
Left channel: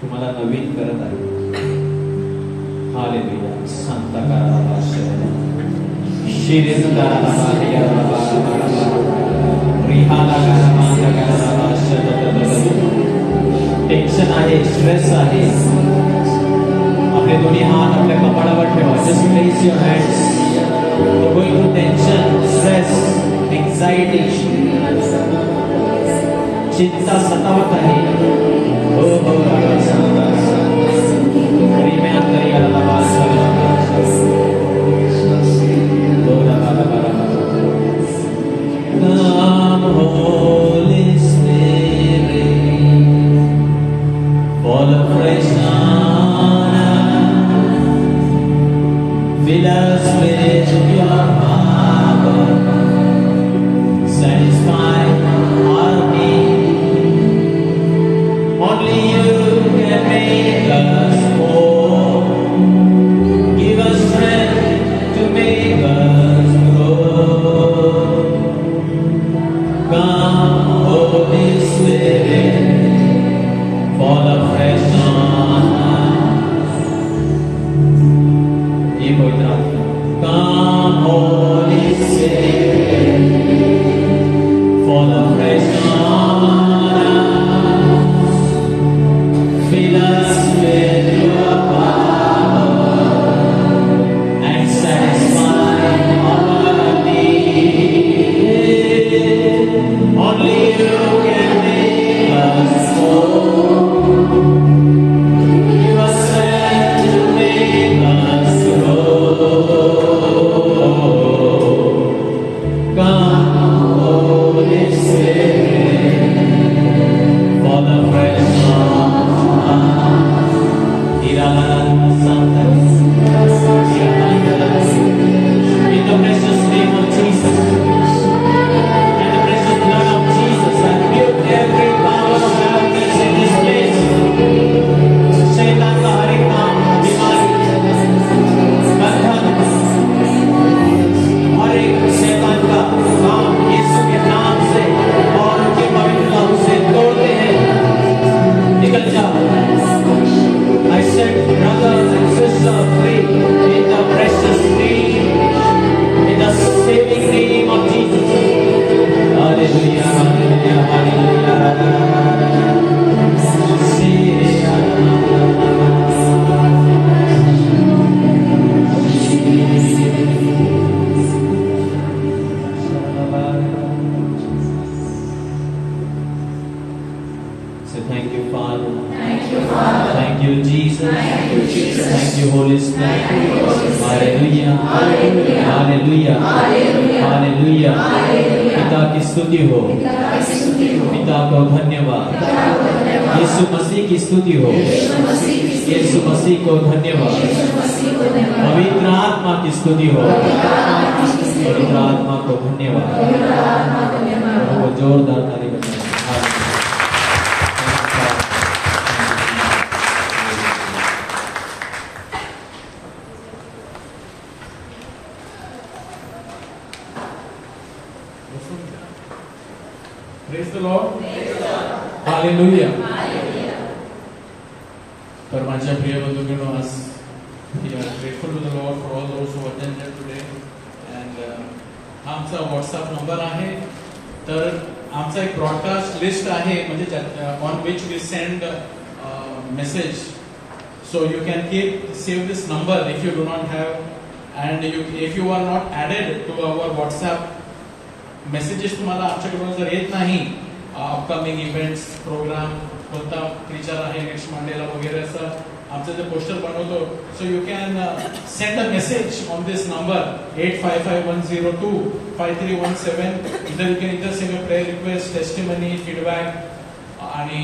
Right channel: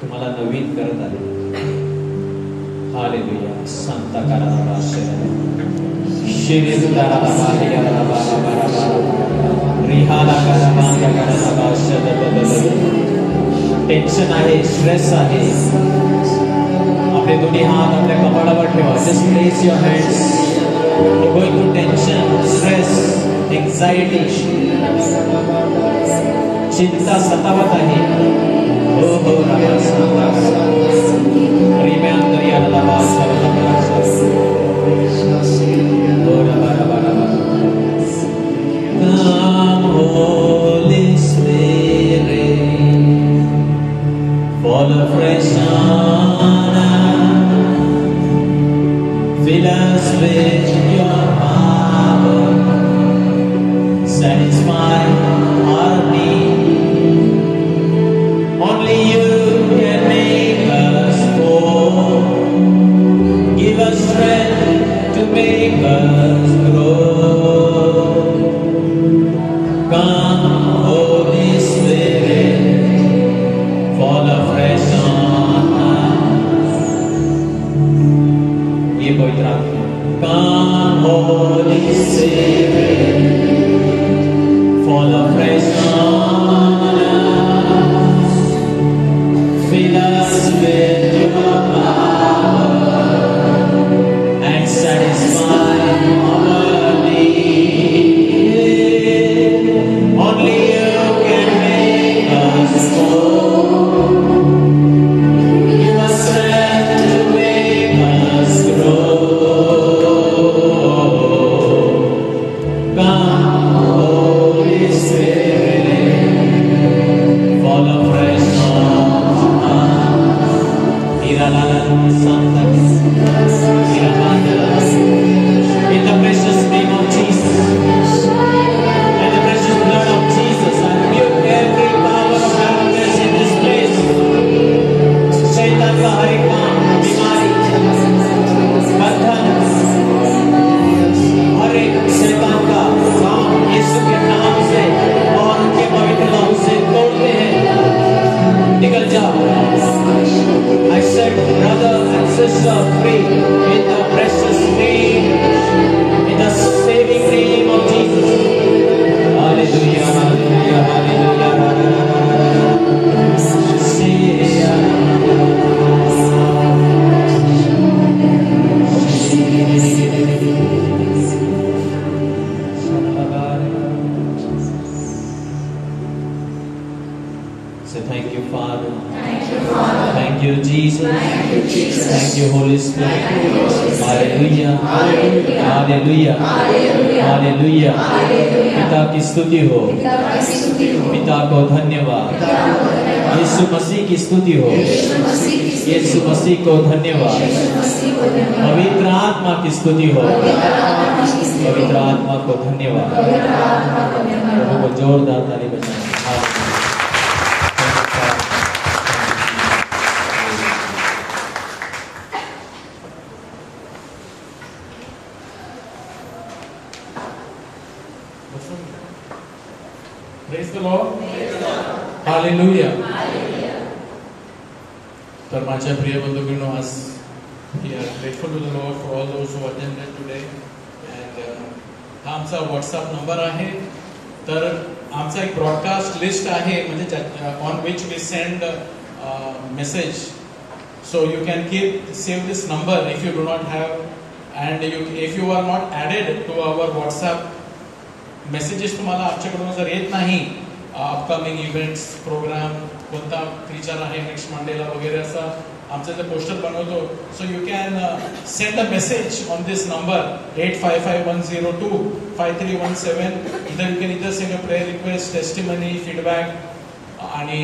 तुम्हाला नवीन करत आहे. हालेलुया. सांता काराबा शिरेंद्रा बालिया बाबा रिहाला काराबा काराबा शब्द टेंशन आहे, स्ट्रेस आहे, आपले दोन्ही हात आपल्या कपाळावर ठेवा. Just place your hands. You're going through tension, stress, anxiety, चिंता सतावत आहे. हो हो रामा सांता प्रेमात याला वास Holy Spirit, fall afresh on us, fill us with your power, satisfy our need. Only you can make us whole, give us strength to make us grow. Come, Holy Spirit, fall afresh on us. ये पवित्र आत्मा. Come, Holy Spirit, fall afresh on us. Fill us with your power and satisfy our need. Only you can make us whole. Give us strength to make us grow. Come, Holy Spirit, fall afresh on us. Iralana Santa, Iralana. In the precious name of Jesus. And the precious blood of Jesus, I rebuke every power of darkness in this place. शैतान का हर एक काम, बीमारी, बंधन, हर एक शैतान का काम यीशु के नाम से और उनके पवित्र नाम से तोड़ते हैं. निकल जाओ. I set brother and sister free in the precious name, in the saving name of Jesus. Hallelujah, hallelujah, hallelujah. So thank you, Father. Thank you, Jesus. Thank you, Holy Spirit. Hallelujah. Hallelujah. Hallelujah. पिता की स्तुति हो. पिता को धन्यवाद. यीशु मसीह की स्तुति हो. यीशु मसीह को धन्यवाद. पवित्र आत्मा की स्तुति हो. पवित्र आत्मा को धन्यवाद. प्रभु को जोरदार ताली बजाएं. Praise the Lord. Hallelujah. तर माझ्या प्रिय बंधूंनो, आज we are grateful to the Lord for all those who attended today. And हा आमचा व्हॉट्सअप नंबर आहे. तर आमचा एक ब्रॉडकास्ट लिस्ट आहे, म्हणजे on which we send message. So you can save this number if you do not have, and if you are not added to our WhatsApp messages, तुम्हाला आमच्याकडून जर येत नाही अपकमिंग इव्हेंट्स प्रोग्राम कोणता प्रीचर आहे next Mandela वगैरे असं आमचं ते पोस्टर बनवतो. So you can send a message on this number 8551025317. इधर यू कॅन इधर send a prayer request, testimony, feedback, आणि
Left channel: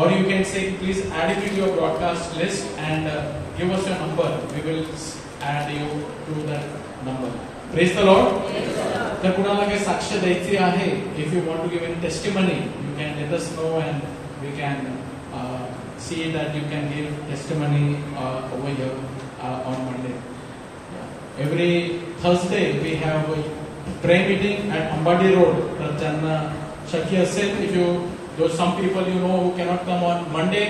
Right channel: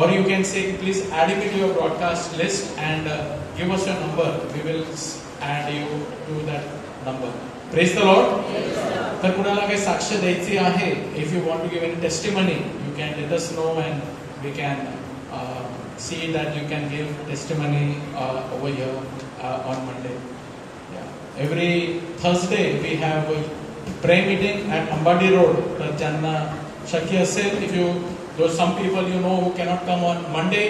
or you can say please add it to your broadcast list and give us your number. We will add you to that number. Praise the Lord. तर कुणाला काही साक्ष द्यायची आहे, if you want to give any testimony, you can let us know and we can see that you can give testimony over here on Monday. Every Thursday we have a prayer meeting at Ambadi Road. तर ज्यांना शक्य असेल, if you some people you know who cannot come on Monday,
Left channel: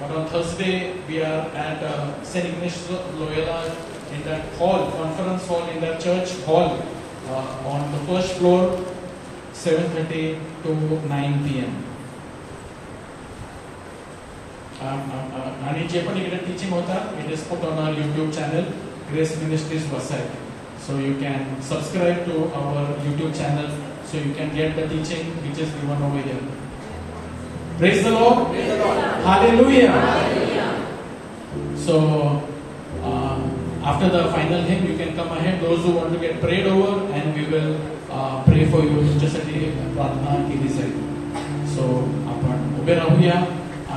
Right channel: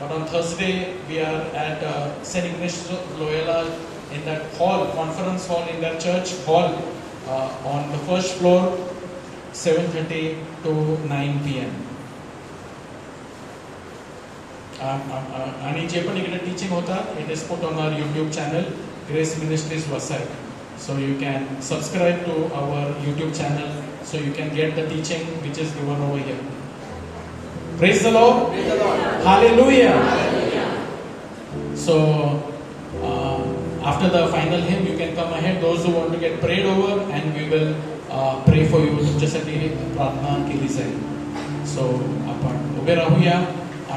but on Thursday we are at St. Ignatius Loyola in that hall, conference hall in that church hall on the first floor, 7:30 to 9 p.m. आणि जे पण इकडे टीचिंग होता, it is put on our YouTube channel, Grace Ministries Vasai. So you can subscribe to our YouTube channel so you can get the teaching which is given over here. Praise the Lord. Praise the Lord. Hallelujah. Hallelujah. So after the final hymn you can come ahead, those who want to get prayed over, and we will pray for you. तुमच्यासाठी प्रार्थना केली जाईल. So आपण उभे राहूया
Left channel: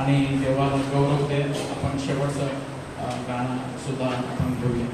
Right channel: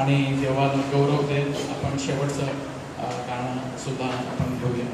आणि देवाला गौरव देत आपण शेवटचं गाणं सुद्धा आपण घेऊया.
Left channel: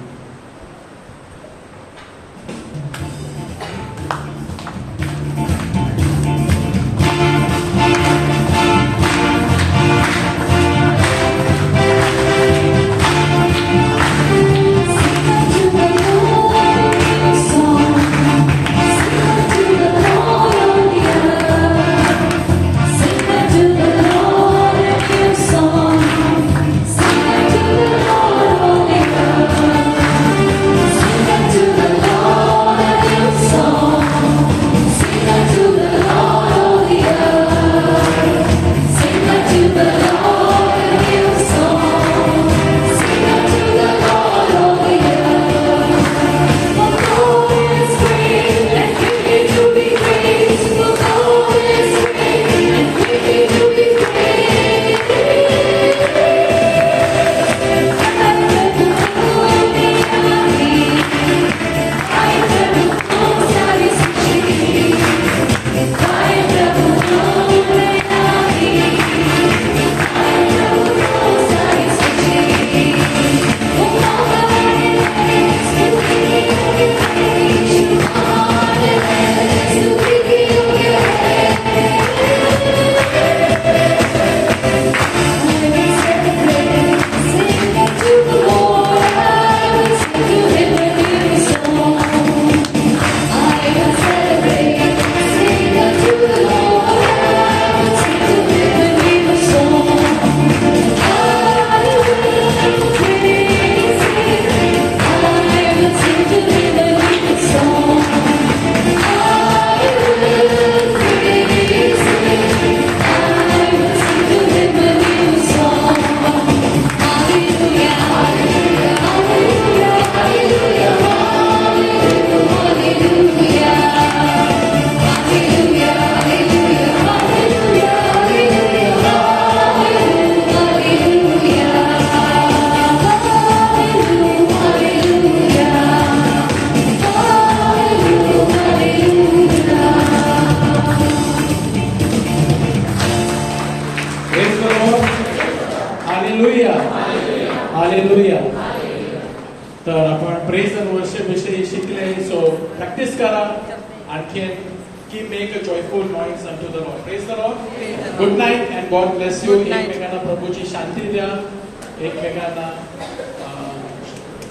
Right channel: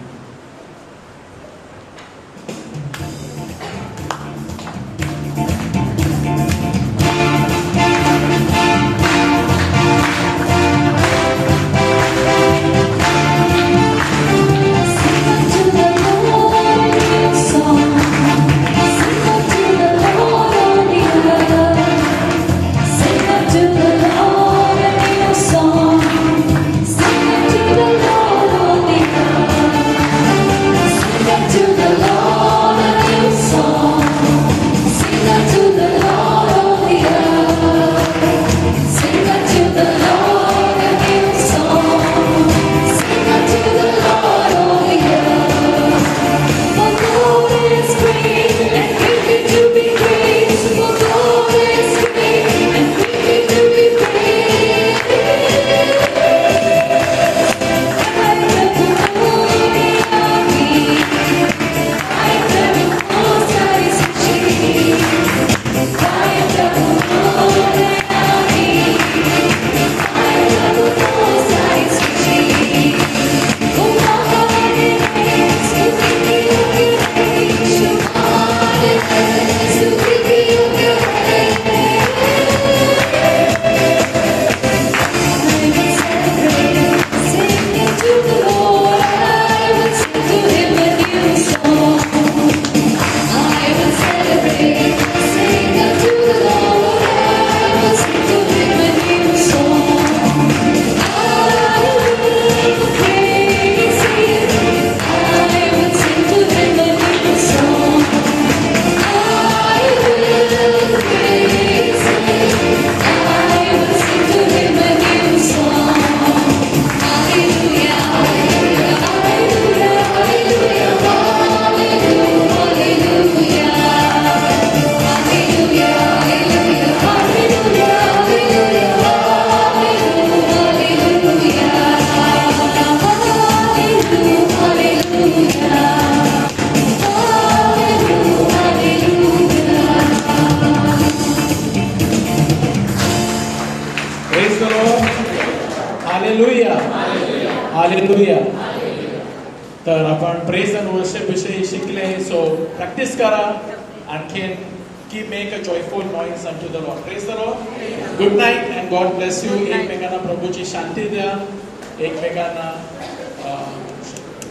तर आपण प्रेज अँड वर्शिप विषयी शिकले. सो प्रॅक्टिस करा आणखी. Make a joyful noise unto the Lord. Praise the Lord. Good night and God bless you. एकमेकांना प्रभूची शांती द्या, एकमेकांना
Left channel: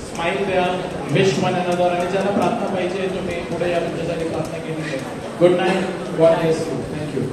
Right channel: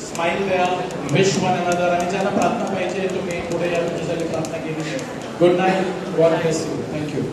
स्माइल द्या, विश वन अनदर. आणि ज्यांना प्रार्थना पाहिजे तुम्ही पुढे या, तुमच्यासाठी प्रार्थना केली. Good night. God bless you. Thank you.